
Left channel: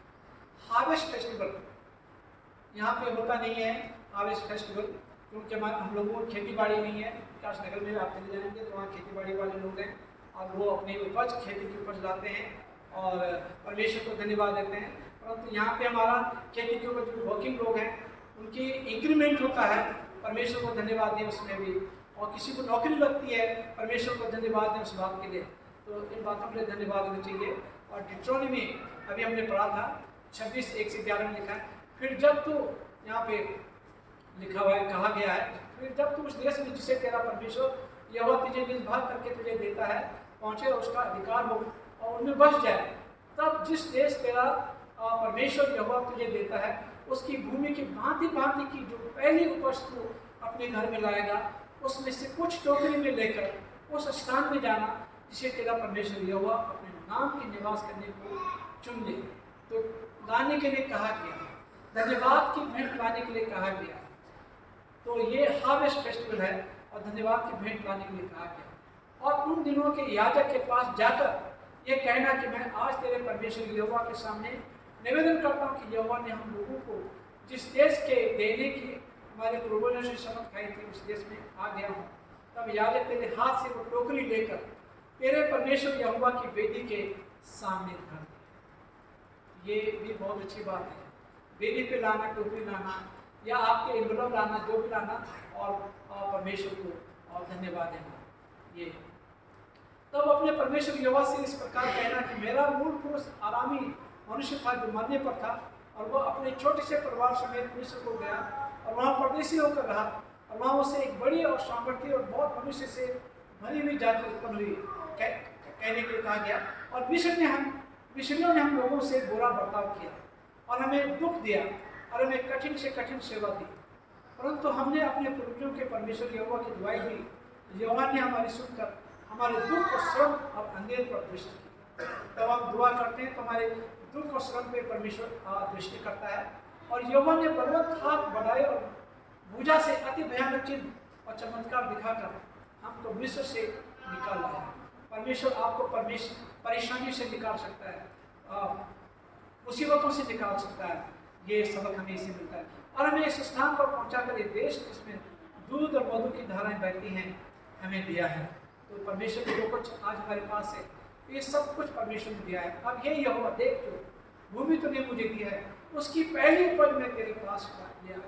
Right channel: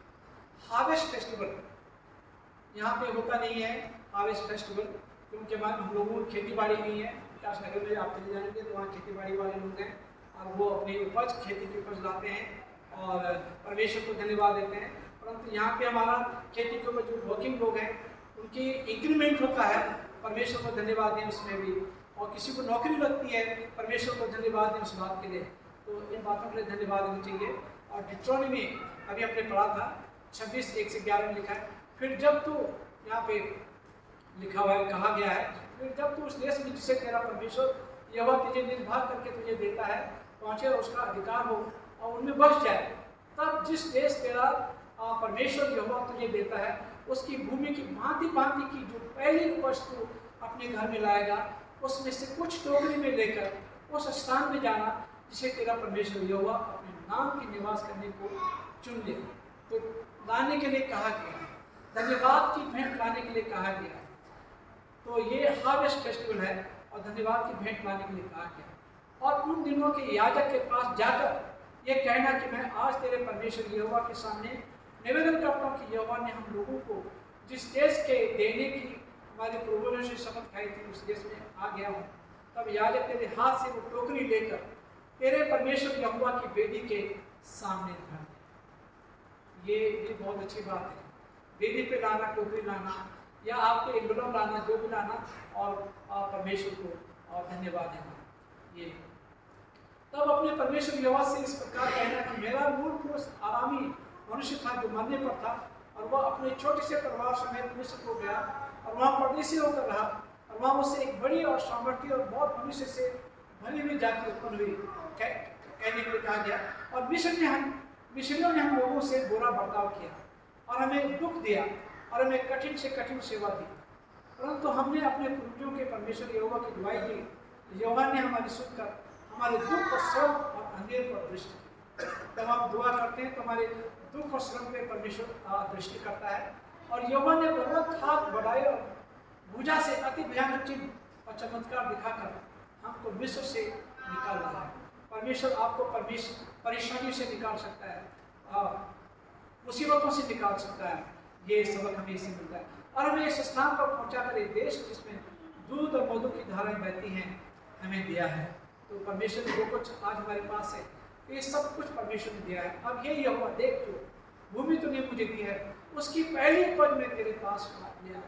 हार्वेस्ट फेस्टिवल यहाँ पे होता नहीं है, हार्वेस्ट फेस्टिवल, क्योंकि हम लोगों को खेती बाड़ी नहीं है। विकास नगर में आप चले जाएंगे तो वहाँ खेती बाड़ी वाले लोग हैं और वो अपनी उपज, खेती की उपज लाते हैं और परमेश्वर को धन्यवाद देते हैं। परंतु यहाँ पे हमारा खेती के ऊपर जो वर्किंग लोग हैं उनकी इंक्रीमेंट होता है, परमेश्वर को धन्यवाद दें उसमें भी, और किसी को नौकरी लगती है, परमेश्वर को धन्यवाद दें उस बात के लिए। तो इन बातों के लिए धन्यवाद देना चाहिए। और डिट्रोनॉमी अभी हमने पढ़ा था 26:1-11 में लिखा है, फिर जब तू, यहाँ पे लिखा हुआ है, कहा गया है, फिर जब तू उस देश में जिसे तेरा परमेश्वर यहोवा तुझे निज भाग करके तुझे देता है पहुँचे और उसका अधिकार हो और उनमें बस जाए, तब जिस देश तेरा परमेश्वर यहोवा तुझे देता है उसकी भूमि की भांति भांति की जो पहली उपज तू अपने घर में लाएगा, उसमें से कुछ टोकरी में लेकर उस स्थान में जाना जिसे तेरा परमेश्वर यहोवा अपने नाम की निवास करने को चुन ले। तो लाने के लिए कहा गया, धन्यवाद की भेंट लाने के लिए कहा गया। तो ये हार्वेस्ट फेस्टिवल है और धन्यवाद की भेंट लाने के लिए कहा गया। और उन दिनों के याजक के पास जाकर ये कहना कि मैं आज तेरे परमेश्वर यहोवा के सामने निवेदन करता हूँ कि यहोवा ने हम लोगों को जिस देश के देने की हमारे पूर्वजों से शपथ खाई थी उस देश में आ गया हूँ। तब याजक तेरे हाथ से वो टोकरी लेकर तेरे परमेश्वर यहोवा की वेदी के सामने धर दे। ये बहुत अच्छी बात है, वेदी पे लाना, टोकरी लाना या आपके एनवेलप लाना, जो भी लाना, और परमेश्वर को और धन्यवाद देना। ये तब अपने परमेश्वर यहोवा से इस प्रकार कहना कि मेरा मूल पुरुष आरामी मनुष्य था जो मरने पर था, और वह अपने छोटे से परिवार समेत मिस्र को गया और वहाँ परदेशी होकर रहा, और वहाँ उससे एक बड़ी और सामर्थ्य और बहुत मनुष्य से भरी हुई जाति उत्पन्न हुई, कहने के लिए कहा गया। और मिस्रियों ने हम लोगों से बुरा बर्ताव किया और हमें दुख दिया और हमें कठिन से कठिन सेवा दी, परंतु हमने अपने पूर्वजों के परमेश्वर यहोवा की दुआई दी। यहोवा ने हमारी सुनकर हमारे दुख और श्रम और अंधेर पर दृष्टि की। तब हम दुआ करते हैं तो हमारे दुख और श्रम पे परमेश्वर दृष्टि करता है, और यहोवा ने पर्वत हाथ बढ़ाए और भुजा से अति भयानक चिन्ह और चमत्कार दिखाकर हमको मिस्र से निकाल लाया। परमेश्वर आपको परेशानी से निकाल सकता है, मुसीबतों से निकाल सकता है। ये सबक हमें इससे मिलता है और हमें इस स्थान पर पहुंचाकर एक देश जिसमें दूध और मधु की धाराएं बहती हैं हमें दिया है। तो परमेश्वर ने जो कुछ आज हमारे पास है ये सब कुछ परमेश्वर ने दिया है। अब ये यहोवा देख, जो भूमि तूने मुझे दी है उसकी पहली उपज मैं तेरे पास ले आया।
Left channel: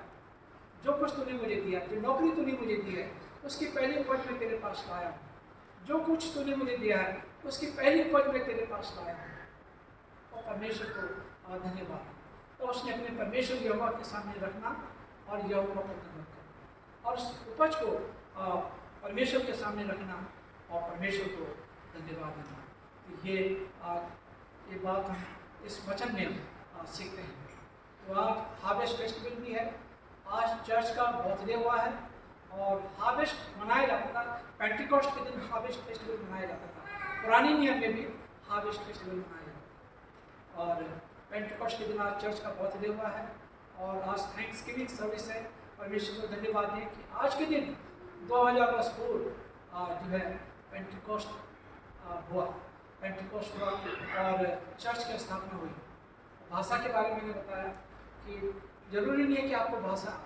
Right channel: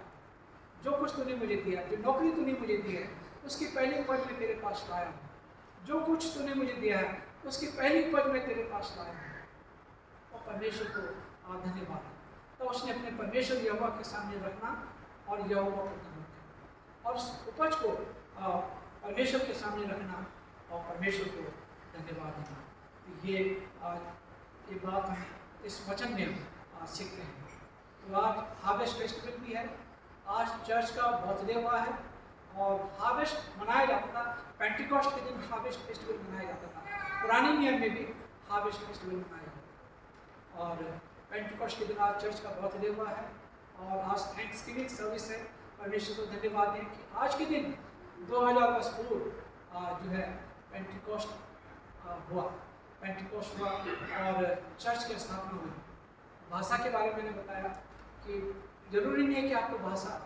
जो कुछ तूने मुझे दिया, जो नौकरी तूने मुझे दी है उसकी पहली उपज मैं तेरे पास लाया हूँ। जो कुछ तूने मुझे दिया है उसकी पहली उपज मैं तेरे पास लाया हूँ। और परमेश्वर को धन्यवाद। तो उसने अपने परमेश्वर यहोवा के सामने रखना और यहोवा को धन्यवाद करना और उस उपज को परमेश्वर के सामने रखना और परमेश्वर को धन्यवाद देना। तो ये आज ये बात हम इस वचन में हम सीखते हैं। तो आज हार्वेस्ट फेस्टिवल भी है, आज चर्च का बर्थडे हुआ है और हार्वेस्ट मनाया जाता था। पेंटिकॉस्ट के दिन हार्वेस्ट फेस्टिवल मनाया जाता था, पुराने नियम में भी हार्वेस्ट फेस्टिवल मनाया जाता था। और पेंटिकॉस्ट के दिन आज चर्च का बर्थडे हुआ है और आज थैंक्सगिविंग सर्विस है। परमेश्वर को धन्यवाद दें कि आज के दिन 2010 पूर्व जो है पेंटिकॉस्ट हुआ और चर्च की स्थापना हुई। भाषा के बारे में मैंने बताया कि जरूरी नहीं है कि आपको भाषा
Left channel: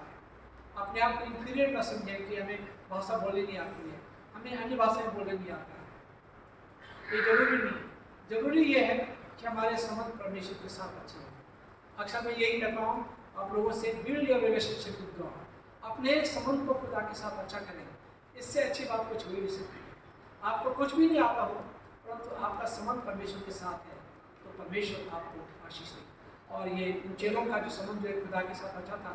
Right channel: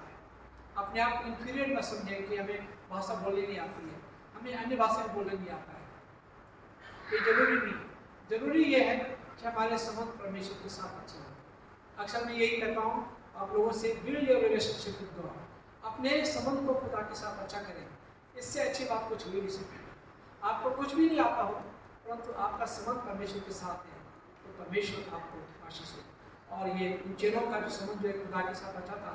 अपने आप को इंफीरियर ना समझें कि हमें भाषा बोलने नहीं आती है, हमें अन्य भाषाएं बोलने नहीं आता है, ये जरूरी नहीं। जरूरी ये है कि हमारे संबंध परमेश्वर के साथ अच्छे हो। अक्सर मैं यही कहता हूँ आप लोगों से, build your relationship with God, अपने संबंध को खुदा के साथ अच्छा करें। इससे अच्छी बात कुछ हो ही नहीं सकती। आपको कुछ भी नहीं आता हो परंतु आपका संबंध परमेश्वर के साथ है तो परमेश्वर आपको आशीष दे। और ये इन चेलों का जो संबंध जो खुदा के साथ अच्छा था,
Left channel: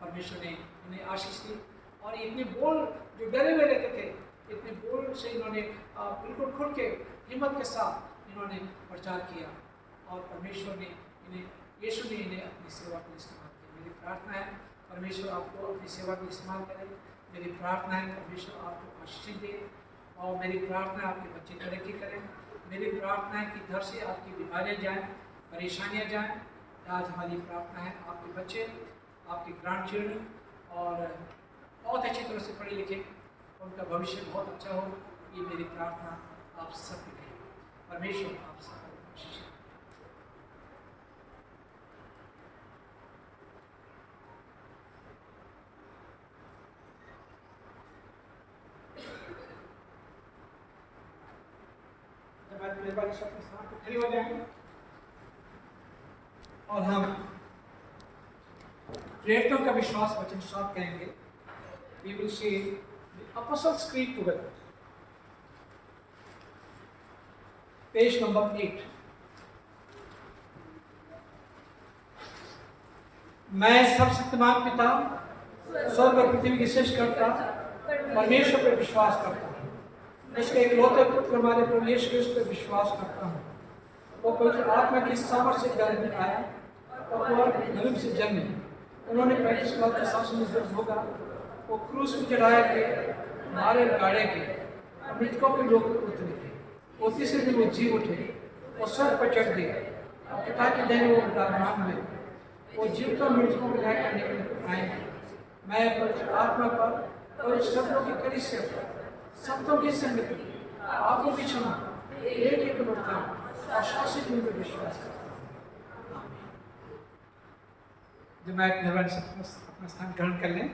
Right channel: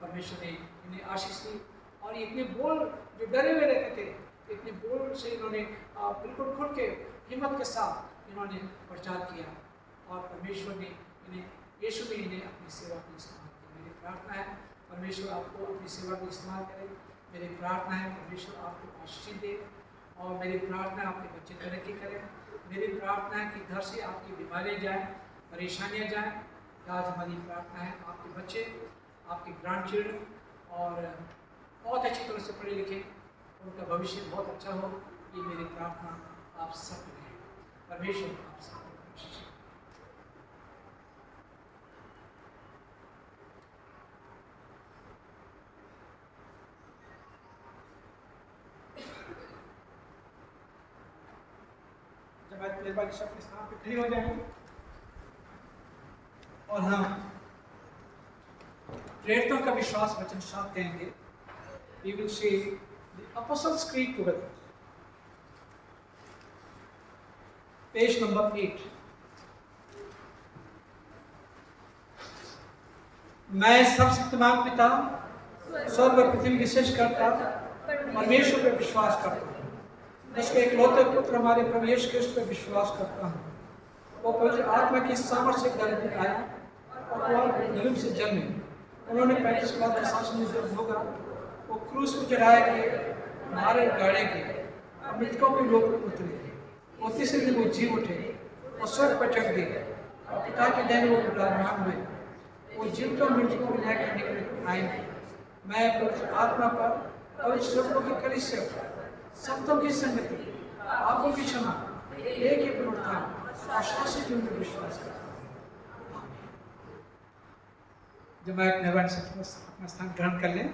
परमेश्वर ने इन्हें आशीष दी। और इतने बोल जो डरे हुए रहते थे, इतने बोल से इन्होंने बिल्कुल खुल के हिम्मत के साथ इन्होंने प्रचार किया और परमेश्वर ने इन्हें, यीशु ने इन्हें अपनी सेवा को इस्तेमाल किया। मेरी प्रार्थना है परमेश्वर आपको अपनी सेवा को इस्तेमाल करे। मेरी प्रार्थना है परमेश्वर आपको आशीष दे और मेरी प्रार्थना है आपके बच्चे तरक्की करें। मेरी प्रार्थना है कि घर से आपकी बीमारियाँ जाएँ, परेशानियाँ जाएँ। आज हमारी प्रार्थना है आपके बच्चे, आपके ग्रैंड चिल्ड्रन और बहुत अच्छी तरह से पढ़े लिखे, उनका भविष्य बहुत अच्छा हो। ये मेरी प्रार्थना आप सबके लिए। परमेश्वर आप सबको आशीष दे। मेहरबानी से अपने स्थान पर खड़े हो जाएंगे और हम प्रेरितों का विश्वास वचन साथ कहेंगे। We will say the Apostles' Creed together. Page number 8। मैं सर्वशक्तिमान पिता स्वर्ग और पृथ्वी की सृष्टि करता परमेश्वर पर विश्वास करता हूँ, उसके एकलौते पुत्र हमारे प्रभु यीशु क्रिस्त पर विश्वास करता हूँ। वो पवित्र आत्मा की सामर्थ्य से गर्भ में आया और वो गर्भ से जन्मे। उन्होंने 35 वर्ष के शासन में जब होगा, वो क्रूस पर चढ़ाया गए, मारे गाड़े गए, मृतकों के लोग उतरे, वो तीसरे दिन वो जी उठे, वो स्वर्ग पर चढ़ गए और पिता के देने वो विराजमान हुए। वो जीवित और मृतकों को न्याय करने के लिए आएंगे। मैं पवित्र आत्मा पर और शब्दों की कलीसिया पर संतों की संगति, पापों की क्षमा, एक उत्थान और शाश्वत जीवन पर विश्वास करता हूँ। जब मैं एक निर्वाण से अपना स्थान ग्रहण कर लें,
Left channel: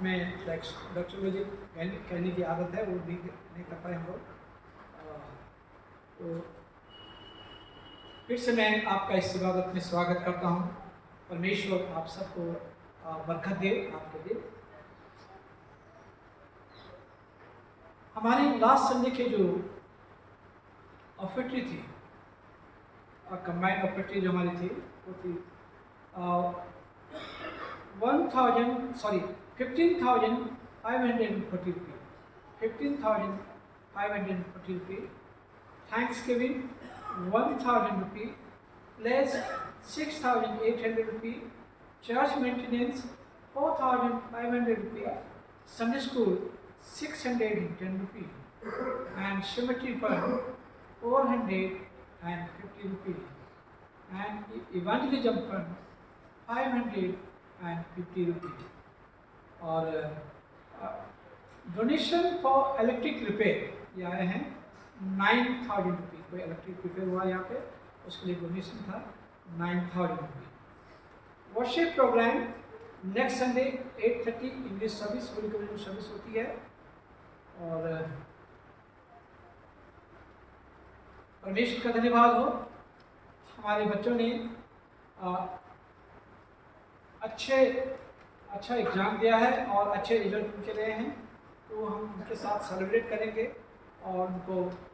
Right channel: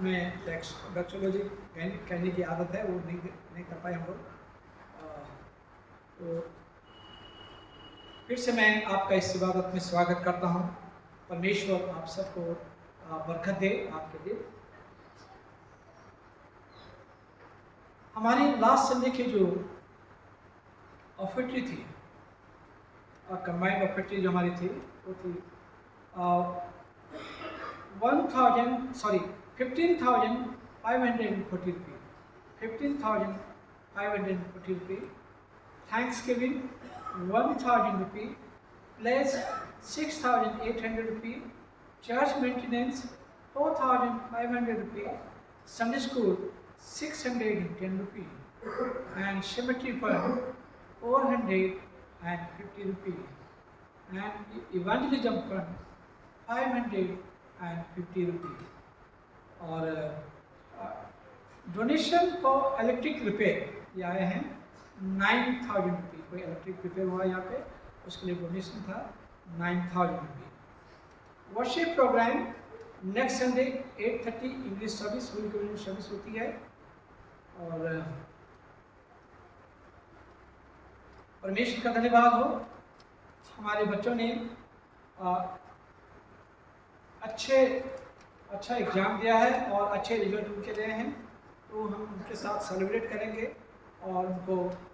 मैं डॉक्टरोलॉजी कहने की आदत है, वो नहीं कर पाए हम लोग। तो फिर से मैं आपका इस इबादत में स्वागत करता हूँ। परमेश्वर आप सबको बरकत दे। आपके लिए हमारी लास्ट संडे की जो ऑफर्टी थी, कंबाइंड ऑफर्टी जो हमारी थी, वो थी 15,540 रुपये। 15,540 रुपये। थैंक्स गिविंग 1,000 रुपये प्लस 6,800 रुपये। चर्च मेंटेनेंस 4,500 रुपये। Sunday school 610 rupees and cemetery fund 450 rupees and evangelism fund 550 rupees। और डोनेशन फॉर इलेक्ट्रिक रिपेयर ये आए हैं 9,000 रुपये। कोई इलेक्ट्रिक रिपेयर हुआ यहाँ पे, उसके लिए डोनेशन था 9,000 रुपये। Worship programme next Sunday 8:30 English service, holy communion service होती है। और परमेश्वर का धन्यवाद हो, हमारे बच्चों ने अच्छा एग्ज़ाम दिया है और अच्छे रिजल्ट उनके लिए हैं। तो हम उनके साथ सेलिब्रेट करेंगे और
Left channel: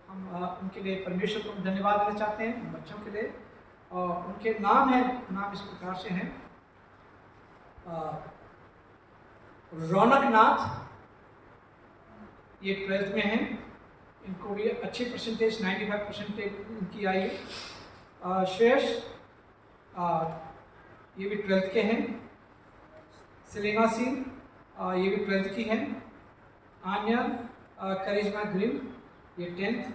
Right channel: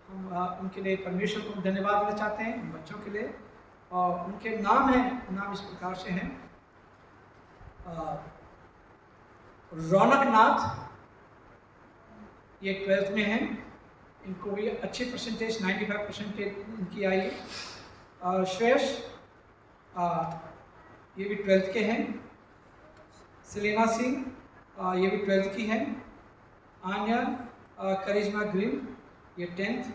हम उनके लिए परमेश्वर को धन्यवाद देना चाहते हैं, उन बच्चों के लिए। और उनके नाम इस प्रकार से हैं: रौनक नाथ, ये 12th में हैं, इनको भी अच्छी परसेंटेज 95% इनकी आई है। श्रेयस ये भी 12th के हैं। सेलेना सिंह ये भी 12th की हैं। आन्या करिश्मा ग्रीन ये 10th,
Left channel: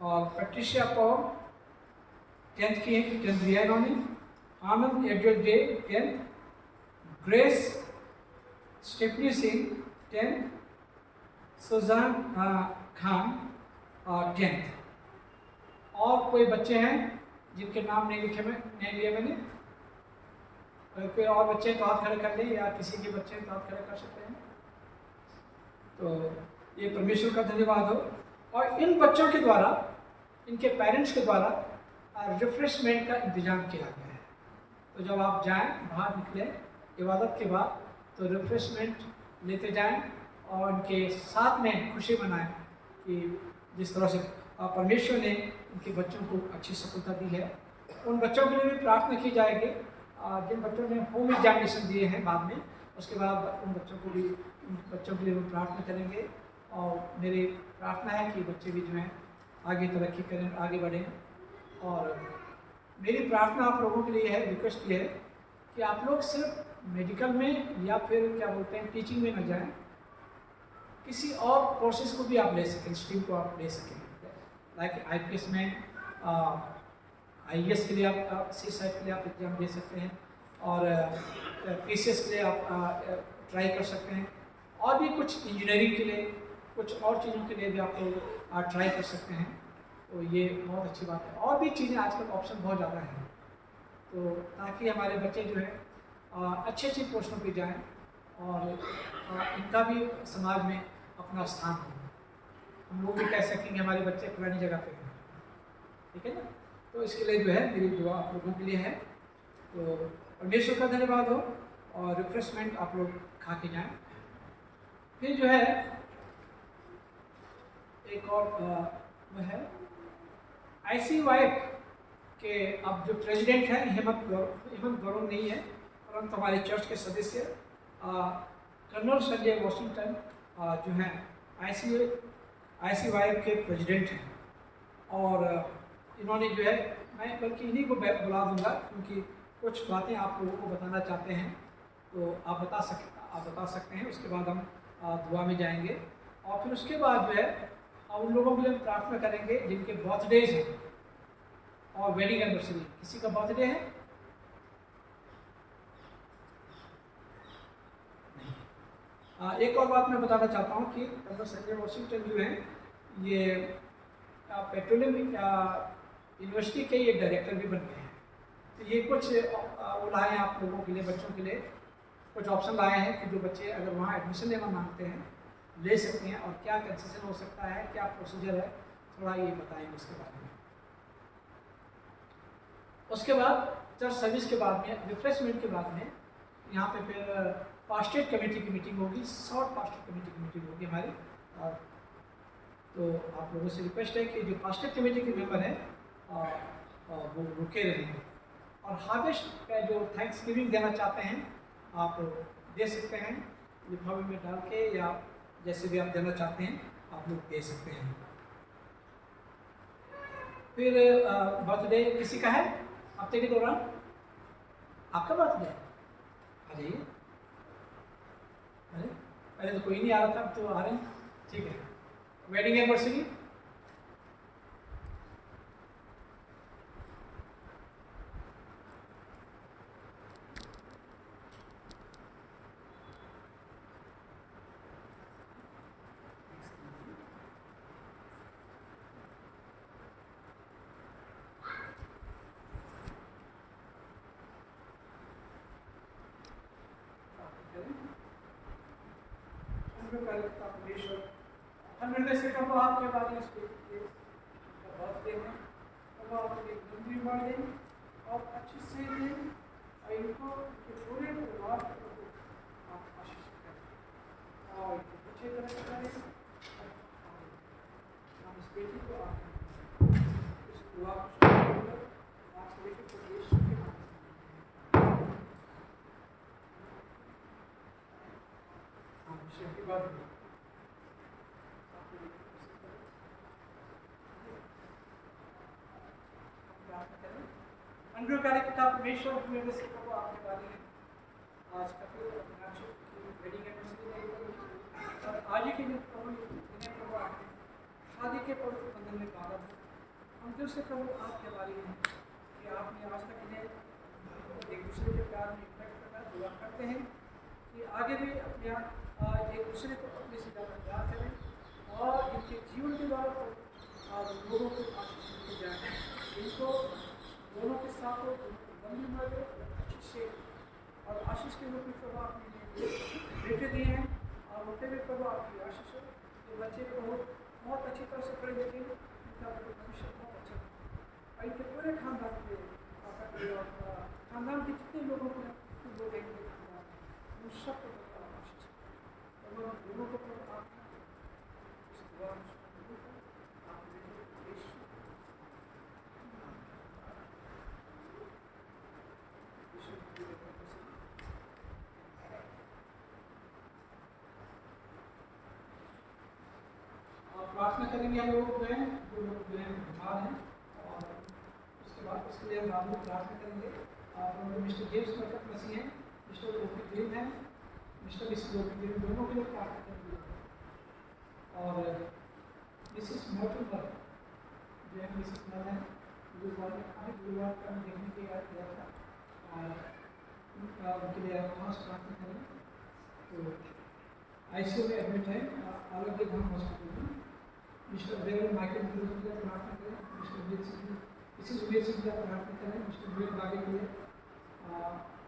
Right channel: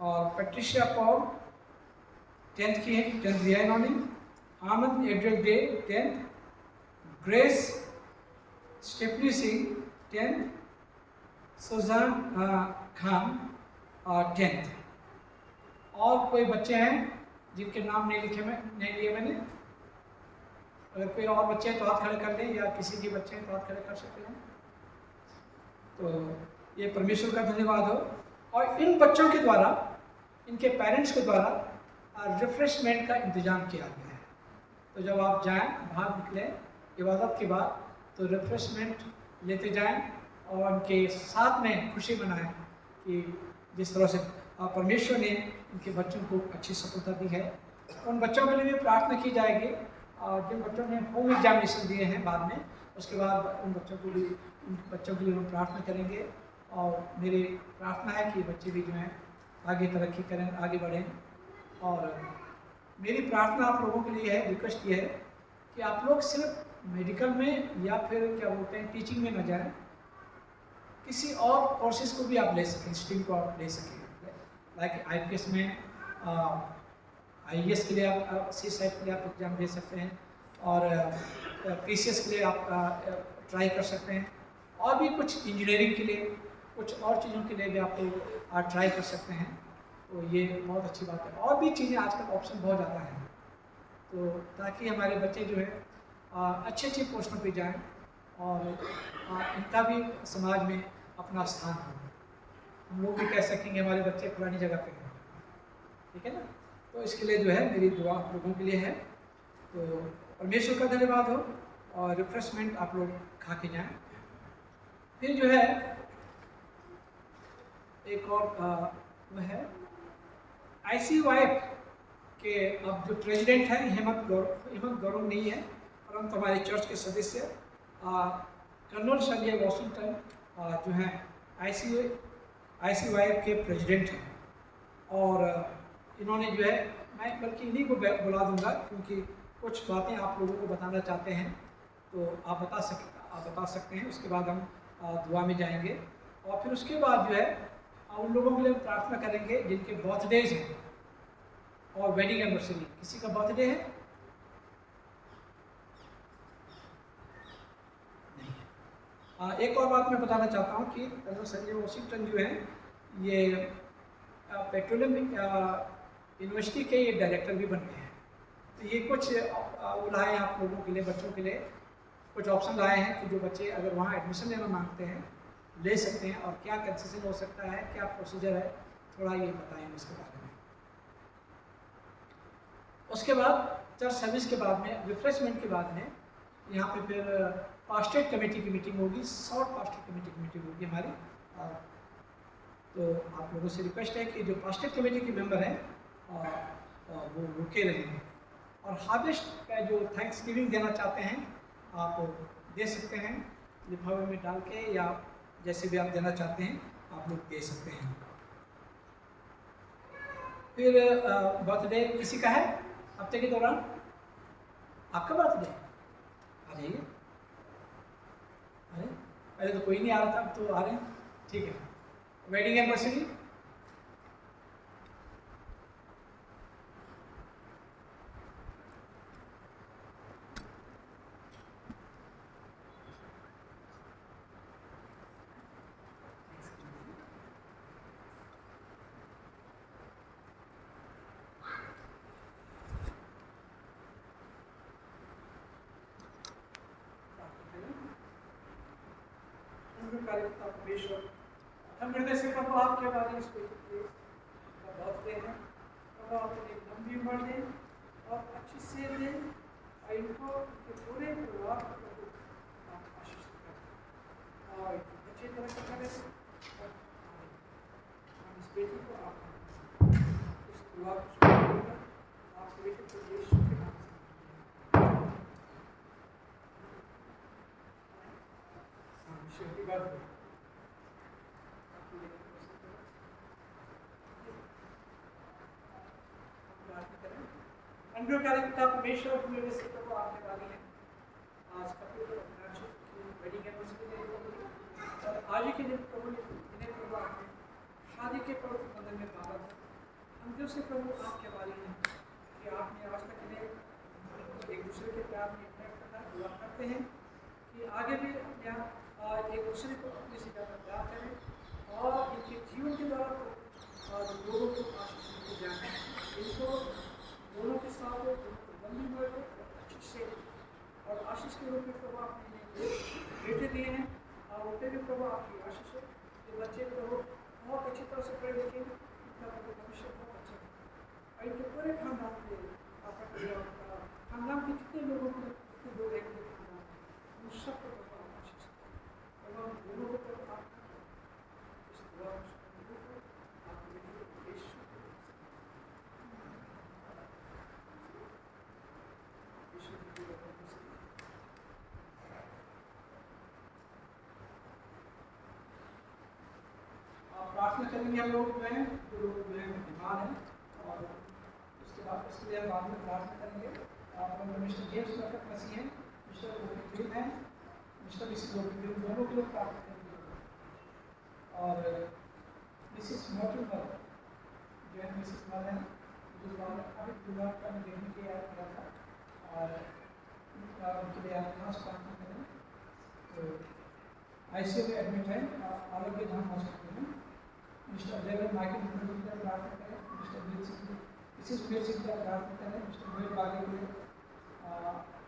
और पैट्रिशिया कौर 10th की है, 10th दिया इन्होंने। Anand Adriel Dey 10th, Grace Stephanie Singh 10th, Sujan Khan 10th। और कोई बच्चे हैं जिनके नाम नहीं लिए मैंने? अगर कोई और बच्चे हैं तो हाथ खड़े कर लें, या किसी के बच्चे हैं तो हाथ खड़े कर सकते हैं। तो ये परमेश्वर का धन्यवाद हो। और इन बच्चों के द्वारा, इनके पेरेंट्स के द्वारा रिफ्रेशमेंट का इंतज़ाम किया गया है। तो जब आप जाएं, बाहर निकलें इबादत के बाद, तो रिफ्रेशमेंट लेते जाएं और उनके साथ में खुशी मनाएं कि जिस तरह से परमेश्वर ने इनके बच्चों को अच्छी सफलता दी है। उन बच्चों के लिए भी प्रार्थना की जाएगी जिन बच्चों ने होम एग्जामिनेशन दिए हैं बाद में, उसके बाद उन बच्चों के लिए हम प्रार्थना करेंगे। और मेरी प्रार्थना है कि बच्चे भी जो हैं आगे तरक्की करें, आगे बढ़ें। और मेरी प्रार्थना आप लोगों के लिए है, रिक्वेस्ट ये है कि आप लोग सिर्फ मेडिकल में या फिर क्या बोलते हैं टीचिंग में न जाएं, किसी और कोर्सेज को भी आप ले सकें, स्ट्रीम को आप ले सकें। लाइक IPS में IAS के लिए आप CSAT के लिए आप एग्ज़ाम दे सकते हैं, और PCS के लिए आप ट्राई कर सकते हैं, और भी कुछ इंजीनियरिंग के लिए, कुछ और चीज़ों के लिए भी आप लोग ट्राई कर सकते हैं। तो ये बहुत अच्छी बात है। और भी चीज़ें आजकल ऑप्शन बहुत ज़्यादा हैं, तो ताकि हमारे बच्चे जो है अच्छी पोस्टों पे जाएं और इनका भी समाज में अपना स्थान हो। हम लोग भी कह सकेंगे हमारे बच्चे पुरानी जगह पे हैं, ठीक है ना। तो इसके लिए जो है मेरी दुआ आप लोगों के लिए है। तो परमेश्वर का धन्यवाद हो, और रिफ्रेशमेंट आप लोग खा के जाएँ। फिर जो है एक और वह है ICYF के अब जो प्रेसिडेंट हैं हेमंत गौरव नहीं है, परंतु हमारे चर्च के सदस्य कर्नल संजय वॉशिंगटन जो हैं ICYF के प्रेसिडेंट हैं। और इन्होंने जो है, मैं बल्कि इन्हीं को बुला दूंगा, क्योंकि कुछ बातें आप लोगों को बताना चाहते हैं, तो आप बता सकते हैं। उसके बाद हम दुआ में जाएंगे, और फिर उसके बाद जो है उन लोगों के लिए प्रार्थना करेंगे जिनके बर्थडेज हैं और वेडिंग एनिवर्सरी। किसी का बर्थडे है? नहीं। एक और बात मैं बताना चाहता हूँ कि कर्नल संजय वॉशिंगटन जो हैं, ये पेट्रोलियम यूनिवर्सिटी के ये डायरेक्टर भी बन गए हैं। तो ये कुछ वो लाए हैं आप लोगों के लिए, बच्चों के लिए कुछ ऑप्शन लाए हैं कि जो बच्चे अगर वहाँ एडमिशन लेना मांगते हैं ले सकते हैं, और क्या कंसेशन हो सकता है, क्या प्रोसीजर है, थोड़ा ये बताएंगे उसके बारे में। उसके बाद चर्च सर्विस के बाद में, रिफ्रेशमेंट के बाद में, यहाँ पे फिर पास्टेट कमेटी की मीटिंग होगी, शॉर्ट पास्टेट कमेटी की मीटिंग होगी हमारी। तो आप लोगों से रिक्वेस्ट है कि जो पास्टेट कमेटी के मेंबर हैं वो रुके रहें। और हार्वेस्ट का जो थैंक्स गिविंग देना चाहते हैं आप दे सकते हैं, लिफाफे में डाल के, या जैसे भी आप देना चाहते हैं आप लोग दे सकते हैं। फिर बर्थडे किसी का है हफ्ते के दौरान? आपका बर्थडे? आ जाइए। अरे पहले तो कोई नहीं आ रहा था, अब तो आ रहे हैं, ठीक है। Wedding anniversary? हम हृदय से कब आपके बारे में बर्थडे है, अब आप एक लंबी उम्र दें और अच्छे से दें, और इनको इनके पूरे परिवार को आप आशीष करें और अच्छी तरह से करें। इस बेटी को आप इस दुआ आप बेटे को यीशु के नाम से हैप्पी बर्थडे। अनुग्रहकारी पिता परमेश्वर, हमें से प्रभु आपके वाली है आज कपिल और मीनाक्षी की वेडिंग एनिवर्सरी है और आज ही के दिन प्रभु इन्हें प्रभु आपने शादी के पवित्र बंधन में बांधा था। हम दिल से प्रभु आपके वाली हैं कि आपने आज तक इन्हें एक दूसरे के प्यार में इम्पैक्ट रखा। दुआ करते हैं कि आगे भी अपने एक दूसरे को अपने से ज़्यादा प्यार करें और इनके जीवन के द्वारा तो लोगों को आशीष देते जाए। इनको दोनों के साथ हो, लंबी उम्र हो, अच्छी से और आशीष के रूप में प्रभु आपने इन्हें बेटे दिए हैं और उन पर भी प्रभु आपकी आशीष हो। जो बच्चे प्रभु बहुत अच्छी तरह से पढ़े लिखे, इनका भविष्य बहुत अच्छा हो और इनके पूरे खानदान के आपका खानदान के जितने लोगों को जितने लोग हैं इनके खानदान उन सबको प्रभु आप आशीष प्रभु हम लोगों को प्रभु आप इस दुआ में आपके बेटे को प्रार्थना करेंगे हम लोग में जो लोग बीमार हैं और उसके बाद उसके लिए हम बाद में प्रार्थना करेंगे। मिस्टर जेम्स प्रकट मसीह हैं, मिस्टर लोकी ग्रीन हैं, मिस्टर मिसिस लोकी ग्रीन दोनों के लिए प्रार्थना करेंगे और मिसिस मोटलवर जो है मिसिस मल हैं गुरुवार अभी गुरुवार का मैं देखने के याद किया था और उनके लिए आप खास प्रार्थना करें। तो ICU में एडमिट है आरोग्य धाम हॉस्पिटल में। मिस्टर देवर माइकल के लिए प्रार्थना करें। मिस्टर वीर सिंह मिसिस वीर सिंह के लिए प्रार्थना करें। मिस्टर वीर बागे के लिए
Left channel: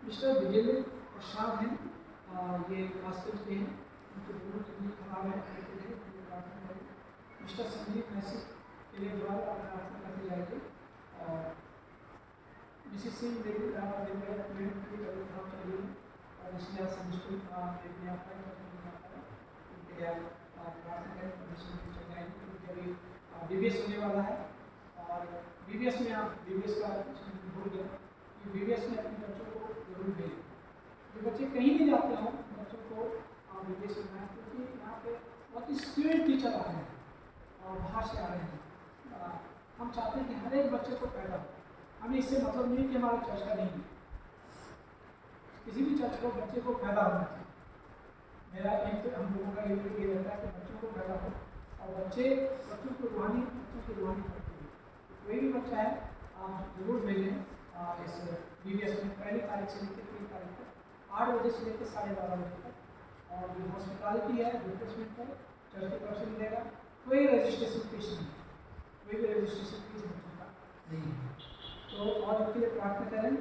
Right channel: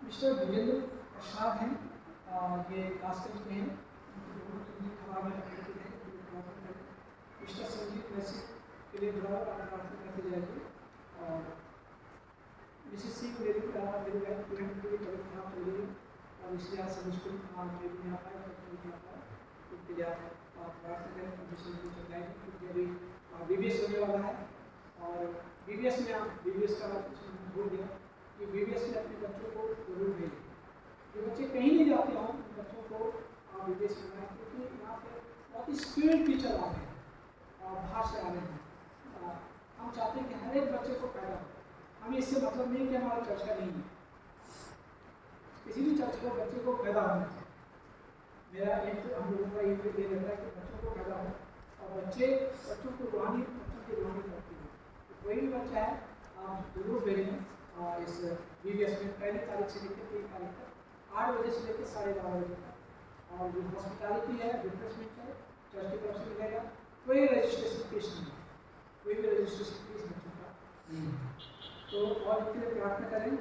मिस्टर विजेंद्र प्रसाद हैं, ये कास्टल के हैं, उनकी पूरी तबीयत खराब है, प्रार्थना करें। मिस्टर संजीव मैसी के लिए द्वारा प्रार्थना करती जाएगी और मिसिस सिंह मेरी के लिए तबीयत खराब चल रही है और इसलिए आज सब स्कूल में भी आता है उनके लिए प्रार्थना करें। चल जाएगी क्योंकि अभी BBS होने वाला है और BBS में आप BBS का भूल गया कि BBS में अपने बच्चों को जरूर भेजें। जो बच्चे कहीं नहीं जाते हों बच्चों को BBS में बनाएं क्योंकि यहाँ पे बहुत ही स्किल्ड टीचर आ रहे हैं और बाहर से आ रहे हैं। हम चाहते हैं कि हर एक बच्चे को पैदा हो। हमें इससे मतलब नहीं कि हमारे चर्च का नहीं है, किसी भी चर्च को बच्चे को पैदा होना चाहिए। मेरा एक हम लोगों का ये रहता है कि बच्चों को पैदा हो और बच्चों की रूहानी करते हैं। तो कोई भी बच्चा है आप जरूर भेजें इस BBS में 1 तारीख से लेकर 3 तारीख तक 8 बजे से लेकर 12:30 बजे तक। और जो हॉस्पिटलिटी है रिफ्रेशमेंट है चर्च की तरफ से मिलेगा। कोई रजिस्ट्रेशन फीस नहीं है, कोई भी रजिस्ट्रेशन फीस बच्चों का नहीं है। तो और उनके लिए प्रार्थना करें।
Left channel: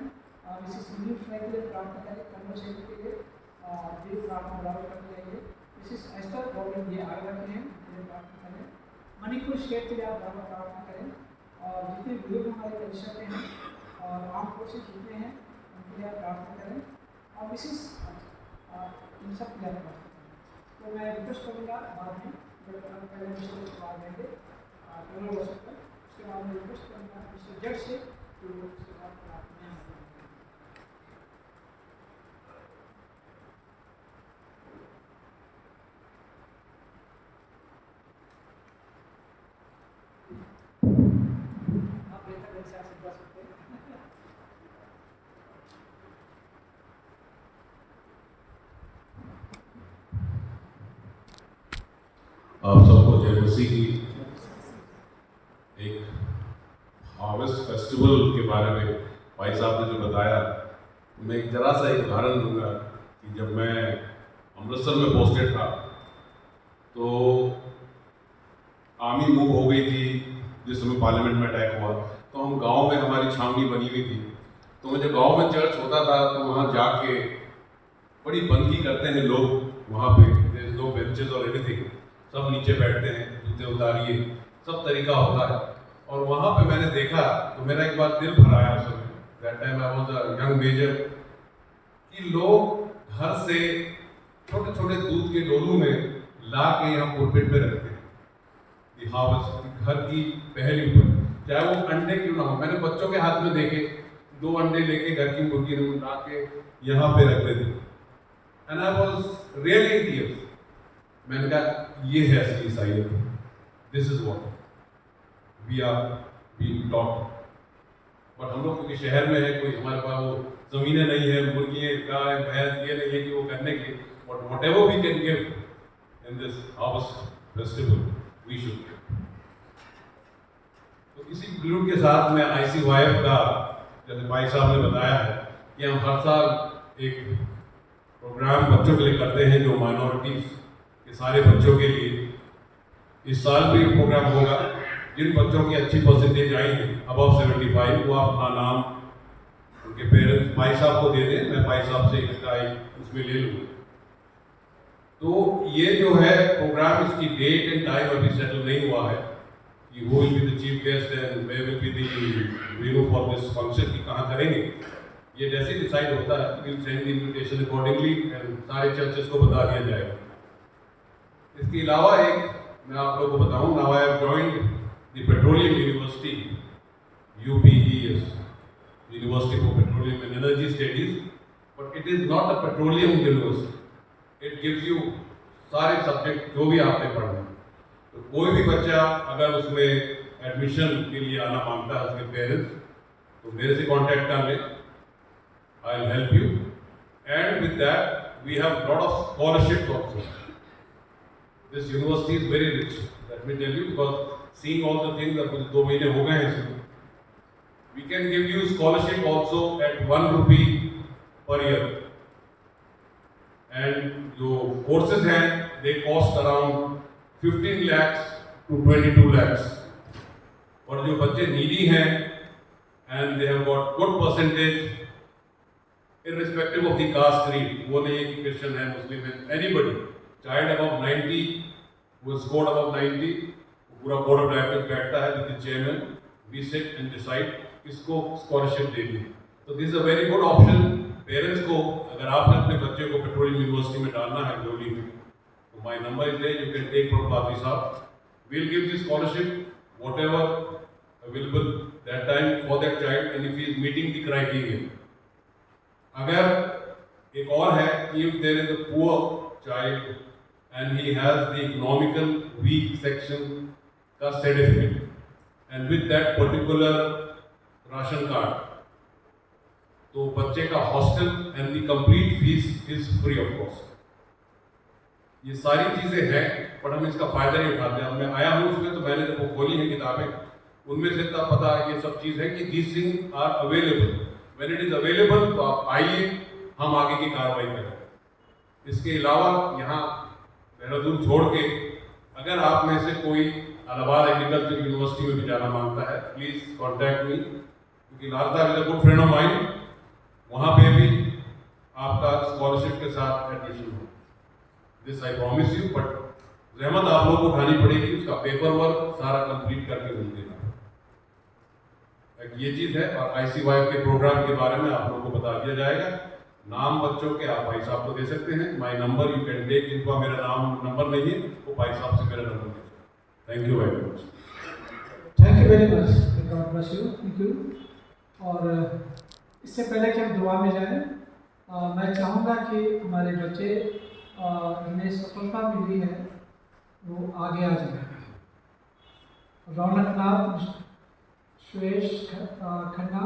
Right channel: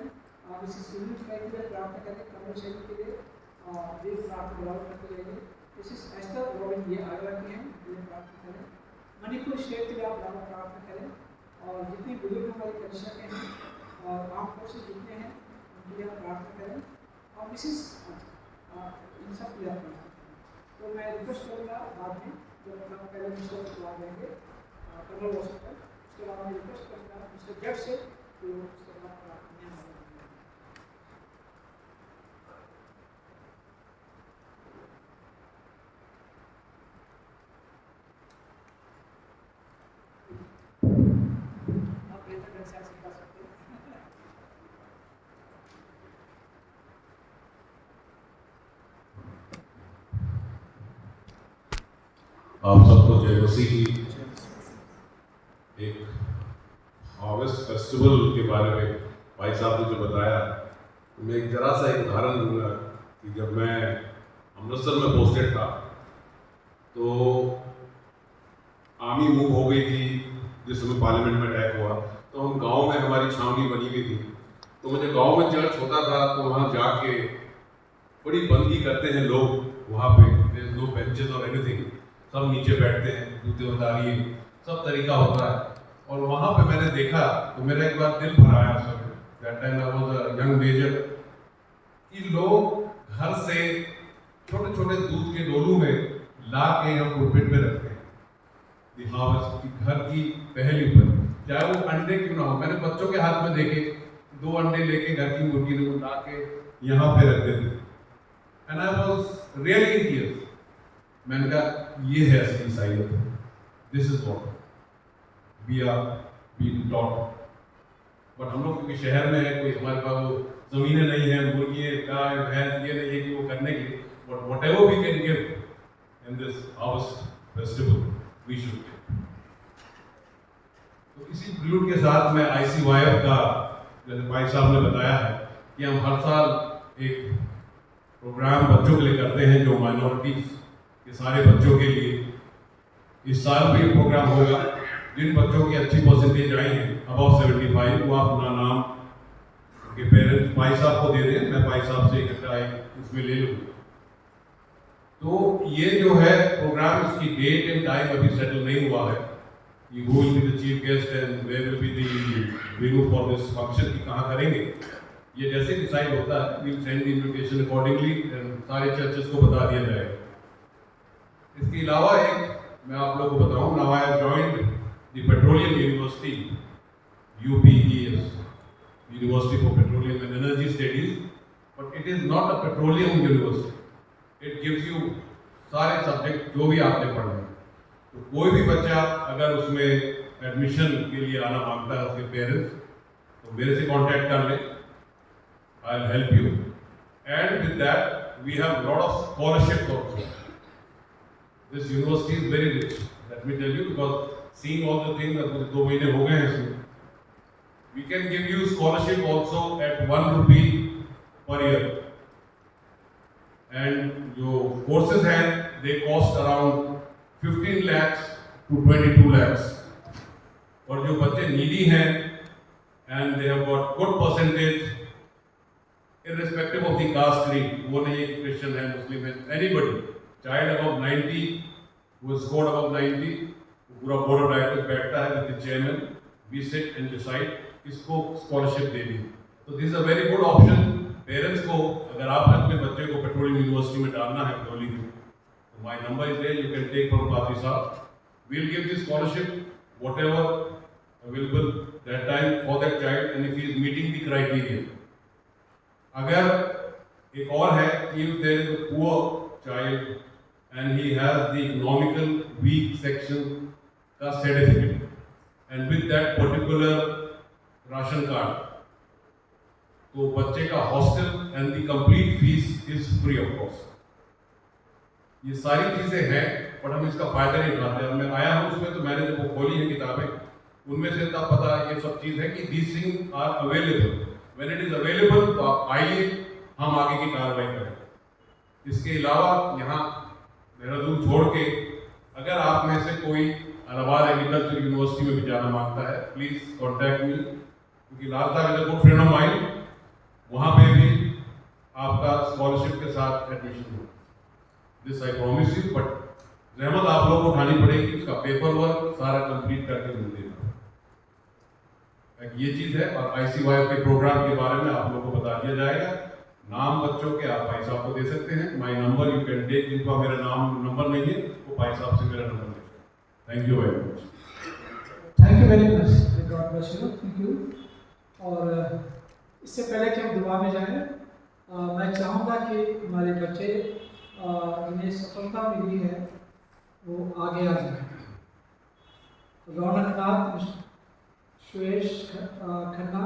मिसिस विलियम फ्राई के लिए प्रार्थना करें। कन्नौज क्षेत्र के लिए भी प्रार्थना बराबर करते जाएंगे। मिसिस एस्टर रॉबिन ये आगरा की हैं, उनके प्रार्थना करें। मणिपुर स्टेट के लिए आप बराबर प्रार्थना करें और जितने बुजुर्ग हमारे परिषद के हैं और आम फोर्सेज जितने हैं उनके लिए आप प्रार्थना करें और मिसिस इन सब के लिए प्रार्थना करें। तो मैं रिक्वेस्ट करूँगा बाद में जब पहले मिस्टर को जवाब देंगे कन्नौज हॉस्पिटल, उसके बाद मैं रिक्वेस्ट करूँगा मिस्टर जज से कि वो उसके बाद प्रार्थना आप सबको जय मसीह की। एक हार्वेस्ट फेस्टिवल के बारे में भाई साहब ने जो बताया, मैं एक जरा सा एक उदाहरण दूंगा कि जब मैं अमृतसर में पोस्टेड था तो आर्मी मूव हो गई थी जिस समय पार्लियामेंट में अटैक हुआ, तो हम गांव में हमारी छावनी बनी हुई थी। तो मुझे गांव में चर्च होता था तो वहाँ जाके बड़ी बंदगी करते हैं लोग, वहाँ पे नो बेंचेस और एनीथिंग, सब नीचे बैठते हैं, जूते उतारिए, सब तरीका होता है। और वहाँ पे मैंने देखा तो मेरा एक बार दिल भर आया उस समय, that time I was a young major, कि लोग घर से छोटे छोटे दूध के डोलू में ला के हम पुलपिट पे रखते हैं हार्वेस्ट की घर की पहली उपज, चाहे वो अंडे क्यों ना हो। मैंने बच्चों के हाथ में देखे 2 अंडे लेके घर की मुर्गी ने ला के यहाँ पे रखते थे and I was really in tears. मैंने कहा ये है असली ईसाईयत, this is what we are being taught. But हम लोग क्योंकि शहर में है, कोई हमारे पास वो ज़मीनें नहीं है, मुर्गी गाय भैंस ये नहीं है कि वो करने के लिए, but whatever we can give in this harvest festival we should give. तो इसी ग्लूड के साथ में ICYF का, जैसे भाई साहब ने बताया है कि हम हर साल एक प्रोग्राम बच्चों के लिए करते हैं जो माइनॉरिटीज़ के सारे बच्चों के लिए। इस साल भी प्रोग्राम होगा। जिन बच्चों की अच्छी परसेंटेज आई है अबव 75, वो अपना नाम उनके पेरेंट्स भाई साहब को दे दें, मैं भाई साहब से इकट्ठा एक उसमें ले लूँगा। तो ये जो है प्रोग्राम, इसकी डेट एंड टाइम अभी सेटल नहीं हुआ है कि who will be the chief guest and where will be the venue for this function की कहाँ करेंगे। ये जैसे डिसाइड होता है we'll send the invitation accordingly and सारे चर्चेस को बता दिया जाएगा। इसके अलावा एक मैं आप लोगों को बताऊं, now I have joined the Petroleum University, UPES, University for Petroleum and Energy Studies, but it is not a petroleum university. It gives you सारे सब्जेक्ट जो भी आपने पढ़ना है। तो कोई भी बच्चा अगर उसमें एडमिशन के लिए आना मांगता है उसके पेरेंट्स, तो मेरे से कांटेक्ट कर लें, I will help you. And with that we have lot of scholarships also. This university is very rich, let me tell you, because seeing all the things, अब 2 महीने हो गए हैं इसमें। We can give you scholarship also at 1 rupee per year. And जो courses हैं they cost around 15 lakhs to 22 lakhs। और जो बच्चे नीडी हैं and they have got good percentage irrespective of the caste creed, वो नहीं है कि क्रिश्चियन है, मुस्लिम है, anybody, child above 90 who scored above 90, पूरा बोर्ड ऑफ डायरेक्टर्स बैठता है with the chairman, we sit and decide किसको स्कॉलरशिप देनी है। तो this is a very good option parents को। अगर आपने अपने बच्चे को पेट्रोलियम यूनिवर्सिटी में डालना है गलोली में, my number is there, you can take from Padri Sahab. We'll give the scholarship, whatever available that time for that child, and if he is meeting the criteria. अगर एक और है, if there is a poor child and he has the economical weak section का certificate and with that particular ration card, तो बच्चे का hostel and the complete fees is free of cost। ये सारी चीज़ें हैं, बट हम इसका फ़ायदा नहीं उठाते। अब मैं आया हूँ उसमें, तो मैंने जब वो खोली हैं किताबें, उनमें से तब पता ये सब चीज़ है कि these thing are available. When it is available तो आप आइए, हम आगे की कार्रवाई करें। इसके अलावा यहाँ देहरादून छोड़ के अगर आप में से कोई इलाहाबाद एग्रीकल्चर यूनिवर्सिटी में भी जाना मांगता है, प्लीज़ कॉन्टैक्ट मी, क्योंकि Lal Sahab is a good friend of mine, वहाँ पे भी आपका स्कॉलरशिप के साथ एडमिशन हो। This I promise you, but जहमत आप लोगों को उठानी पड़ेगी, उसका पेपर वर्क सारा कंप्लीट करके मुझे देना। एक ये चीज़ है। और ICYF के प्रोग्राम के बारे में आप लोगों को बता दिया जाएगा। नाम बच्चों के आप भाई साहब को दे सकते हैं, my number you can take, जिनका मेरा नंबर नहीं है वो भाई साहब से मेरा नंबर ले सकते। Thank you very much. Thank you very much, God bless you, thank you. और इससे पहले कि हम दुआ में जाएं, मैं चाहूँगा कि हमारे बच्चे जिन्हें सफलता मिली है वो आगे आ जाए। रौनक नाथ, सुरेश खन्ना,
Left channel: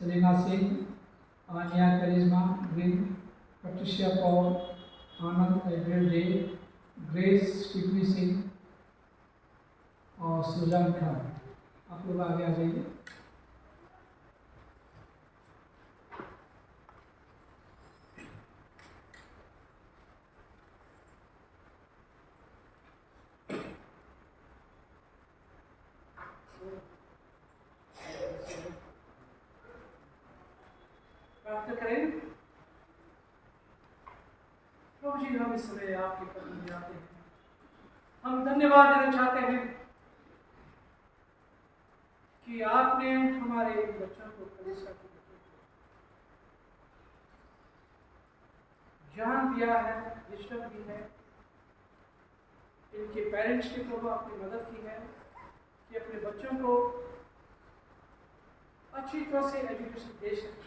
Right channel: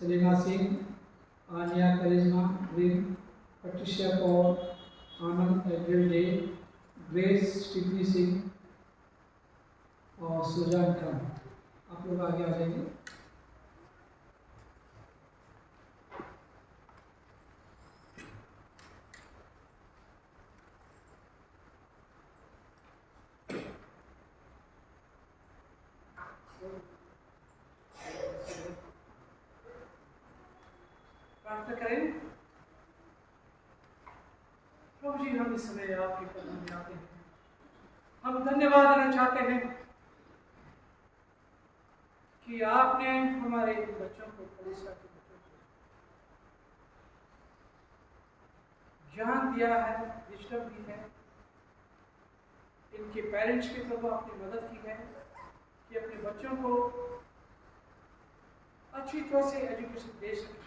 सेलिना सिंह, आनिया करिश्मा ग्रीन, पट्रिशिया पॉल, आनंद एड्रियल डे, ग्रेस टिप्पी सिंह और सुजान खान, आप लोग आगे आ जाइए। प्रार्थना करें। प्रभु जी, हम इस समय आपके कदम में आते हैं। हम धन्यवाद देना चाहते हैं कि आपने हमारे बच्चों को, कलीसिया के बच्चों को ज्ञान दिया है, विजडम दी है। इनके पेरेंट्स की प्रभु आपने मदद की है कि अपने बच्चों को अच्छी तरह से एजुकेशन दे सकें।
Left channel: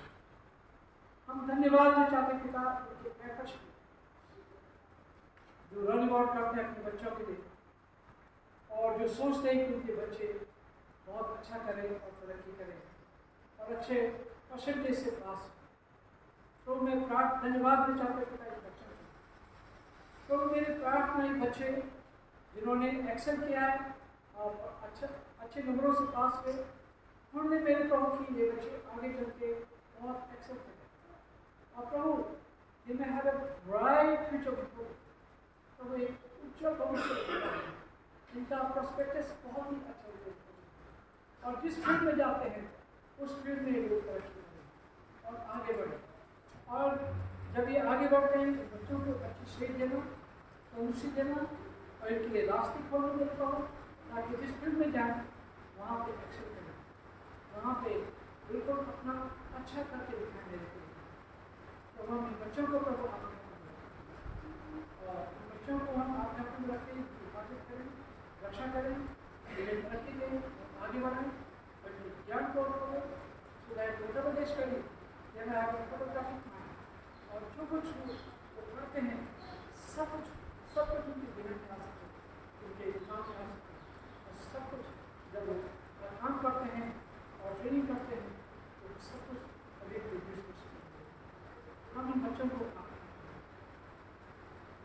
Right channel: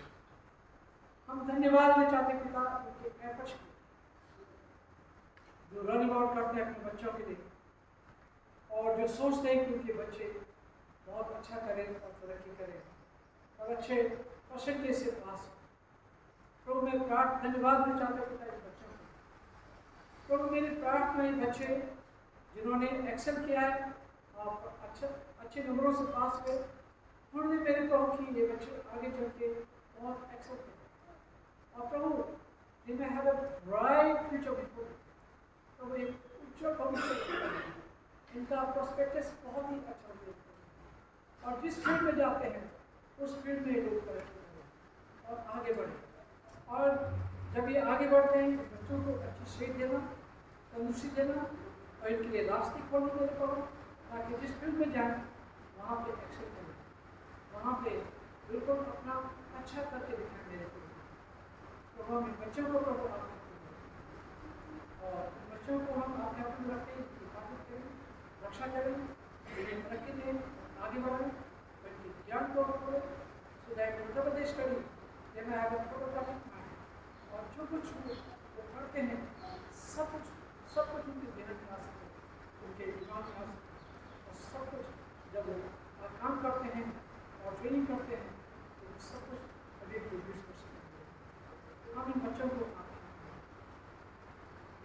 हम धन्यवाद देना चाहते हैं पिता, उनके एफर्ट्स जो रन अबाउट करते हैं अपने बच्चों के लिए, और जो सोचते हैं कि उनके बच्चे बहुत अच्छा करें और तरक्की करें। और अच्छे परसेंटेज से पास हो। प्रभु मैं धन्यवाद देना चाहता हूँ पिता इस बच्चों को। प्रभु मेरी प्रार्थना ये बच्चे जिन्होंने एक्सेल किया है और अच्छे नंबरों से पास हुए, उन्होंने मेरे प्रभु की ये बच्चे आगे चल के बहुत एक्सेल करें और प्रभु दे में have a bright future before. तो एक उज्जवल भविष्य, इनका प्रोस्पेक्टस बहुत ही अच्छा होता और जिस फील्ड में जाते हैं उस फील्ड में ये लोग तरक्की करें और आगे बढ़ें। और जब ये आगे बढ़ते हैं तो बच्चों को अच्छी सेध देना, तंदुरुस्ती देना और इनके लिए रास्ते खोलने मेरे पाओ, ताकि जिस फील्ड में जाएं वहाँ पे एक्सेल करें, वहाँ पे बिल्कुल अपना अच्छा करके दिखाएं मेरे को। तो हम इन बच्चों को प्रभु आपने और इन बच्चों को हम आपके हाथ में रखें, हिफाजत करें, रक्षा करें, इन्हें तरक्की दें, आगे बढ़ाएं और इनके ज्ञान को खोलें। सो दैट उत्तर प्रदेश करी ये मैं आगे फोटोग्राफिक माइंड और जो कुछ वो पढ़ते हैं सब कुछ उनके ध्यान में आ सके, उनके दिमाग में आ सके और सब कुछ जब वो काम करते हैं और ट्रेनिंग करते हैं तो सब कुछ अभी प्रोड्यूस कर सकेंगे। हम इन बच्चों को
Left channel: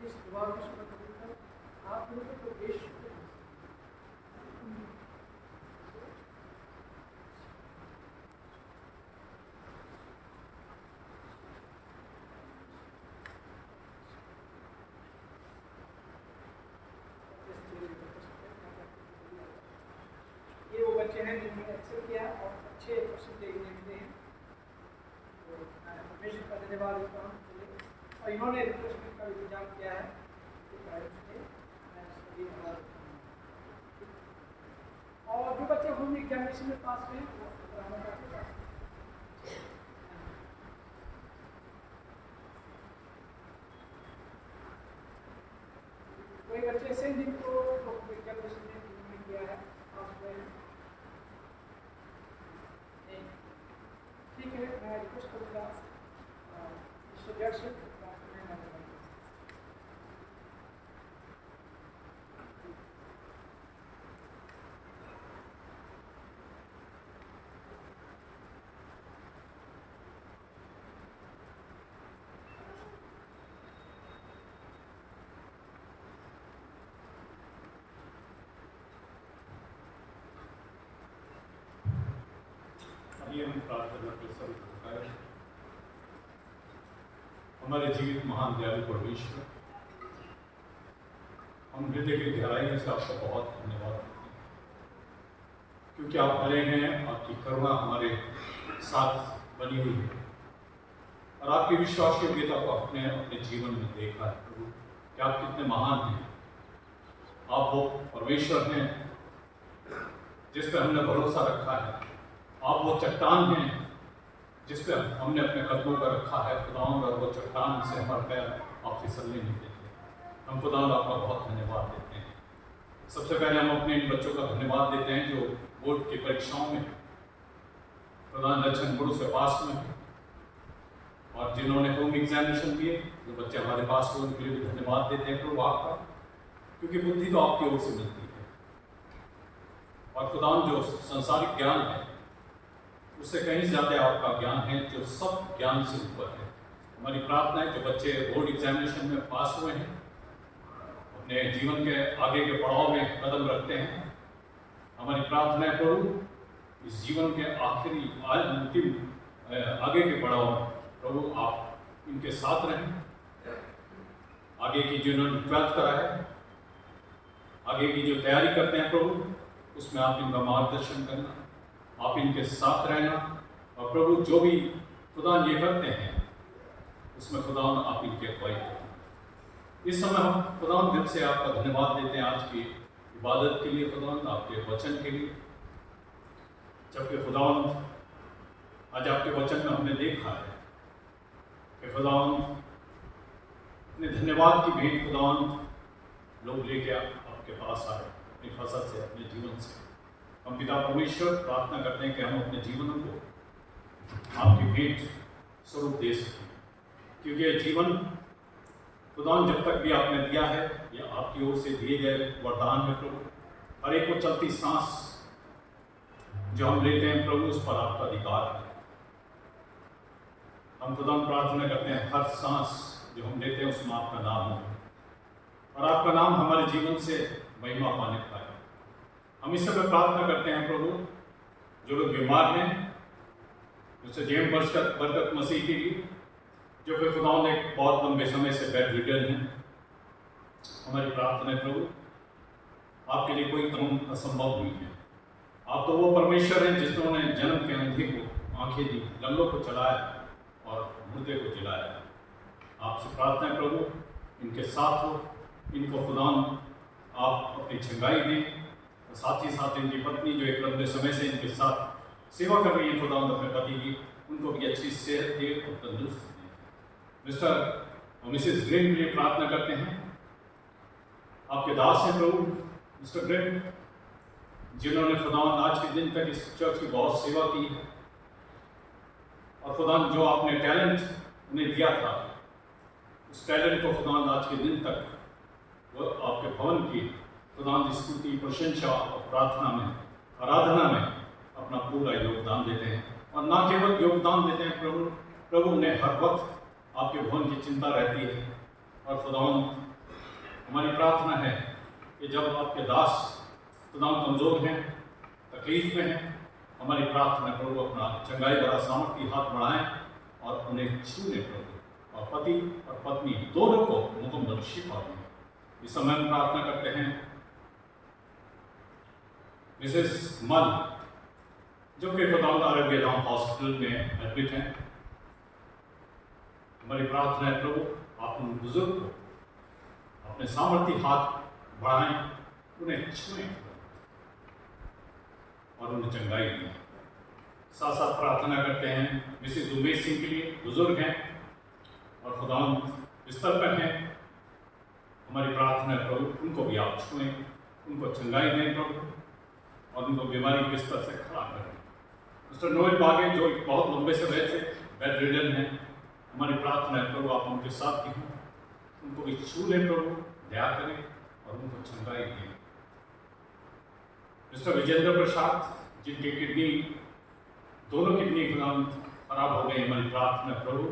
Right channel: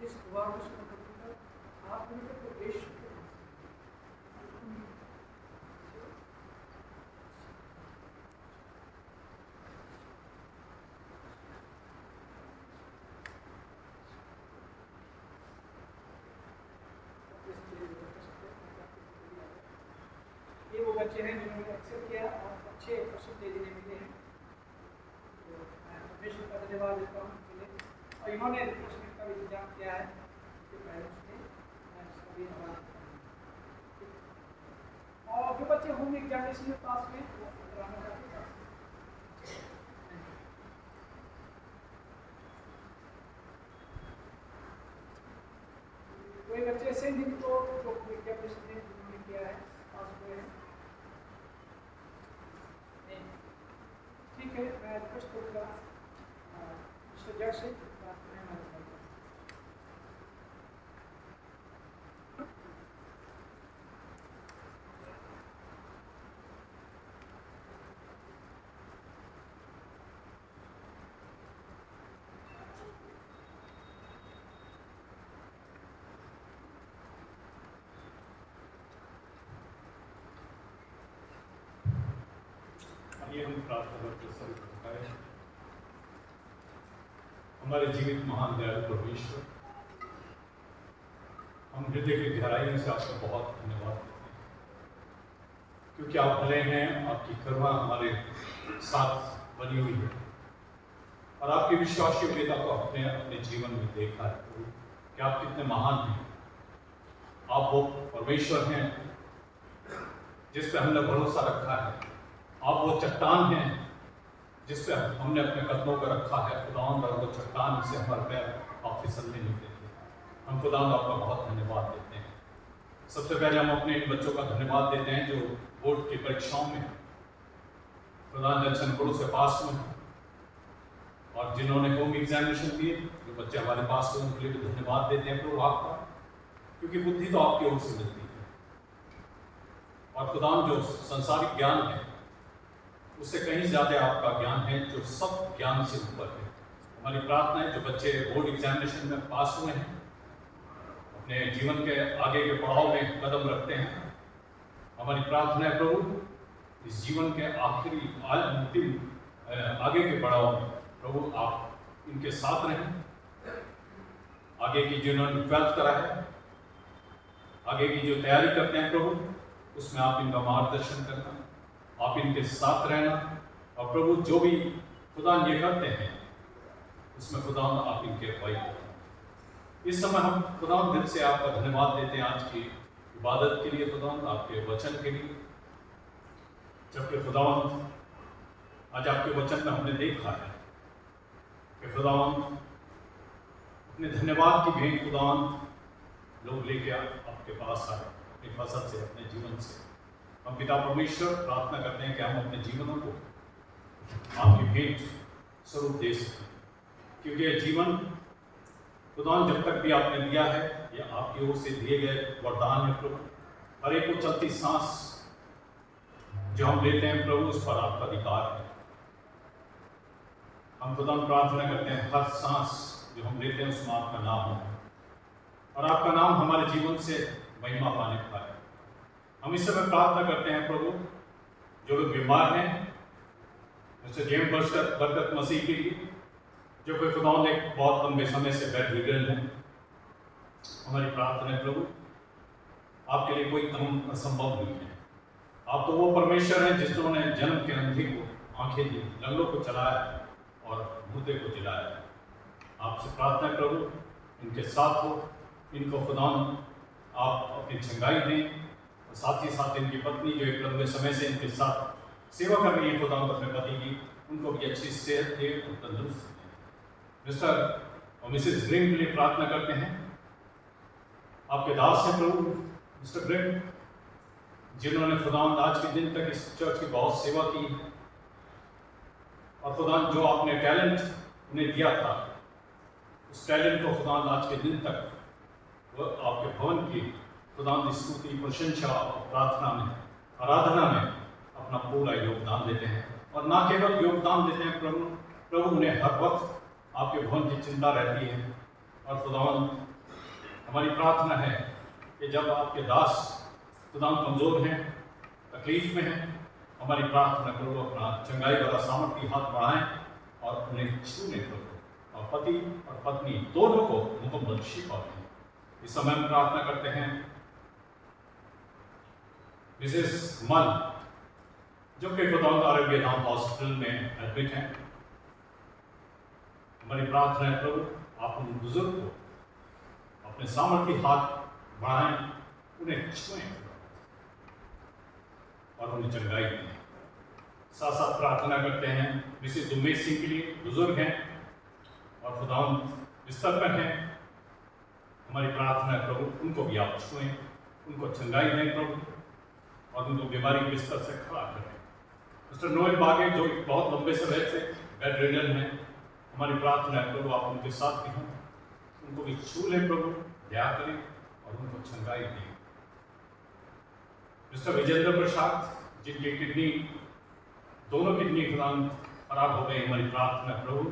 इस दुआ को सुनकर कबूल कर आप उनको देश ये वो बच्चे हैं जिन्होंने एक्सेल किया और अच्छे परसेंटेज इन्हें मिले हैं। तो मैं परमेश्वर का धन्यवाद देता हूँ और इन्होंने रिफ्रेशमेंट का भी इंतजाम किया है उनके पेरेंट्स ने, मैं इसका भी आभार देता हूँ। और जो बच्चे होम एग्जामिनेशन में पास हुए वो ड्रामा करके पास हुए। कोई बच्चे ऐसे जिनको एग्जामिनेशन में उन्होंने किया है पास हुए हैं। ठीक है, मैं रिक्वेस्ट करूँगा मिस्टर जज से प्रार्थना में मदद करें। आइए हम प्रार्थना करते हैं। हमारे जीवित महान दयालु परमेश्वर, हम हृदय की गहराई में से आपका बहुत धन्यवाद करते हैं क्योंकि आप भले हैं, आपकी करुणा हमारे साथ बनी हुई है और आपकी विश्वास योग्यता को अपने अपने जीवन में देखा है प्रभु कि आप कितने महान हैं। आप वो परमेश्वर हैं जिस पर हमने भरोसा रखा है। आप वो चट्टान हैं जिस पर हमने अपने कदमों पर रखा है खुदावंद, और वो चट्टान से हमारे पैर आप फिसलने नहीं देते। हम खुदावंद आपका बहुत धन्यवाद देते हैं। सबसे पहले हम अपने इन बच्चों का धन्यवाद देते हैं जो बोर्ड की परीक्षाओं में खुदावंद अच्छे नंबरों से पास हुए हैं और जिन्होंने होम एग्जामिनेशन दिए, जो बच्चे हमारे पास हुए उनके लिए भी धन्यवाद देते हैं प्रभु आपका, क्योंकि बुद्धि तो आपकी ओर से मिलती है और खुदावंद जो संसारिक ज्ञान है उससे कहीं ज़्यादा आपका ज्ञान है जो सब ज्ञान से ऊपर है। हमारी प्रार्थना है जो बच्चे बोर्ड एग्जामिनेशन में पास हुए हैं, अपने जीवन के आगे के पड़ाव में कदम रखते हैं, हमारी प्रार्थना है प्रभु इस जीवन के आखिरी अंतिम आगे के पड़ाव में प्रभु आप इनके साथ रहें। आगे की जिन्होंने 12th करा है, आगे की जो तैयारी करते हैं प्रभु उसमें आप इनका मार्गदर्शन करना, आप इनके साथ रहना और प्रभु जो भी खुदा ये करते हैं उसमें खुदा आप इनके अगुवाई करना। इस समय हम खुदा दिल से आपका धन्यवाद देते हैं आज की इबादत के लिए, खुदा आपके वचन के लिए, जबकि खुदावंत आज आपके वचन में हमने देखा है कि खुदावंत अपने धन्यवाद की भेंट खुदावंत लोग लेके आपके पास आए अपनी फसल से, अपने जीवन से। हम पिता परमेश्वर प्रार्थना करते हैं कि हम अपने जीवनों को आपकी भेंट स्वरूप दे सकें, क्योंकि यह जीवन खुदावंत जब तक भी आपने दिया है यह आपकी ओर से दिए गए वरदान है प्रभु। हर एक को चलती सांस जो हम लेते हैं प्रभु उस पर आपका अधिकार है। हम खुदा प्रार्थना करते हैं हर सांस जो हम लेते हैं उसमें आपका नाम हो और आपका नाम हमारे जीवन से महिमा पाने पाए। हम इस समय प्रार्थना करते हैं प्रभु, जो लोग बीमार हैं, जैसे जेम बरकत मसीह के लिए, जो कोई खुदा ने बहुत लंबे समय से बेड रिडन है, हमारी प्रार्थना है प्रभु, आपके लिए कोई काम असंभव नहीं है। आप तो वो परमेश्वर हैं जिन्होंने जन्म के अंधे को आंखें दी, लंगड़ों को चलाया और मुर्दे को जिलाया। आपसे प्रार्थना है प्रभु, इनके साथ हो, इनको खुदा आप अपनी चंगाई दें, और साथ ही साथ इनकी पत्नी जो एक लंबे समय से इनके साथ सेवा कर रही है खुदा अपने पति की, उनको भी अच्छी सेहत दे और तंदुरुस्त दें। मिस्टर और मिसेस ग्रिम के लिए प्रार्थना करते हैं। आपके दास हैं प्रभु मिस्टर ग्रिम, जिन्होंने खुदा आज के दिन तक इस चर्च की बहुत सेवा की है, और खुदा जो आपने टैलेंट उन्हें दिया था, उस टैलेंट को खुदा आज के दिन तक वो आपके भवन की खुदा की स्तुति, प्रशंसा और प्रार्थना में, आराधना में अपना पूरा योगदान देते हैं। और ना केवल योगदान देते हैं प्रभु उन्हें हर वक्त आपके भवन की चिंता रहती है। और खुदावन हमारी प्रार्थना है कि जब आपके दास खुदावन कमज़ोर हैं, तकलीफ में हैं, हमारी प्रार्थना प्रभु अपना चंगाई भरा सामर्थ्य हाथ बढ़ाएं और उन्हें छूने प्रभु, और पति और पत्नी दोनों को मुकम्मल शिफा दें। इस समय हम प्रार्थना करते हैं मिसेस मल, जो कि खुदावंद आरोग्य धाम हॉस्पिटल में एडमिट हैं। हमारी प्रार्थना है प्रभु, आप उन बुजुर्ग को अपने सामर्थ्य हाथ बढ़ाएं, उन्हें छुएं और उन्हें चंगाई दें। साथ साथ प्रार्थना करते हैं मिसेस उमेश सिंह के लिए, बुजुर्ग हैं और खुदावंद बिस्तर पर हैं। हमारी प्रार्थना है प्रभु, उनको भी आप छुएं, उनको चंगाई दें प्रभु, और उनको बीमारी के बिस्तर से खड़ा करें। मिस्टर नोएल बागे, जो बहुत लंबे समय से बेड रिडन हैं, हमारी प्रार्थना है प्रभु आप उनके साथ भी हों, उनको भी छू लें प्रभु, दया करें और उनको चंगाई दें। मिस्टर विजेंद्र प्रसाद, जिनकी किडनी, दोनों किडनी खराब हो गई, हमारी प्रार्थना प्रभु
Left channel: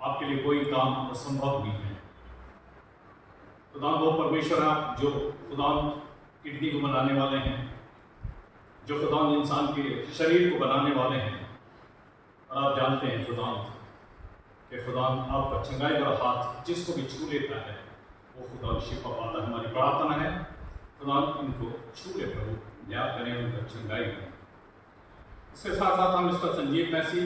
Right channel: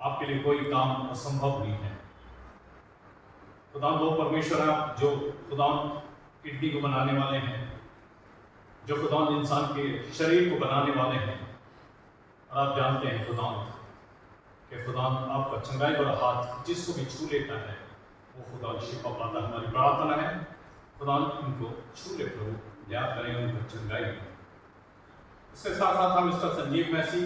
आपके लिए कोई काम असंभव नहीं है। खुदाम वो परमेश्वर आप जो खुदाम किडनी को बनाने वाले हैं, जो खुदाम इंसान के शरीर को बनाने वाले हैं, और आप जानते हैं खुदाम कि खुदाम आपका चंगाई भरा हाथ जिसको भी छू लेता है वो खुदाम शिफा पाता है। हमारी प्रार्थना है खुदाम इनको छू ले प्रभु, दया करें, उनको चंगाई करें। इसके साथ साथ हम मिस्टर संजीव मैसी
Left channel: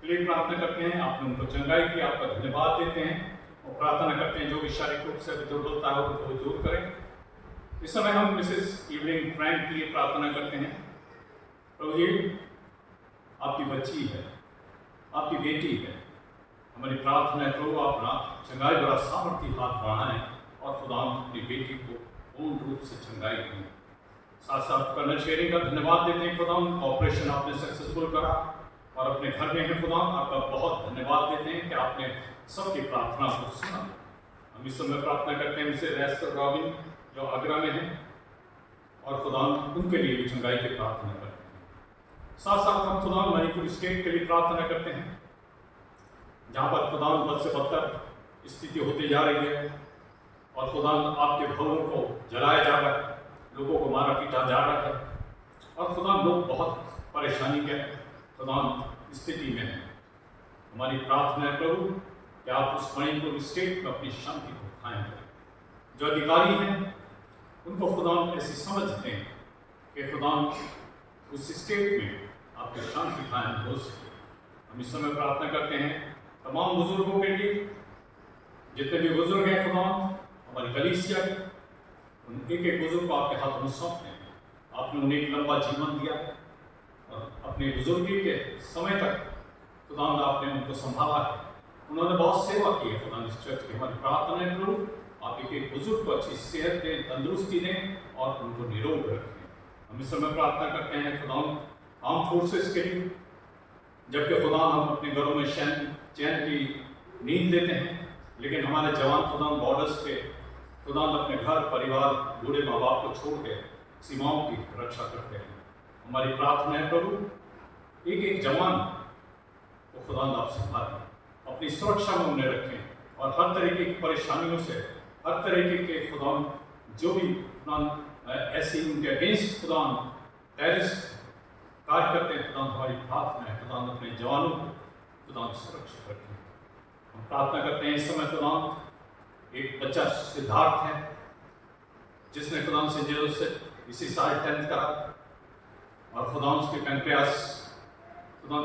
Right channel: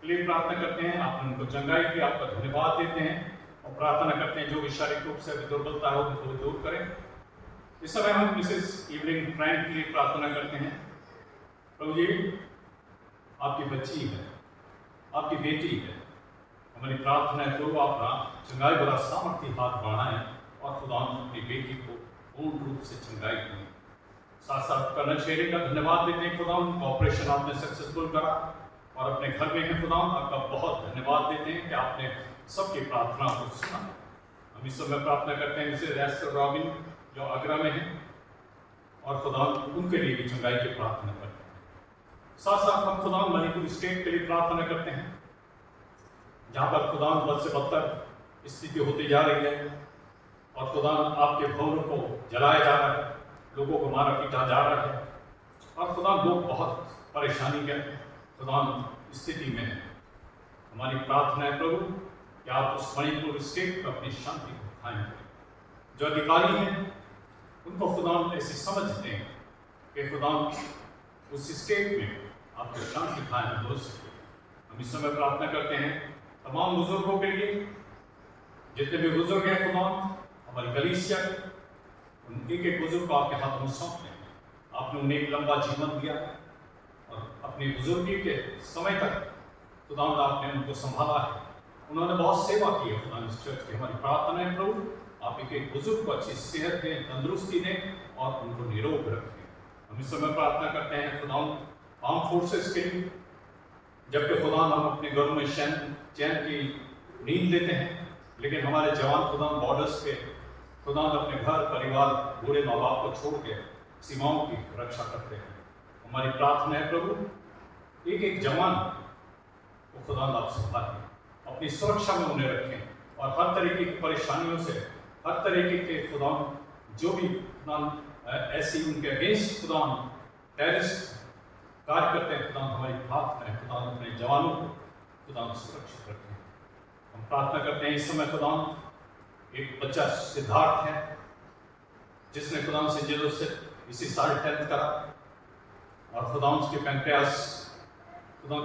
के लिए प्रार्थना करते हैं। आपने उनको चंगाई की, आपका धन्यवाद देते हैं और प्रार्थना करते हैं जो भी शारीरिक रूप से दुर्बलता हो उनको दूर करें। इस समय हम मिसेस इवलिन फ्रैंक के लिए प्रार्थना करते हैं। प्रभु जी, आपकी बच्ची है, आपकी बेटी है, हमारी प्रार्थना है प्रभु आप ना चंगाई भरा सामर्थ्य हाथ बढ़ाएं और खुदा अपनी बेटी को पूर्ण रूप से चंगाई दें। साथ साथ कर्नल शेरी का धन्यवाद देते हैं खुदा, उनका ऑपरेशन आपने सक्सेसफुल करा और अपने घर में है खुदा, आपका बहुत धन्यवाद देते हैं कि आपने सबकी प्रार्थना को सुना। हम इस समय प्रार्थना करते हैं मिसेस एस्टर रॉबिन जो आगरा में हैं, और खुदा उनके लिए भी चंगाई की प्रार्थना करते हैं। साथ साथ हम खुदा मणिपुर स्टेट के लिए प्रार्थना करते हैं, जहाँ पर खुदा बद से बदतर स्थिति होती जा रही है और खुदा आपके भवनों को जलाया जा रहा है, लोगों को मारा पीटा जा रहा है, और खुदा लोग बहुत परेशानी के खुदा स्थिति में हैं। हमारी प्रार्थना है प्रभु कि आप उस मणिपुर स्टेट में अपनी शांति को कायम करें। जो अधिकारी हैं उनको खुदा ऐसी समझ दें कि खुदा उस स्टेट में आपकी शांति कायम हो सके। हम इस समय प्रार्थना करते हैं तमाम बुजुर्गों के लिए, जितने भी बुजुर्ग हैं खुदा हमारी कलीसिया के, उन एक एक बुजुर्ग को आपके हाथों में सौंपते हैं। आपने उन्हें एक लंबा जीवन दिया और अपनी बुजुर्गी के समय तक खुदा आपने उनको संभाला है, उन्होंने बहुत सेवा की है खुदा इस चर्च की। हमारी प्रार्थना है प्रभु आप एक एक बुजुर्ग को अच्छी सेहत दें, तंदुरुस्ती दें और उनको निरोग रखें। हम इस समय प्रार्थना करते हैं खुदा आर्म फोर्सेस के लिए, जबकि खुदा हम अपने घरों में चैन की नींद लेते हैं, लेकिन हमारे जवान खुदा बॉर्डर्स पे खुदा अपने घर परिवार बूढ़े माँ बाप को छोड़ के सीमाओं की रक्षा करते हैं। हमारी प्रार्थना है प्रभु एक एक जवान वो खुदा आप संभालें, अपनी सुरक्षा में उन्हें रखें और हर तरीके की परेशानियों से, हर तरीके के खुदा जो भी खुदा ऐसी उनके अगेंस्ट खुदा टेररिस्ट कार्य करते हैं, खुदा हमारी प्रार्थना है खुदा अपने जवानों को खुदा सुरक्षित रखें। हम प्रार्थना करते हैं इस समय खुदा एक बच्चा सिद्धार्थ है जिसने खुदा से जेलों से इसी साल 10th करा और खुदा उसके पैंक्रियास खुदा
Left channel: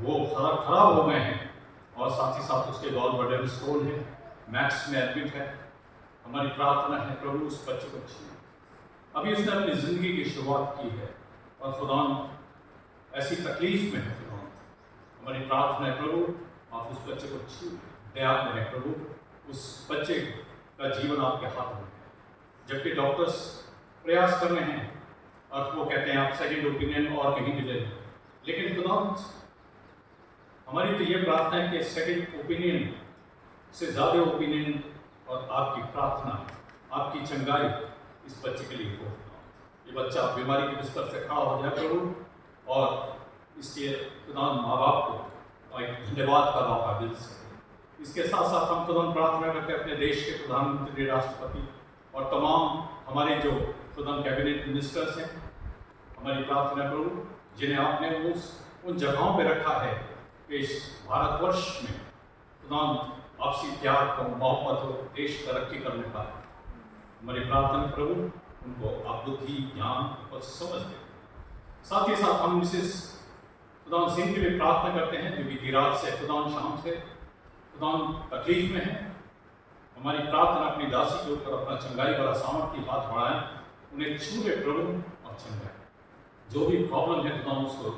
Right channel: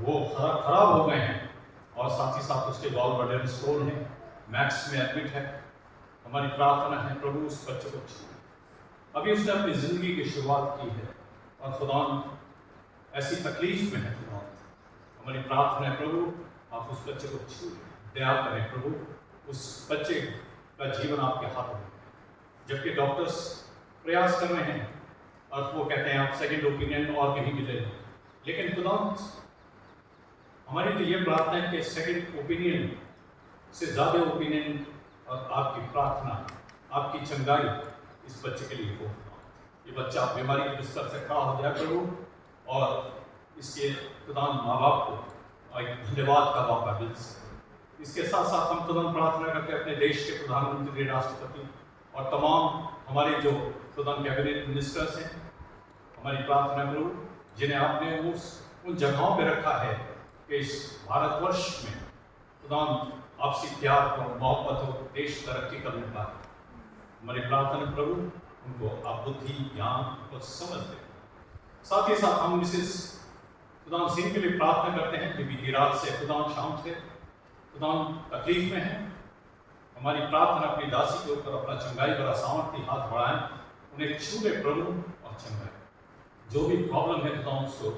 वो खराब हो गए हैं और साथ ही साथ उसके गॉल ब्लैडर स्टोन है, मैक्स में एडमिट है। हमारी प्रार्थना है प्रभु उस बच्चे को छू, अभी उसने अपनी ज़िंदगी की शुरुआत की है और खुदा ऐसी तकलीफ में है। खुदा हमारी प्रार्थना है प्रभु आप उस बच्चे को छू दया करें प्रभु, उस बच्चे का जीवन आपके हाथ में है। जबकि डॉक्टर्स प्रयास कर रहे हैं और वो कहते हैं आप सेकंड ओपिनियन और कहीं भी ले लें, लेकिन खुदा हमारी तो ये प्रार्थना है कि सेकंड ओपिनियन से ज़्यादा ओपिनियन और आपकी प्रार्थना, आपकी चंगाई इस बच्चे के लिए हो। ये बच्चा बीमारी के बिस्तर से खड़ा हो जाए प्रभु और इसके खुदा माँ बाप को एक धन्यवाद का मौका मिल सके। इसके साथ साथ हम खुदा प्रार्थना करते हैं अपने देश के प्रधानमंत्री, राष्ट्रपति और तमाम हमारे जो खुदा कैबिनेट मिनिस्टर्स हैं। हमारी प्रार्थना प्रभु जिन्हें आपने उन जगहों पे रखा है कि इस भारतवर्ष में खुदा आपसी प्यार हो, मोहब्बत हो, देश तरक्की करने का। हमारी प्रार्थना प्रभु उनको आप बुद्धि, ज्ञान और समझ दें। साथ ही साथ हम मिसेस खुदा सिंह की भी प्रार्थना करते हैं जो बीती रात से खुदा शाम से खुदा तकलीफ में है। हमारी प्रार्थना अपनी दासी के ऊपर अपना चंगाई भरा सामर्थ्य हाथ बढ़ाएं, उन्हें छू ले प्रभु और चंगाई, जो भी प्रॉब्लम है खुदा उसको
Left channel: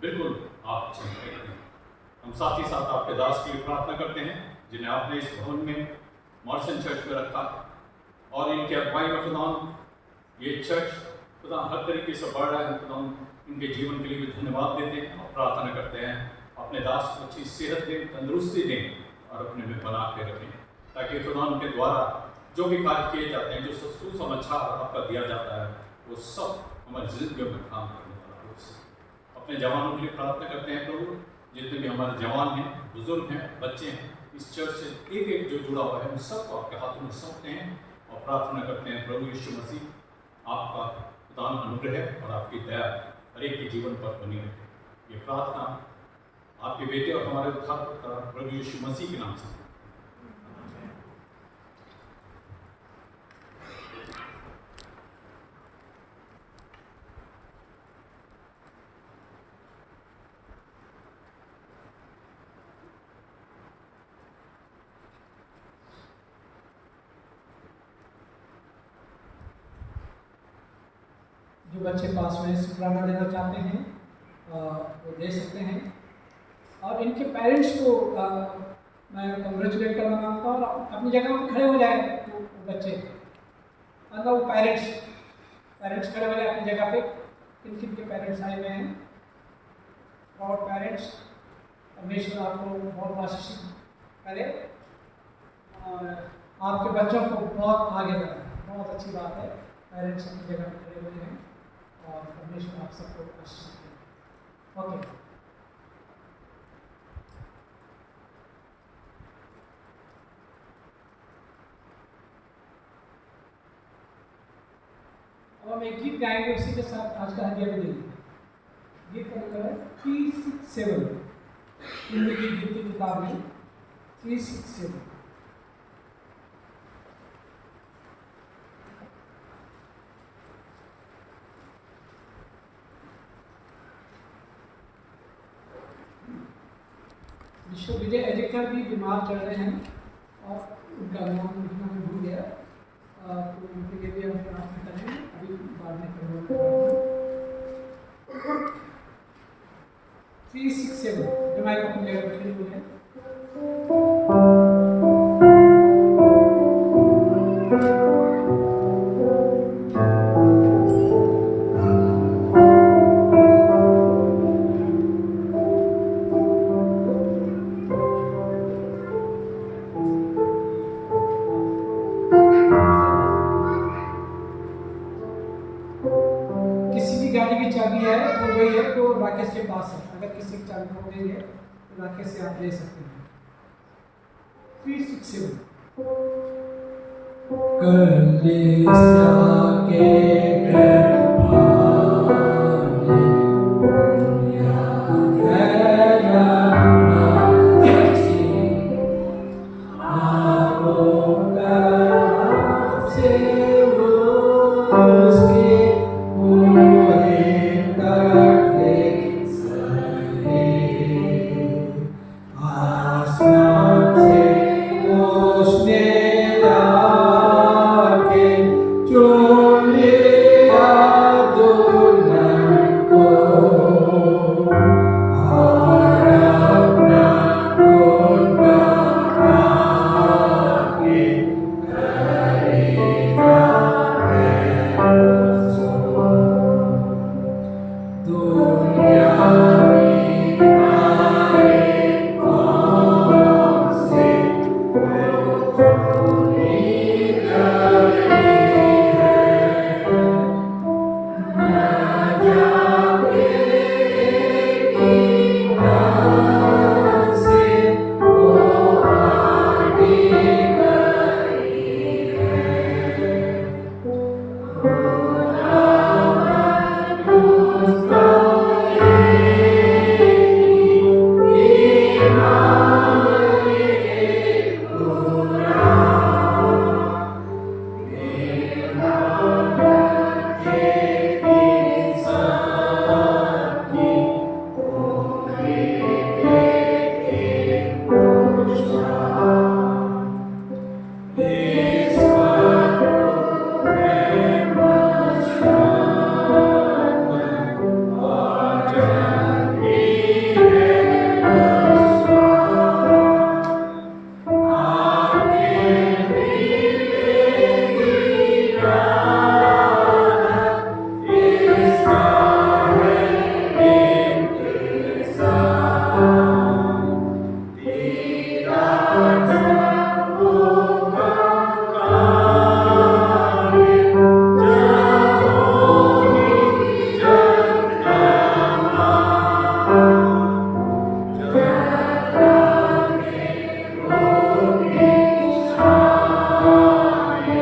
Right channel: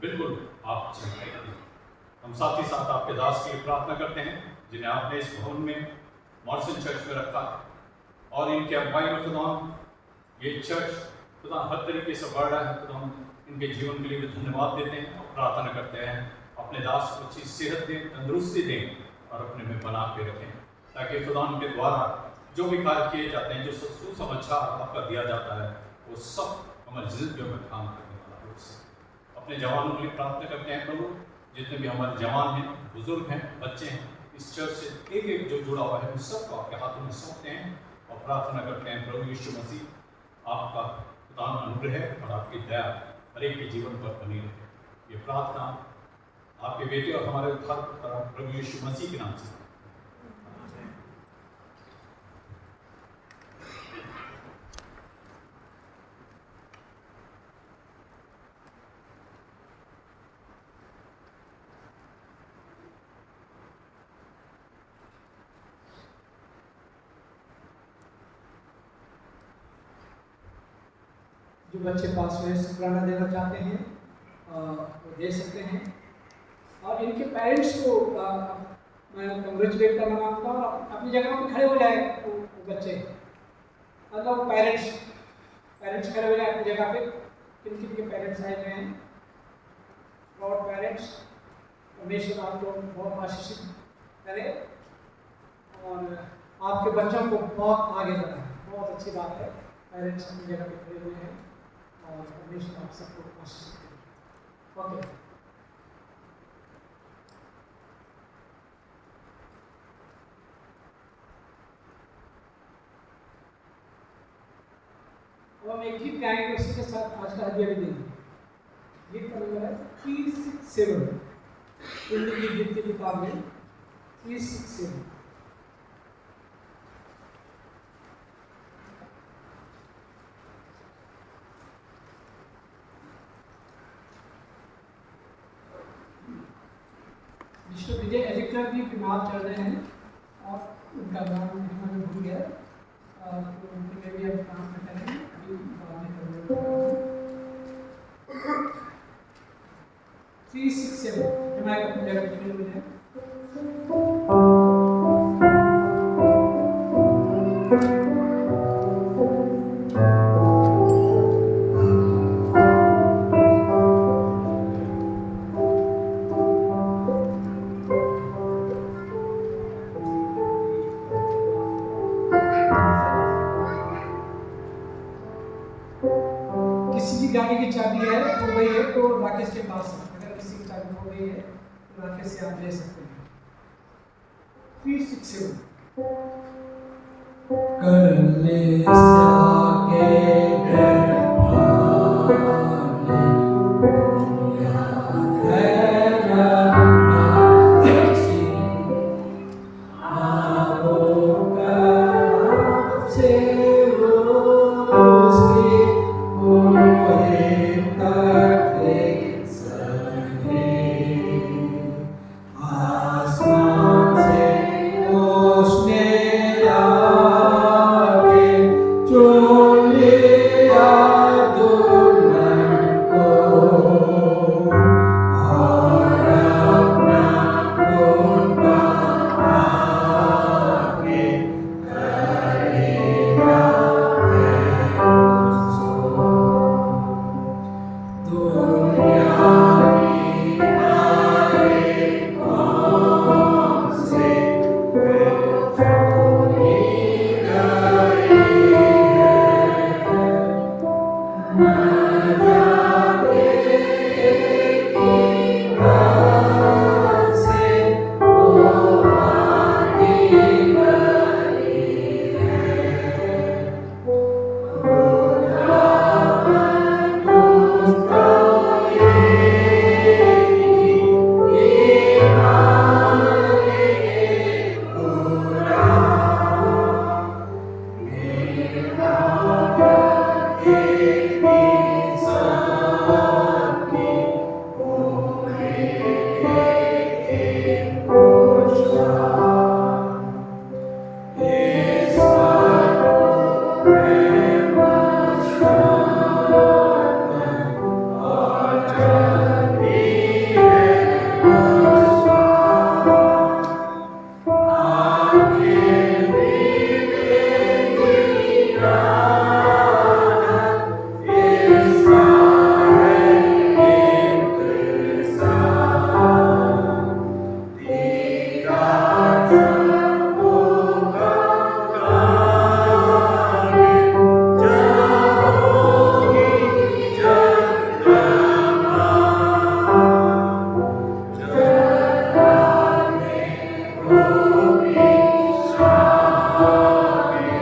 बिल्कुल आप चंगाई करें। हम साथ ही साथ आपके दास के लिए प्रार्थना करते हैं जिन्हें आपने इस भवन में मॉर्सन चर्च में रखा है और इनके अगुवाई में खुदा ये चर्च खुदा हर तरीके से बढ़ रहा है। खुदा इनके जीवन के लिए भी धन्यवाद देते हैं और प्रार्थना करते हैं अपने दास को अच्छी सेहत दें, तंदुरुस्ती दें और अपने में बना के रखें, ताकि खुदा उनके द्वारा जो भी कार्य किए जाते हैं, जो सुसमाचार आपका दिया जाता है, वो सब हमारी जिंदगियों में काम करने वाला हो सके। अपने जवानों के लिए प्रार्थना करते हैं प्रभु, जितने भी हमारे जवान हैं, बुजुर्ग हैं, बच्चे हैं, इस चर्च से एक एक जो जुड़ा हुआ है उन सबको आपके हाथों में सौंपते हैं और प्रार्थना करते हैं प्रभु यीशु मसीह आपका खुदा अनुग्रह और आपकी दया हर एक के जीवन पर बनी रहे। ये प्रार्थना आपके बेटे और हमारे उद्धारकर्ता प्रभु यीशु मसीह के नाम से। जो बच्चे पास में शुक्राना देना चाहते हैं वो दे सकते हैं। और इनके पेरेंट्स को मैं कंग्रेचुलेट करना मांगता हूँ। अपनी जगह में खड़े हो जाए वो बच्चे, मतलब वो पेरेंट्स खड़े हो जाए अपनी जगह पे। किन के पेरेंट्स आए हुए हैं, और पेरेंट्स परमेश्वर आपको बहुत आशीषित करे और आपके बच्चों को बहुत आगे बढ़ाए। बहुत अच्छी बात है, पेरेंट्स अपनी जगह पे खड़े हुए हैं और परमेश्वर आप सबको आशीषित करें। ओके, अब हम एक गीत गाएंगे, उसी के साथ आज का हदिया भी देंगे। गीत का नंबर है 367, हिंदी की गीत की किताब में 367। विश्व विजय एडिकर भी बीमार चल रहे हैं और उनका नाम हमें भूल गया, तो उनके लिए भी हम प्रार्थना करेंगे। अभी बाद में 367 जमाए अपनी जगह पर खड़े हो जाए। किसी की गाड़ी की चाबी है, खो गई है, तो राकेश के पास है। अगर किसी की चाबी खो गई है वाक्य से आप ले सकते हैं। 367 कलीसिया के गर्भाने याद है रबना अच्छी आओ कब से उसके पूरे करते सहे आसमान से उसने आके चुन लिया दुल्हन को और अपना गुण गाके करेगा उसको दुनिया में आए कौन से चुनी गई है न जाके ईमान से वो आगे गई है इस पर प्रेम और जब भी है आखिर मिलेगी राहत इसका है इंतज़ार दीदार सब होगा कामिल जब होगी जन्नमा जब होगी शामिल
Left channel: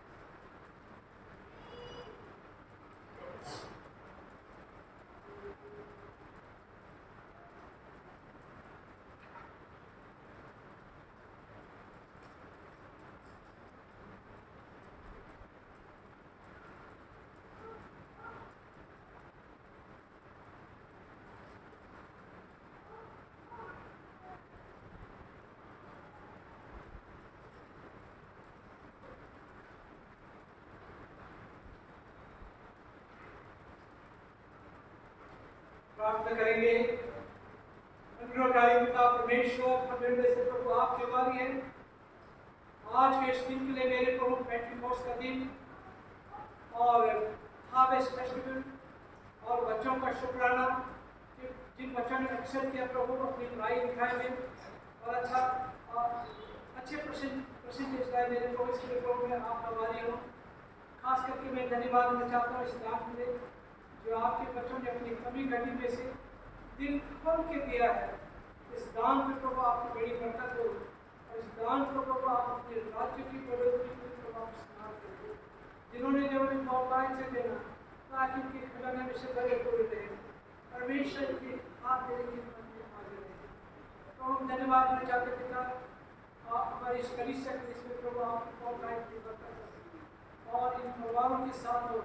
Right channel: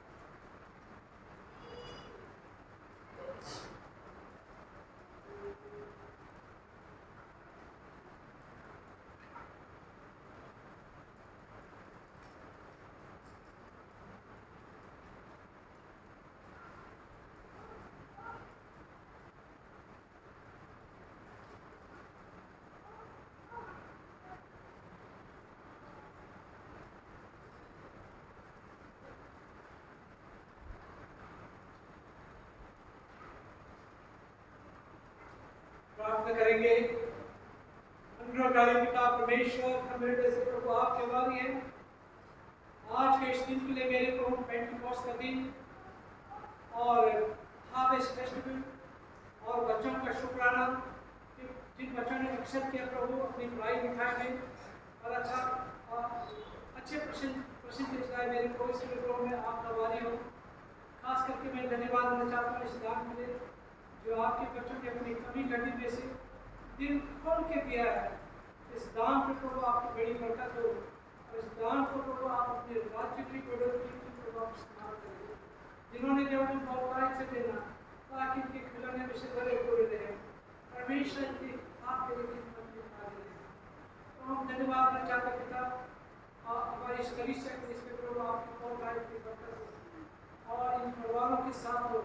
कलीसिया से लेवा कर है उसकी प्रार्थना करेंगे। अनुग्रहकारी पिता परमेश्वर, हम मेरे से प्रभु आपके वाली हैं। आज के इस दिन के लिए मेरे प्रभु पेंटिकॉस्ट का दिन और हार्वेस्ट फेस्टिवल और बच्चों का शुक्राना कि जिन बच्चों ने एक्सेप्ट किया प्रभु अपनी पढ़ाई लिखाई में और अच्छे परसेंटेज लाए मेरे प्रभु, इसके लिए प्रभु मैं आपका वाली हूँ। खास करके मैं धन्यवाद देना चाहता हूँ इस दान के लिए जो आपके बच्चों ने अपनी कमी घटी में से दिल खोल के दिया है। इस दान पे प्रभु आपकी बड़ी बरकत हो और इस दान को प्रभु आप अपने राज्य की बढ़ोतरी प्रभु आप इस्तेमाल करें। जिन्होंने केवल बहुतायत से देना ताकि उनके खजाने में से भरे पूरे रहे, परमेश्वर की आपके लिए खिदमत में आगे रहे। तो हम धन्यवाद देना चाहते पिता हमारे इस कलीसिया के इसमें प्रभु आपकी बहुतायत की बरकत हो और इन परिवारों के साथ हो,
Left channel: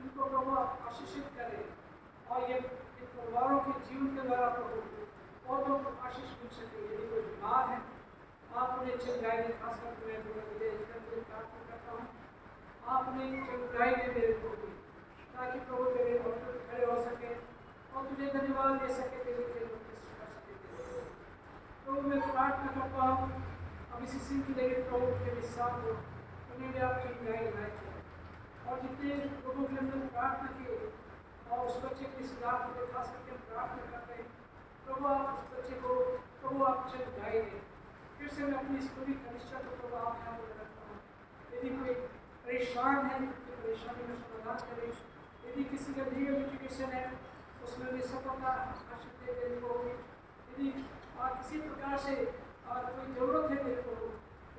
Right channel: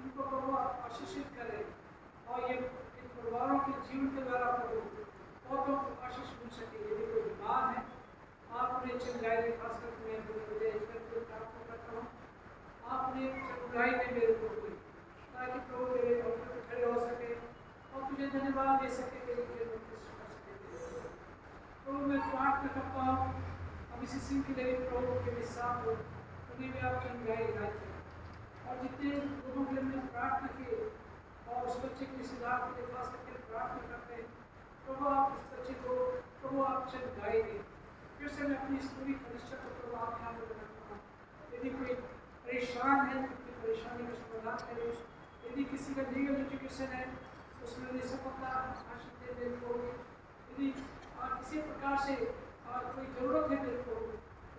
इनको प्रभु आप आशीषित करें और ये इन परिवारों के जीवन के द्वारा प्रभु बहुतों को आशीष मिल सके। यदि कोई बीमार है आप उन्हें चंगाई दें, खासकर मैं प्रार्थना करता हूँ आप उन्हें चंगाई दें मेरे प्रभु, ताकि प्रभु तेरे ऑल्टर पे खड़े हो सके और तुझे धन्यवाद दे सके, तेरी खिदमत कर सके। प्रभु मैं प्रार्थना करता हूँ अब इसी सिंह के लिए प्रभु के भी साथ हो, उन्हें भी आप चंगाई इनायत करें। और जितने लोगों के लिए हमने प्रार्थना की और उस बच्चे के रिश्तेदार के लिए खास करके हम प्रार्थना करते हैं, प्रभु आप उस बच्चे को प्रभु आप चंगाई दें। फिर से मैं अपनी इस पूरी कलिसिया को प्रभु आपके हाथ में रखता हूँ। यदि कोई परेशान है तो परेशानी का समाधान करें। यदि किसी का लीगल एजुकेशन है उसमें भी सफलता हासिल दे मेरे को। यदि किसी प्रकार से कोई ज़रूरत है मेरे को,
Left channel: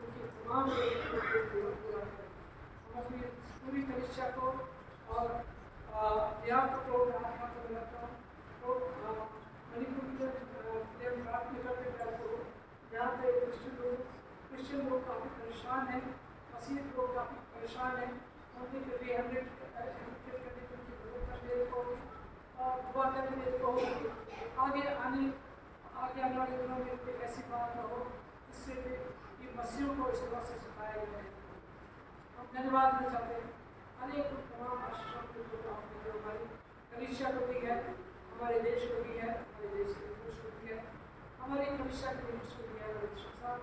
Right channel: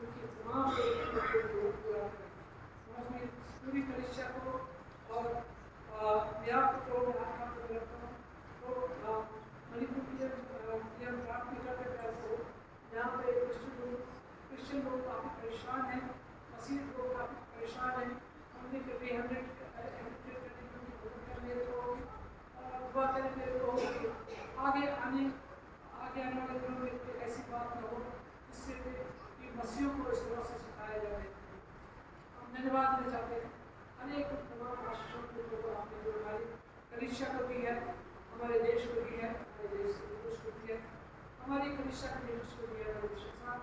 उनकी तमाम ज़रूरत पूरा करें। हम अपनी पूरी कलिसिया को और व्याप को प्रभु में हाथ में रखता हूँ। तो मणिपुर के लिए हम प्रार्थना करते हैं को जहाँ पे क्रिश्चियन लोग काफ़ी परेशान हैं, मसीह लोग काफ़ी परेशान हैं, उनके रिहेबिलिट करने की उनकी मदद कर मेरे को और दुआ करें मेरे को आगे आने वाले दिनों में कोई ऐसी बात न हो जिससे ये मसीहों को इस तरह से सिखाया जाए। हम धन्यवाद देना चाहते हैं अनेक तमाम आशीषों को आपने जो हमारी कलिसिया को दी है, हमारे देश को दी है, हमारे देश के पुरुष को दी है, हमारी कलिसिया के लिए को दी है, हमारे देश के साथ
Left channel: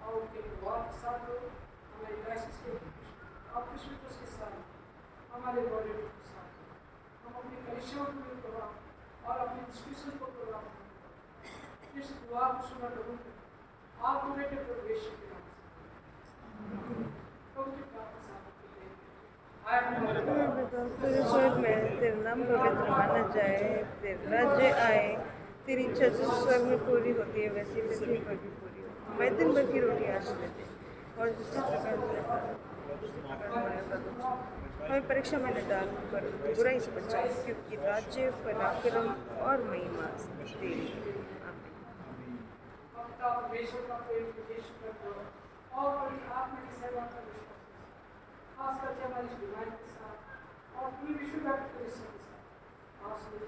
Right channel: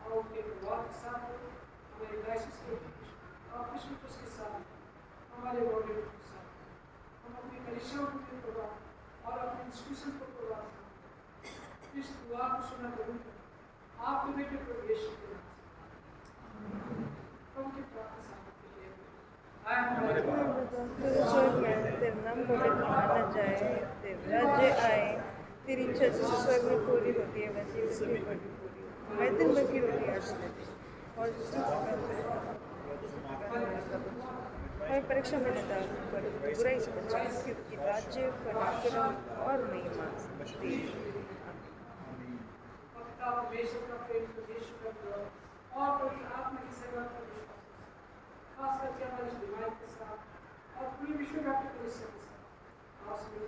और उनके परिवार के साथ हो, हमारे डायसिस के और विश्व के साथ, हमारे बॉडी के साथ हम अपनी कलिसियाओं को भी प्रभाव और अपने इंस्टीट्यूशन को प्रभाव इस दुआ को सुना करूँ आपको बेटे प्रभु यीशु के नाम से प्रभु की प्रार्थना तेरा नाम पवित्र माना जाए, तेरा राज्य आए, तेरी इच्छा जिस स्वर्ग में पूरी होती है वैसे पृथ्वी पर भी पूरी हो। हमारे दिन भर की रोटी आज दे और हमें परीक्षा में डाल कर बुराई से बचाओ, क्योंकि राज्य पराक्रम और महिमा परमेश्वर का प्रेम यीशु का प्रेम और पवित्र आत्मा की सेवा का विश्वास खास करके हमारी इस बीमारी के साथ और पूरे विश्व व्यापी कलिसिया के साथ आप सभी